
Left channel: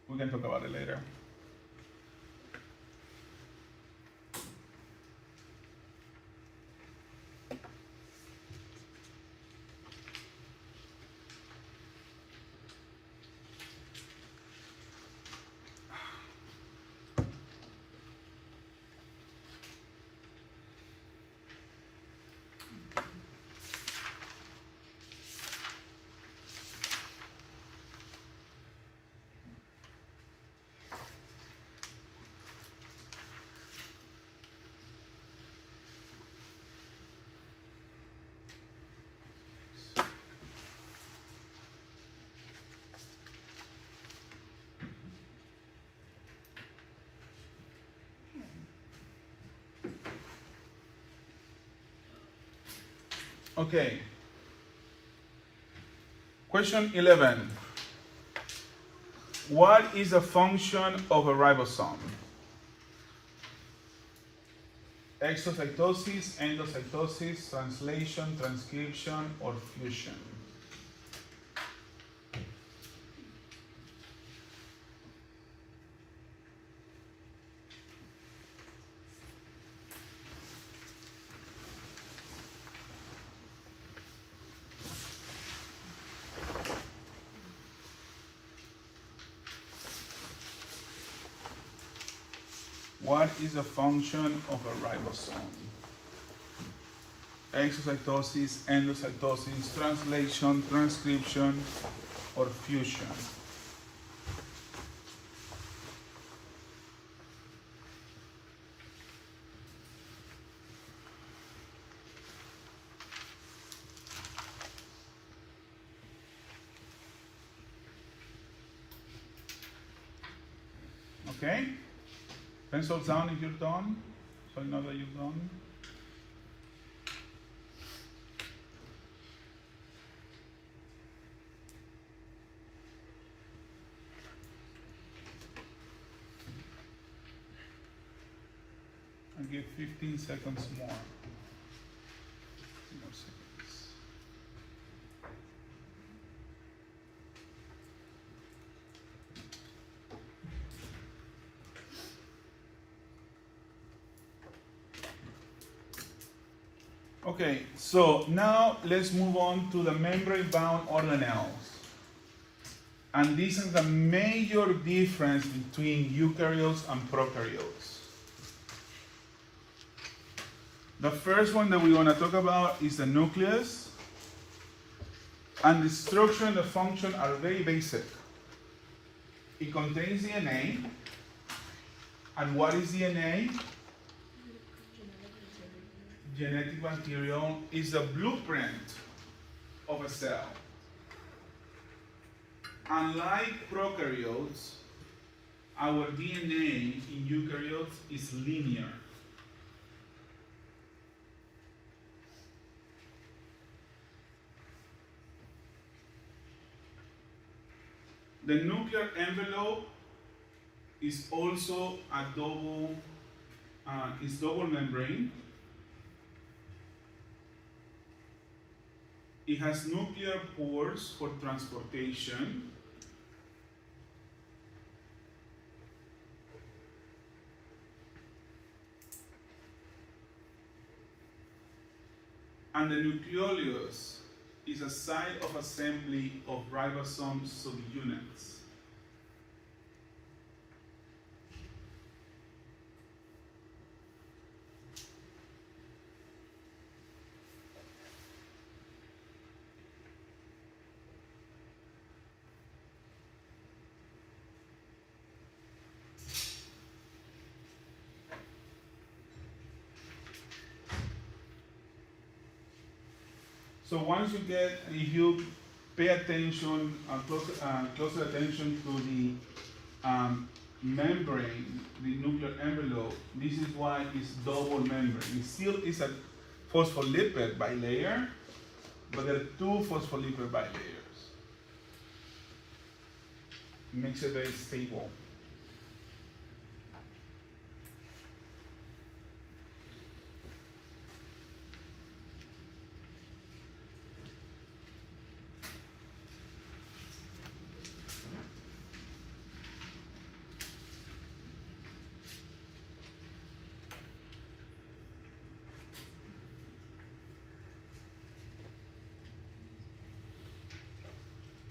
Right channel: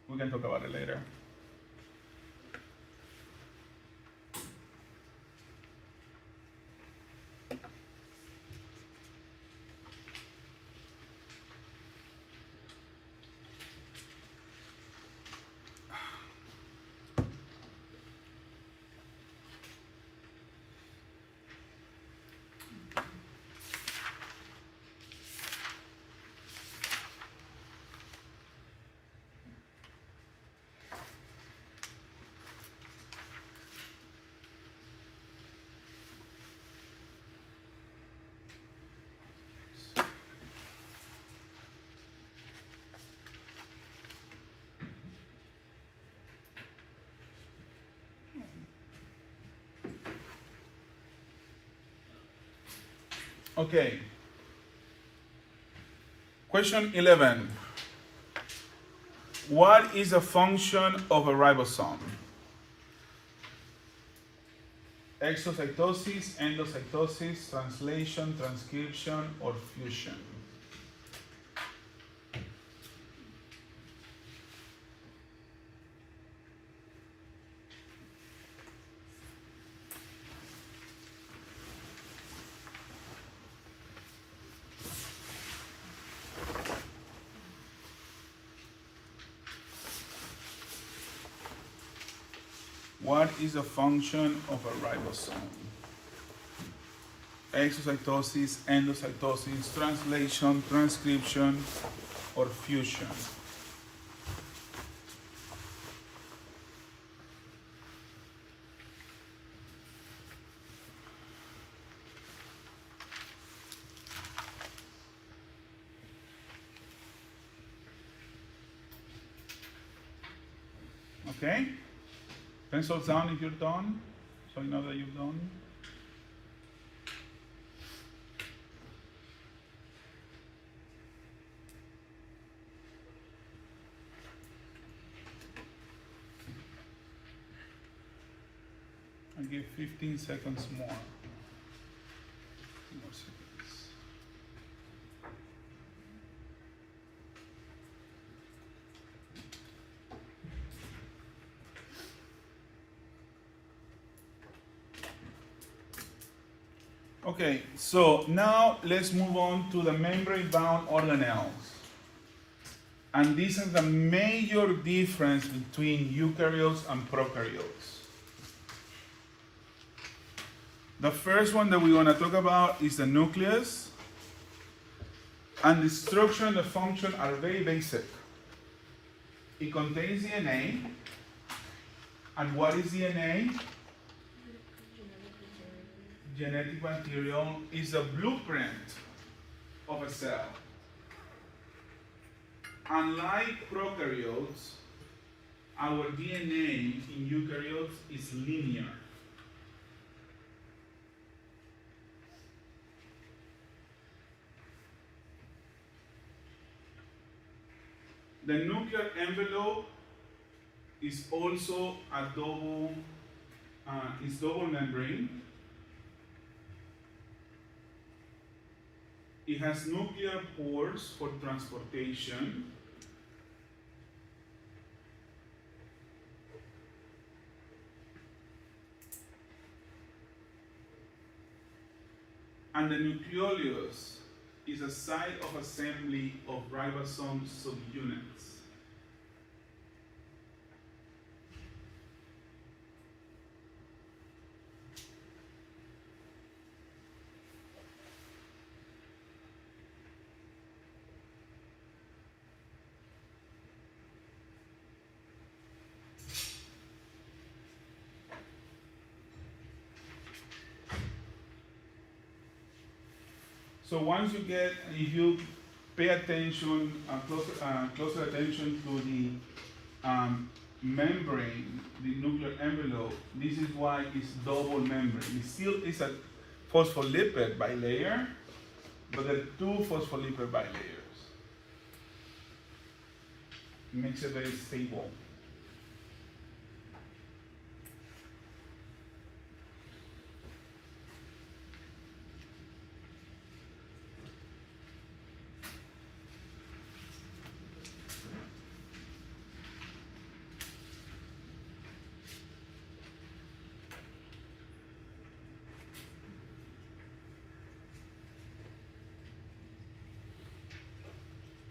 We can talk about it later. Okay. Question 11. What is a function of a ribosome? Exocytosis, endocytosis, translation, transcription, or fusion? What is a function of a ribosome? Exocytosis, endocytosis, translation, transcription, or fusion? Okay? Pencils down if you're done, so you know that you've done. I'll give 15 seconds more. No seconds. Okay, so now let's move on to the membrane-bound organelles. And this is the major difference between eukaryotes and prokaryotes. The first one that we want to talk about is the nucleus. And the structure and the function are very basic. It contains DNA. And what is DNA? Genetic material is a blueprint of a cell. Unlike prokaryotes, our DNA in eukaryotes is linear. The nuclear envelope is also a double membrane. It has nuclear pores for transportation. And the nucleolus is a site of assembly of ribosome subunits. So once you get, if you pay attention, closer attention to the membrane, the nuclear envelope, this is why it's double membrane. It still is a phospholipid bilayer, but there are two phospholipid bilayers. It makes it very stable.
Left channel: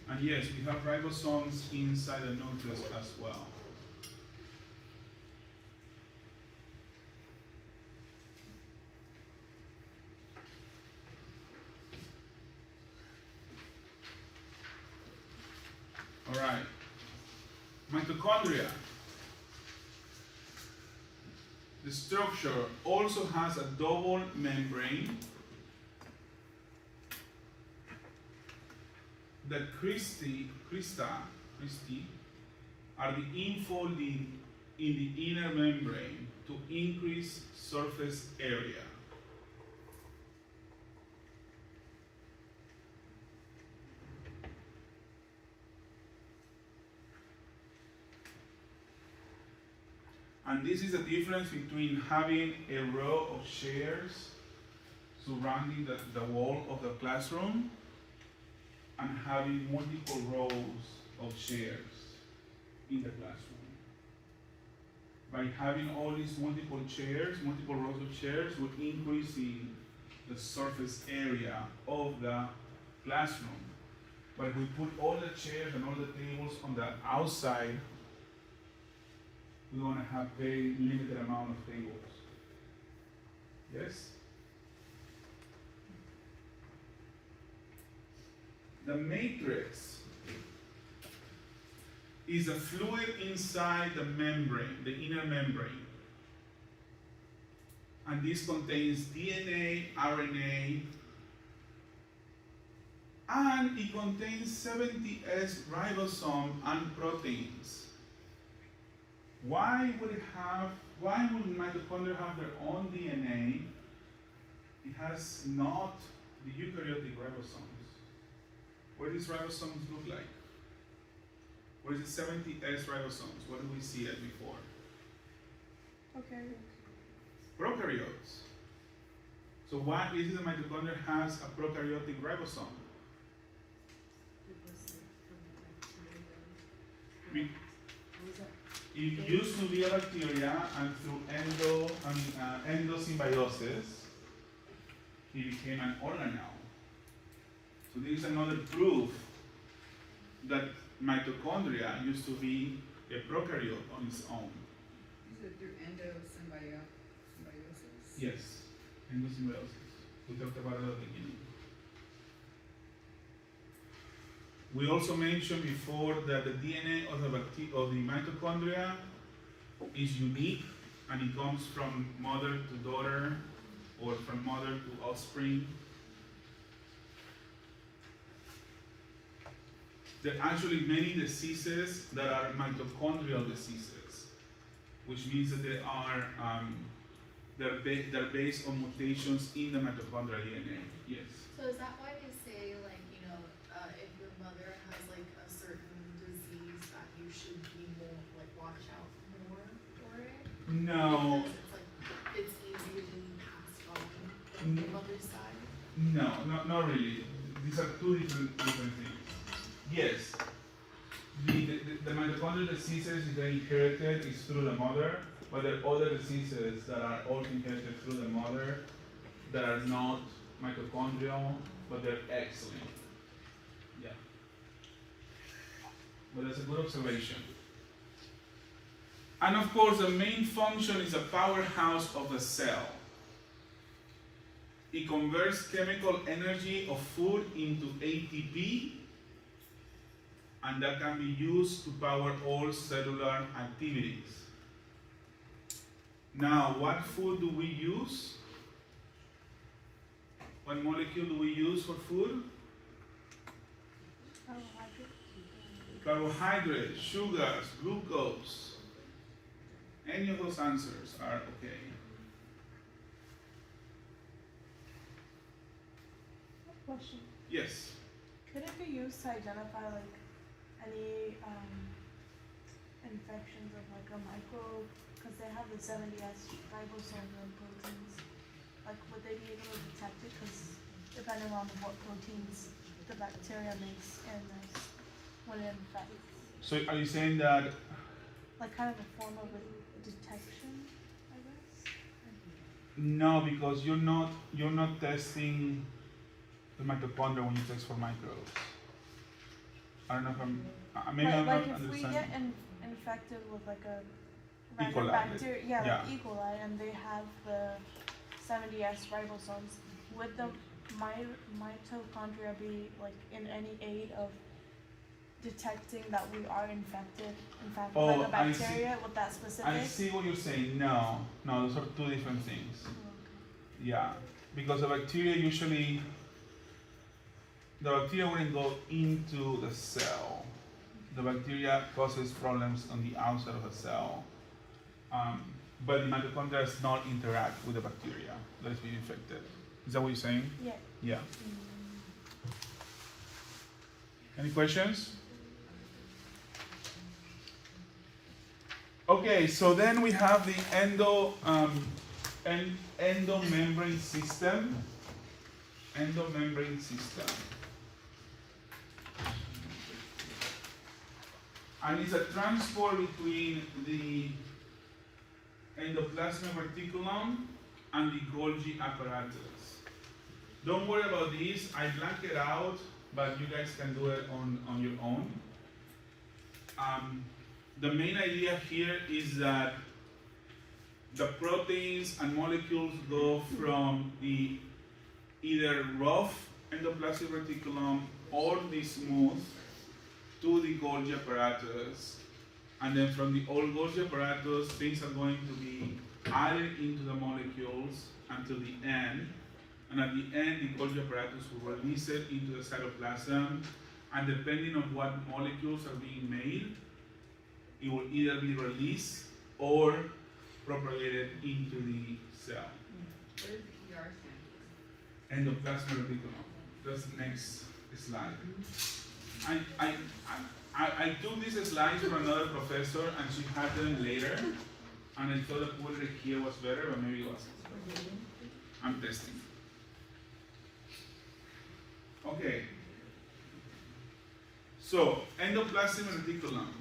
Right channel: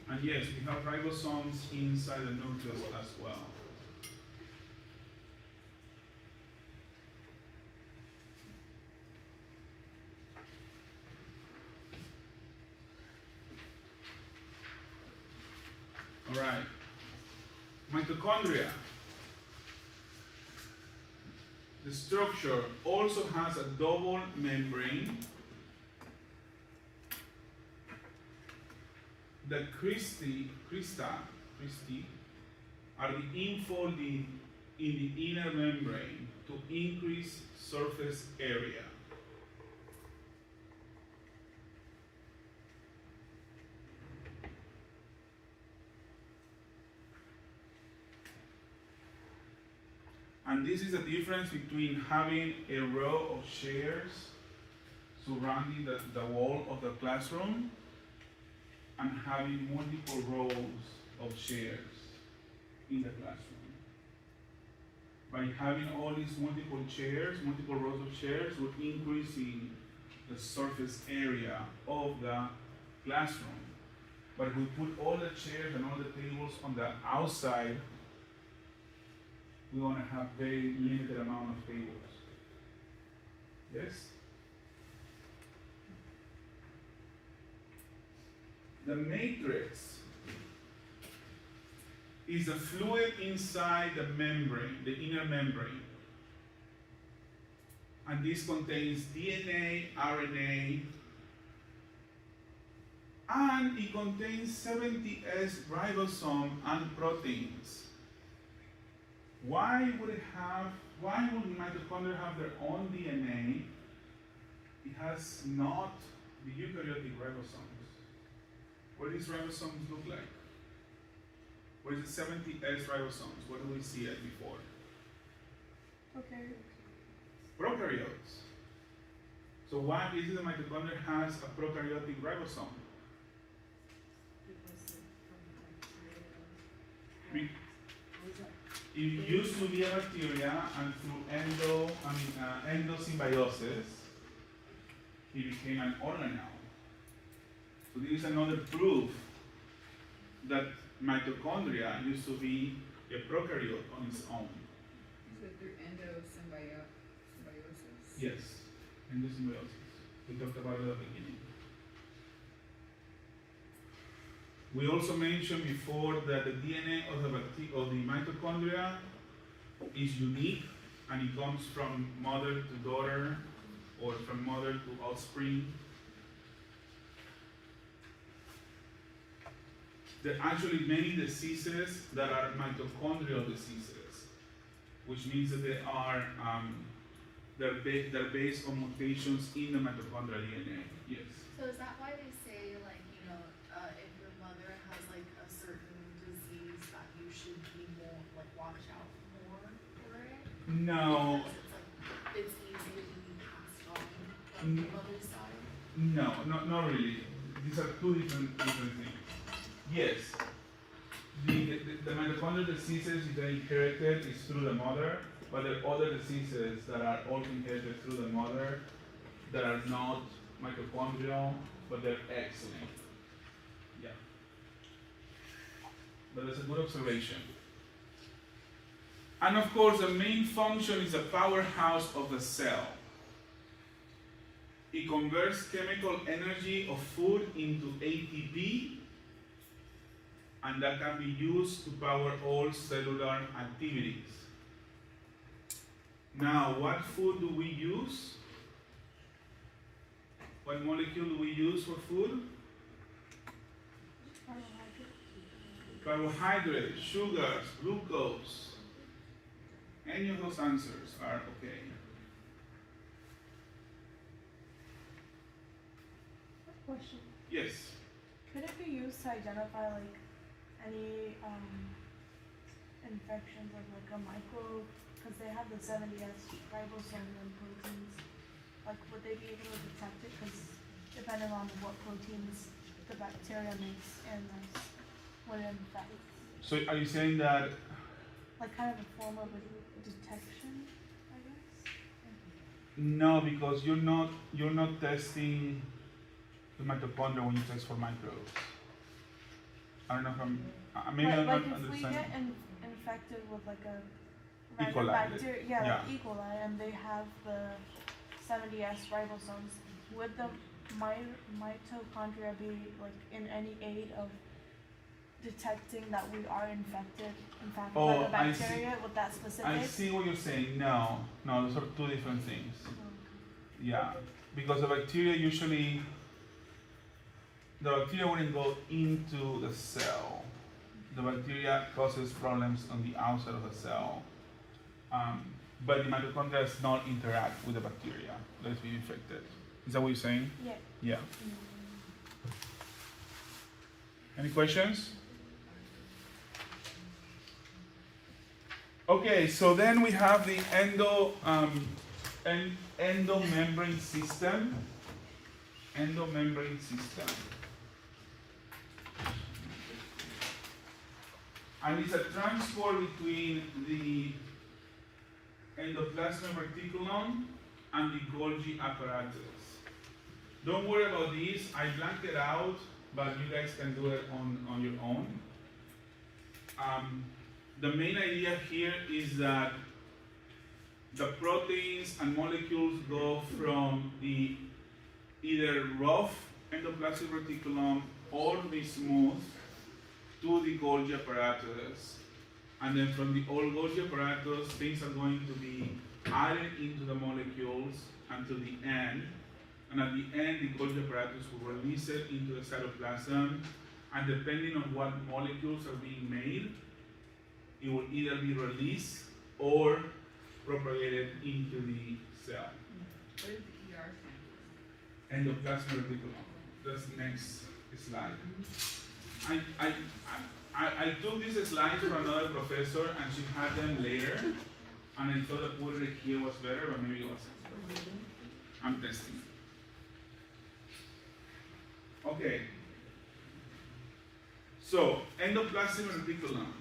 And yes, we have ribosomes inside the nucleus as well. All right. Mitochondria. The structure also has a double membrane. The crista are the infolding in the inner membrane to increase surface area. And this is the difference between having a row of chairs surrounding the wall of the classroom and having multiple rows of chairs in the classroom. By having all these multiple chairs, multiple rows of chairs, we're increasing the surface area of the classroom. But if we put all the chairs and all the tables on the outside, we want to have very limited amount of tables. Yes? The matrix is a fluid inside the membrane, the inner membrane. And this contains DNA, RNA, and it contains 70S ribosome and proteins. Why would mitochondria have their own DNA? It has not the eukaryotic ribosomes. What do these ribosomes look like? What is the 70S ribosomes? What do we see it before? Okay. Prokaryotes. So why is it the mitochondria has a prokaryotic ribosome? It used to be a bacteria, and through endosymbiosis, it became an organelle. So this is another proof that mitochondria used to be a prokaryote on its own. Is it through endosymbiosis? Yes, endosymbiosis. We talked about it at the beginning. We also mentioned before that the DNA of the mitochondria is unique, and it comes from mother to daughter or from mother to offspring. There are actually many diseases that are mitochondrial diseases, which means that they are they're based on mutations in the mitochondrial DNA. Yes. So is that why they say, like, you know, if your mother has like a certain disease, that you should be more, like, watch out more for it? No, Because it's easy to be passed on from the mother's side? no, not really. These are two different things. Yes, the mitochondrial diseases that are inherited is through the mother, but there are other diseases that are also inherited through the mother that are not mitochondrial, but they're excellent. Yeah. But it's a good observation. And of course, the main function is a powerhouse of the cell. It converts chemical energy of food into ATP, and that can be used to power all cellular activities. Now, what food do we use? What molecule do we use for food? Carbohydrates, sugars, glucose. Any of those answers are okay. Question. Yes. Could it be used to identify like any infections of like a microbe? Because they have the 70S ribosome and proteins. Like, would they be able to detect it? Because depending on what proteins the bacteria makes and when it infects. So are you saying that? Like kind of a form of a detection, I guess? No, because you're not testing the mitochondria when you test for microbes. I don't know if maybe I'm not Like if we understanding. get infected with like a E. random coli, bacteria, yeah. like E. coli, and they have the 70S ribosomes, would the mitochondria be like in any aid of detecting that we are infected, in fact, Oh, by the I see. bacteria with that specific? I see what you're saying. No, those are two different things. Yeah, because the bacteria usually, the bacteria wouldn't go into the cell. The bacteria causes problems on the outside of the cell. But the mitochondria does not interact with the bacteria that is being infected. Is that what you're saying? Yeah. Yeah. Any questions? Okay, so then we have the endomembrane system. Endomembrane system. And it's a transport between the endoplasmic reticulum and the Golgi apparatus. Don't worry about this, I blanked it out, but you guys can do it on your own. The main idea here is that the proteins and molecules go from the either rough endoplasmic reticulum or the smooth to the Golgi apparatus. And then from the old Golgi apparatus, things are going to be added into the molecules until the end. And at the end, the Golgi apparatus will release it into the cytoplasm. And depending on what molecules are being made, it will either be released or propagated into the cell. What is the ER stand Endoplasmic reticulum. That's the next slide. I took these slides from another professor and she had them later. And I thought that putting it here was better, but maybe it wasn't. I'm testing. Okay. So, endoplasmic reticulum.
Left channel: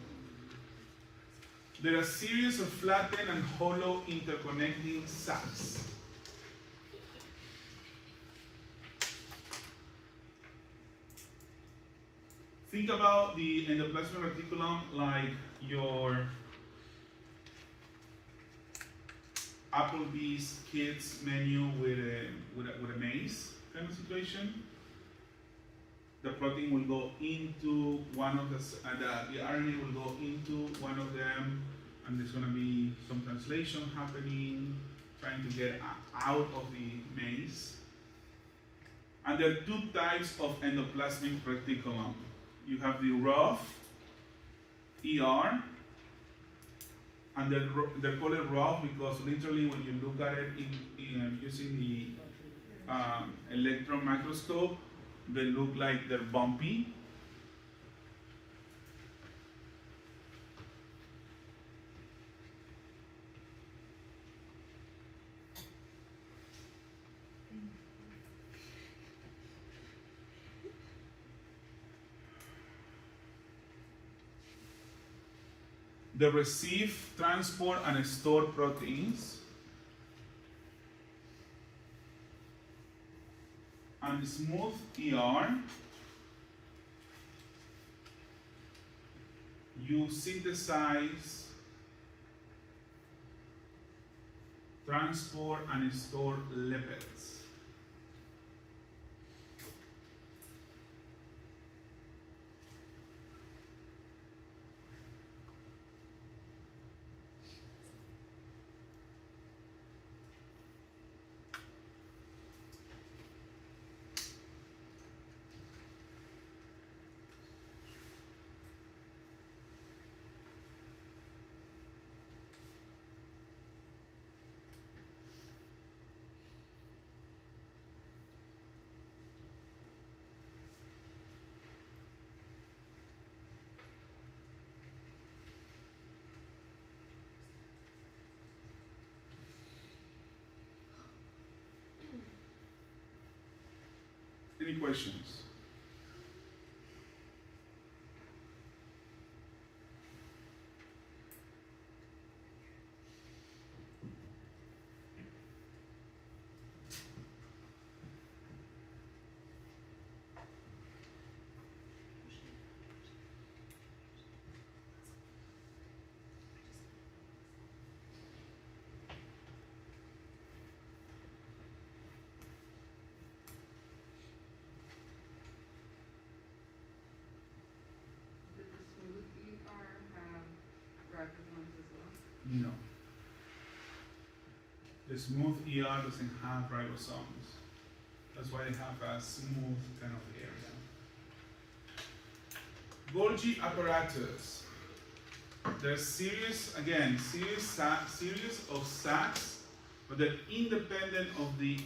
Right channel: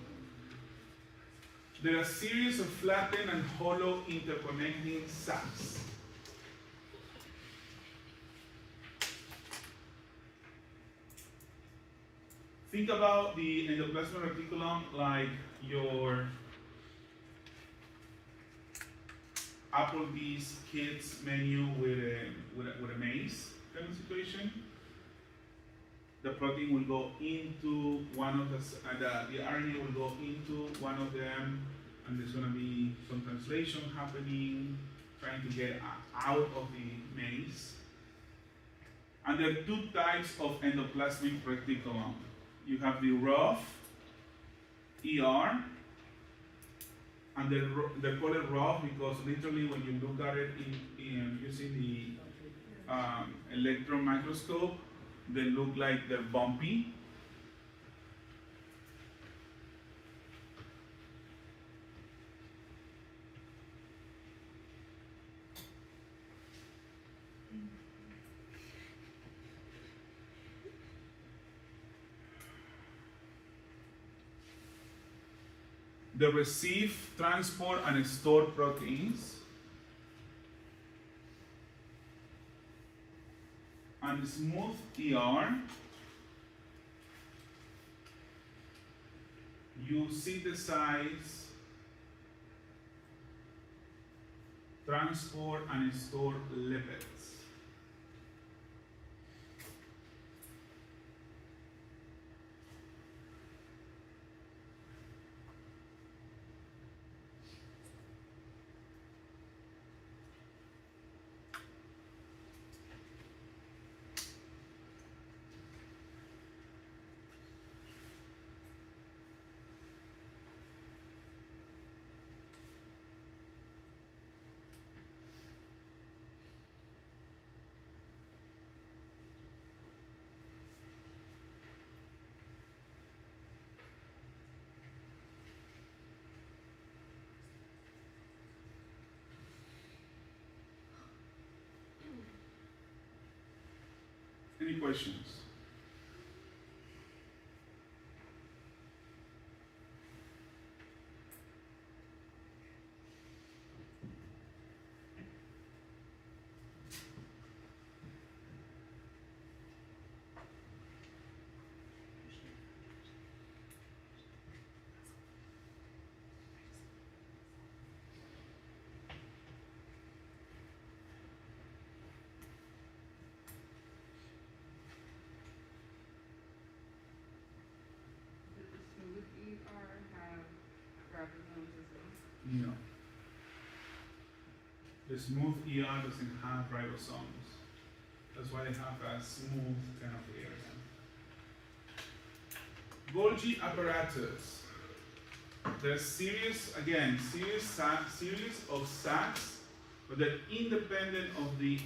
There are a series of flattened and hollow interconnecting sacs. Think about the endoplasmic reticulum like your Applebee's kids menu with a maze kind of situation. The protein will go into one of the RNA will go into one of them, and there's going to be some translation happening, trying to get out of the maze. And there are two types of endoplasmic reticulum. You have the rough, ER, and they're called rough because literally when you look at it using the electron microscope, they look like they're bumpy. They receive, transport, and store proteins. And the smooth ER, you synthesize, transport, and store lipids. Any questions? Did the smooth ER have ribosomes as well? No. The smooth ER doesn't have ribosomes. That's why it have a smooth kind of area. Golgi apparatus. There's series of sacs, but they're independent of the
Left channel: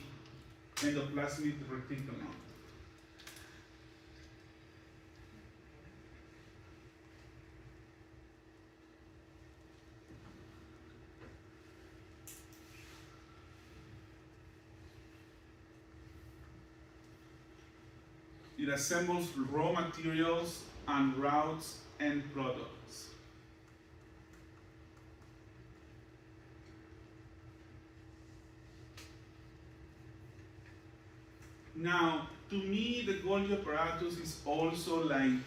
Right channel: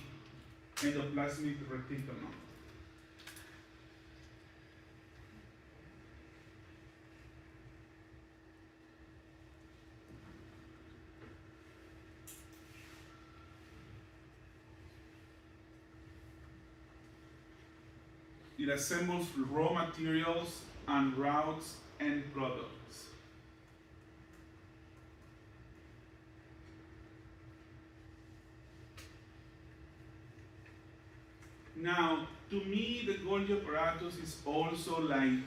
endoplasmic reticulum. it assembles raw materials and routes end products. Now, to me, the Golgi apparatus is also like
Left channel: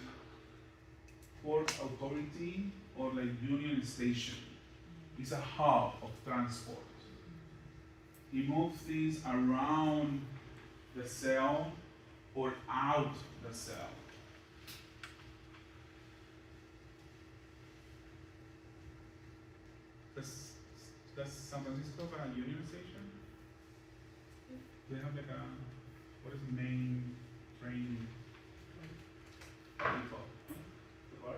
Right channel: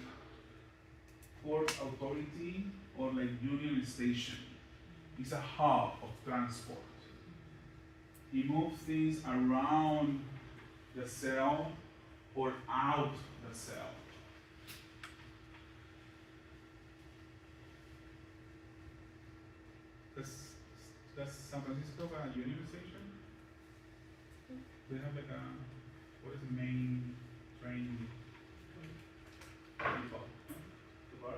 port authority or like union station. It's a hub of transport. It moves things around the cell or out the cell. Does San Francisco have a union station? They have like a, what is the main train depot? The bar?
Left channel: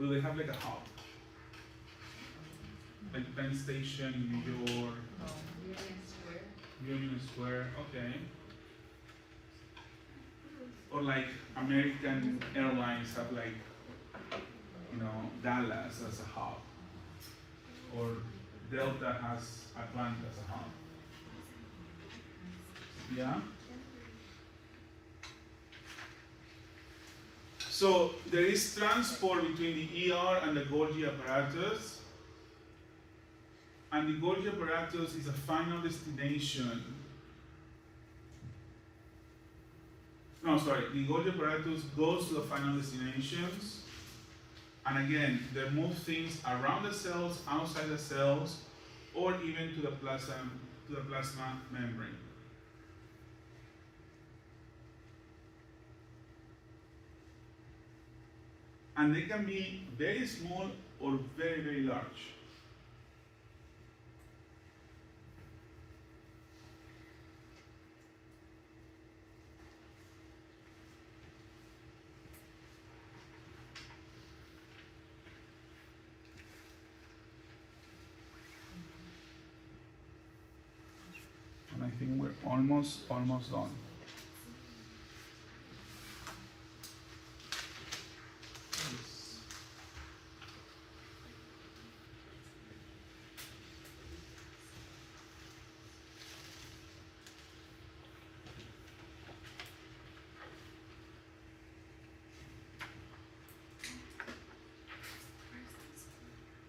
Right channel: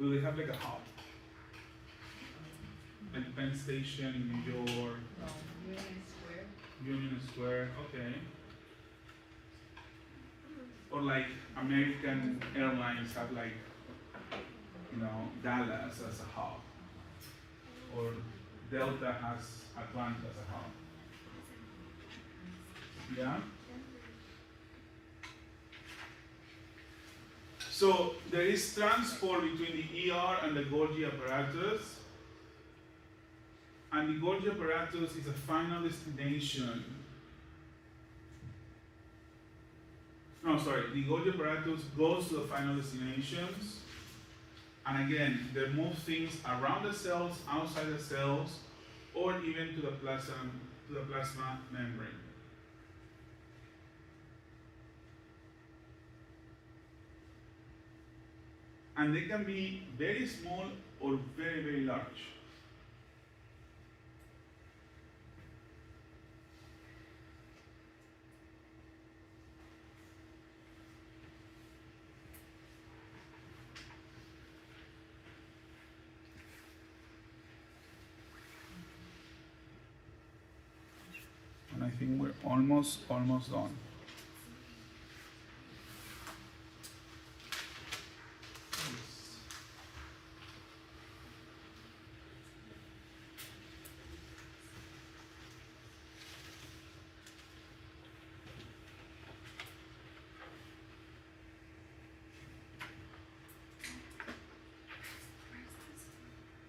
Do they have like a hub? Like Penn Station in New York, Union Square. Union Square, okay. Or like American Airlines have like, Dallas as a hub. Or Delta has Atlanta as a hub. Yeah? So there is transport between the ER and the Golgi apparatus. And the Golgi apparatus is a final destination. No, sorry, the Golgi apparatus goes to the final destinations. And again, they move things around the cells, outside the cells, or even to the plasma membrane. And they can be very small or very, very large. And I think we're almost done.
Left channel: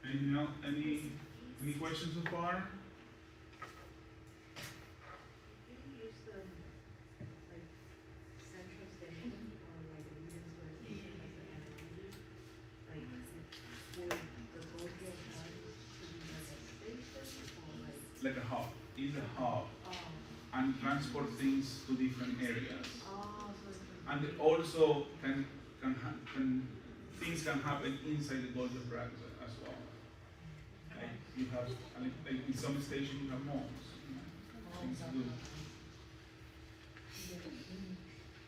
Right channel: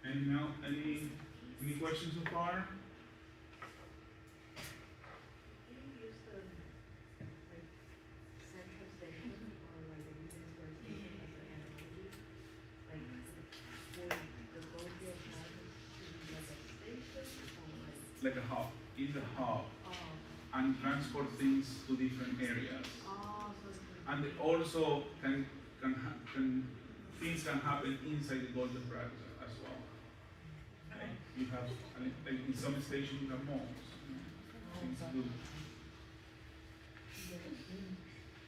Anything else? Any questions so far? Like a hub, is a hub, and transport things to different areas. And it also things can happen inside the Golgi apparatus as well. Like you have, like in some stations you have malls, things to do.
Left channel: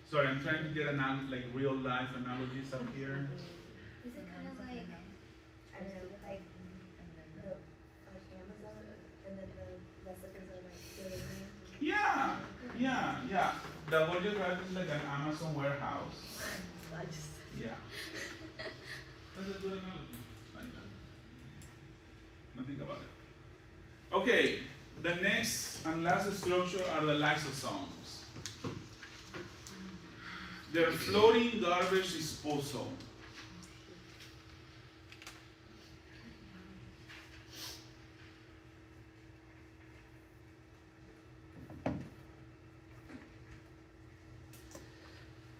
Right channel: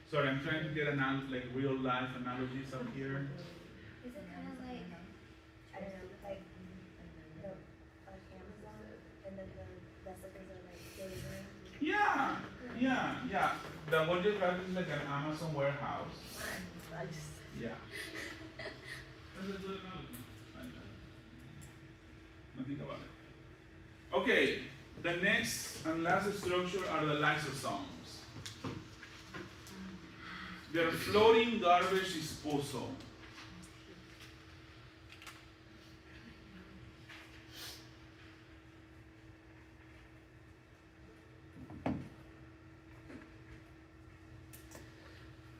Sorry, I'm trying to get like real life analogies up here. Is it kind of like, I don't know, like the Amazon and then the recipes are like building? Yeah. The Golgi apparatus is like an Amazon warehouse. Yeah. That's a good analogy. Think about it. Okay, the next and last structure are the lysosomes. They're floating garbage disposal.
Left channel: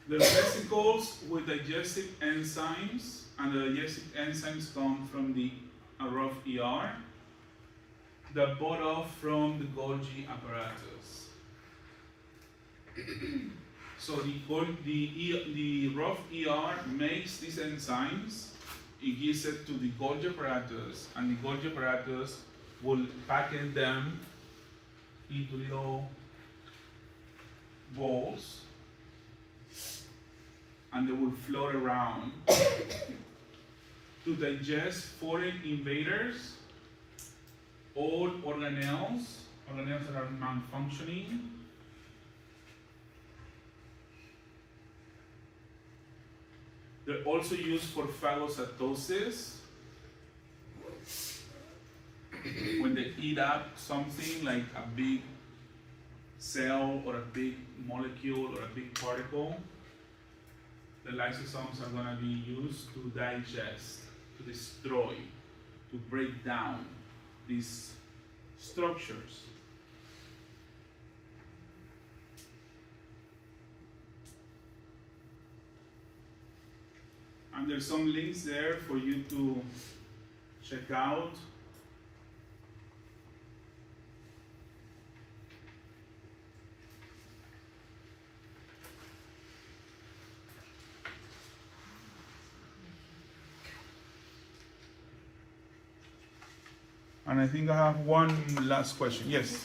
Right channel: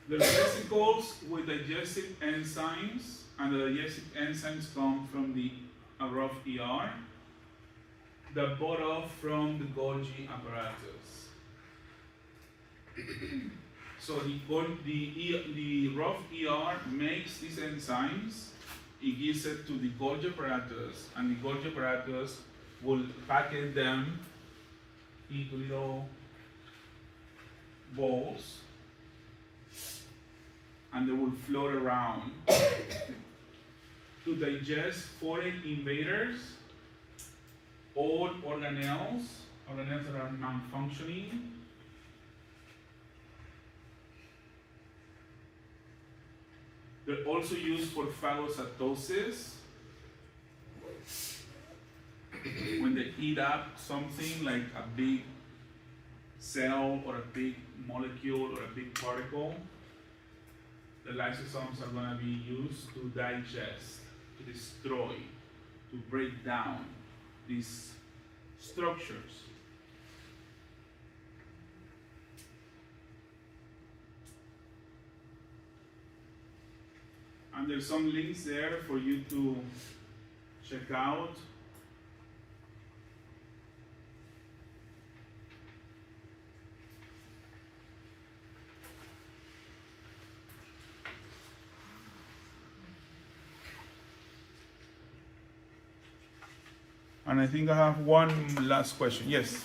They're vesicles with digestive enzymes, and the digestive enzymes come from the rough ER that bought off from the Golgi apparatus. So the rough ER makes these enzymes, it gives it to the Golgi apparatus, and the Golgi apparatus will package them into little balls, and they will float around to digest foreign invaders, old organelles that are malfunctioning, they're also used for phagocytosis, when they eat up something like a big cell or a big molecule or a big particle, the lysosomes are going to be used to digest, to destroy, to break down these structures. And there's some links there for you to check out. And I think I have one last question. Yes?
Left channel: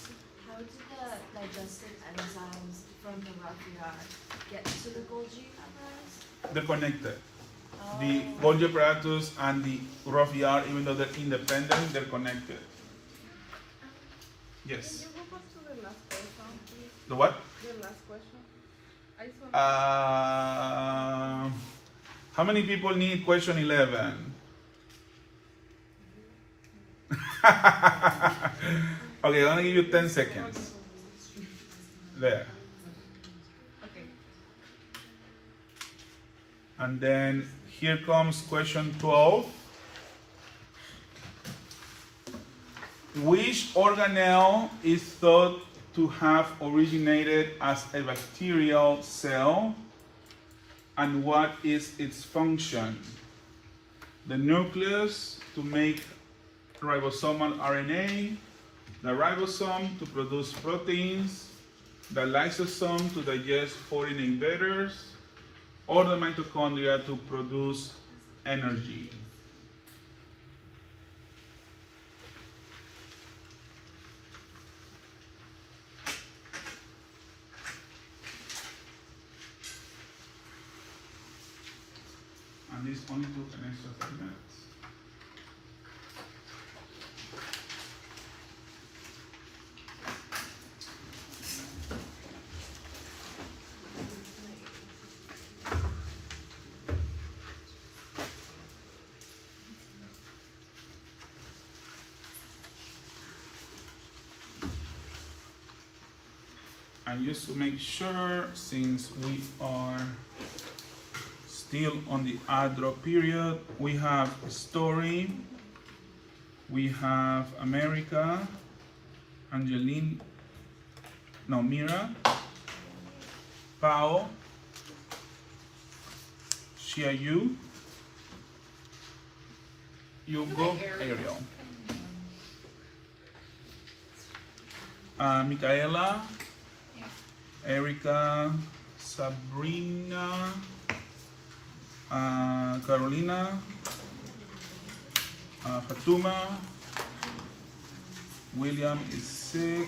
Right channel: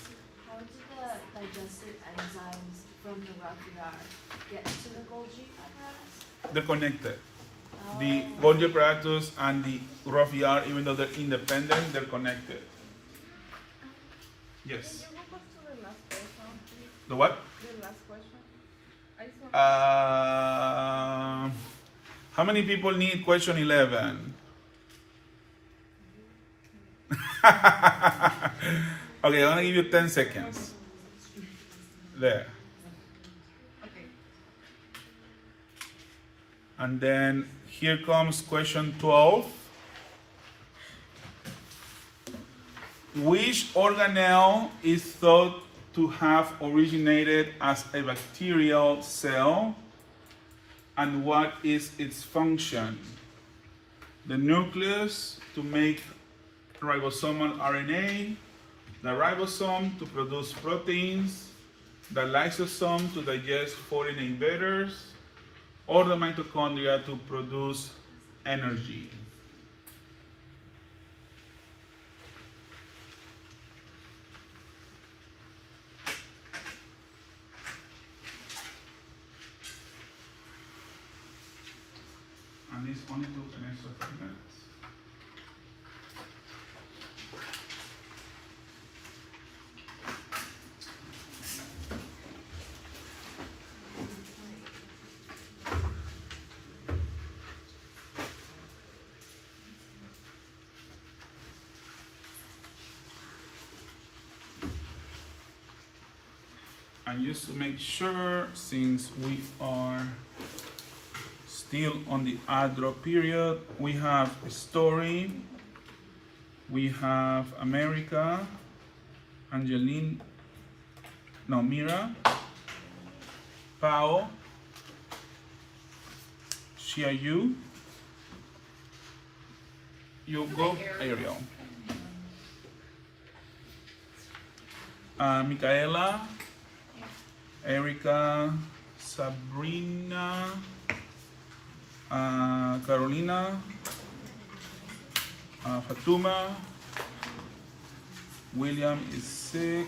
How do the digestive enzymes from the rough get to the Golgi apparatus? They're connected. The Golgi apparatus and the rough yard, even though they're independent, they're connected. Yes? Can you go back to the last question, please? The what? The last question. I just want How many people need question 11? Okay, I'm gonna give you 10 seconds. There. okay. And then here comes question 12. Which organelle is thought to have originated as a bacterial cell, and what is its function? The nucleus to make ribosomal RNA, the ribosome to produce proteins, the lysosome to digest foreign invaders, or the mitochondria to produce energy. And this only took an extra 3 minutes. And just to make sure, since we are still on the ADRO period, we have a story, we have America, Mira, Pao, Xiaoyu, you go, Ariel. Micaela, Erica, Sabrina, Carolina, Fatuma, William is sick,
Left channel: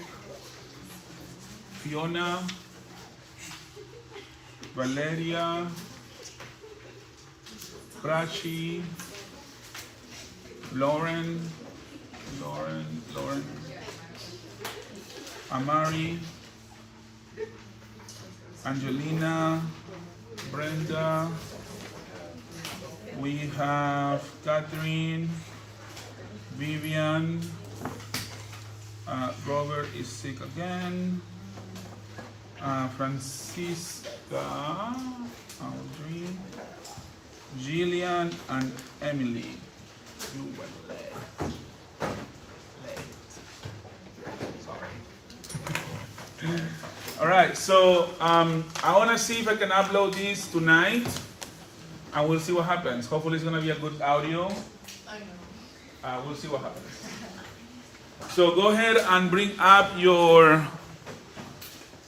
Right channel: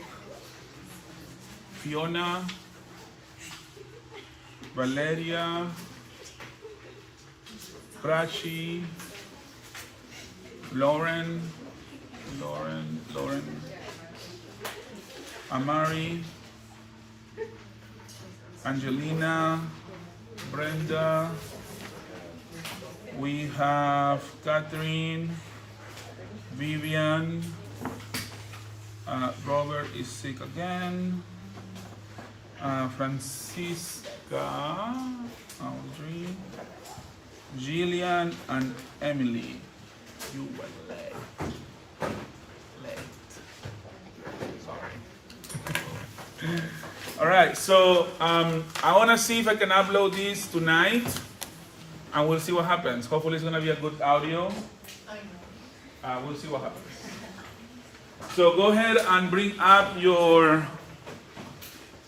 Fiona, Valeria, Prachi, Lauren, Amari, Angelina, Brenda, we have Catherine, Vivian, Robert is sick again, Francisca, Audrey, Jillian, and Emily. You were late. Sorry. All right, so I want to see if I can upload this tonight, and we'll see what happens. Hopefully it's going to be a good audio. We'll see what happens. So go ahead and bring up your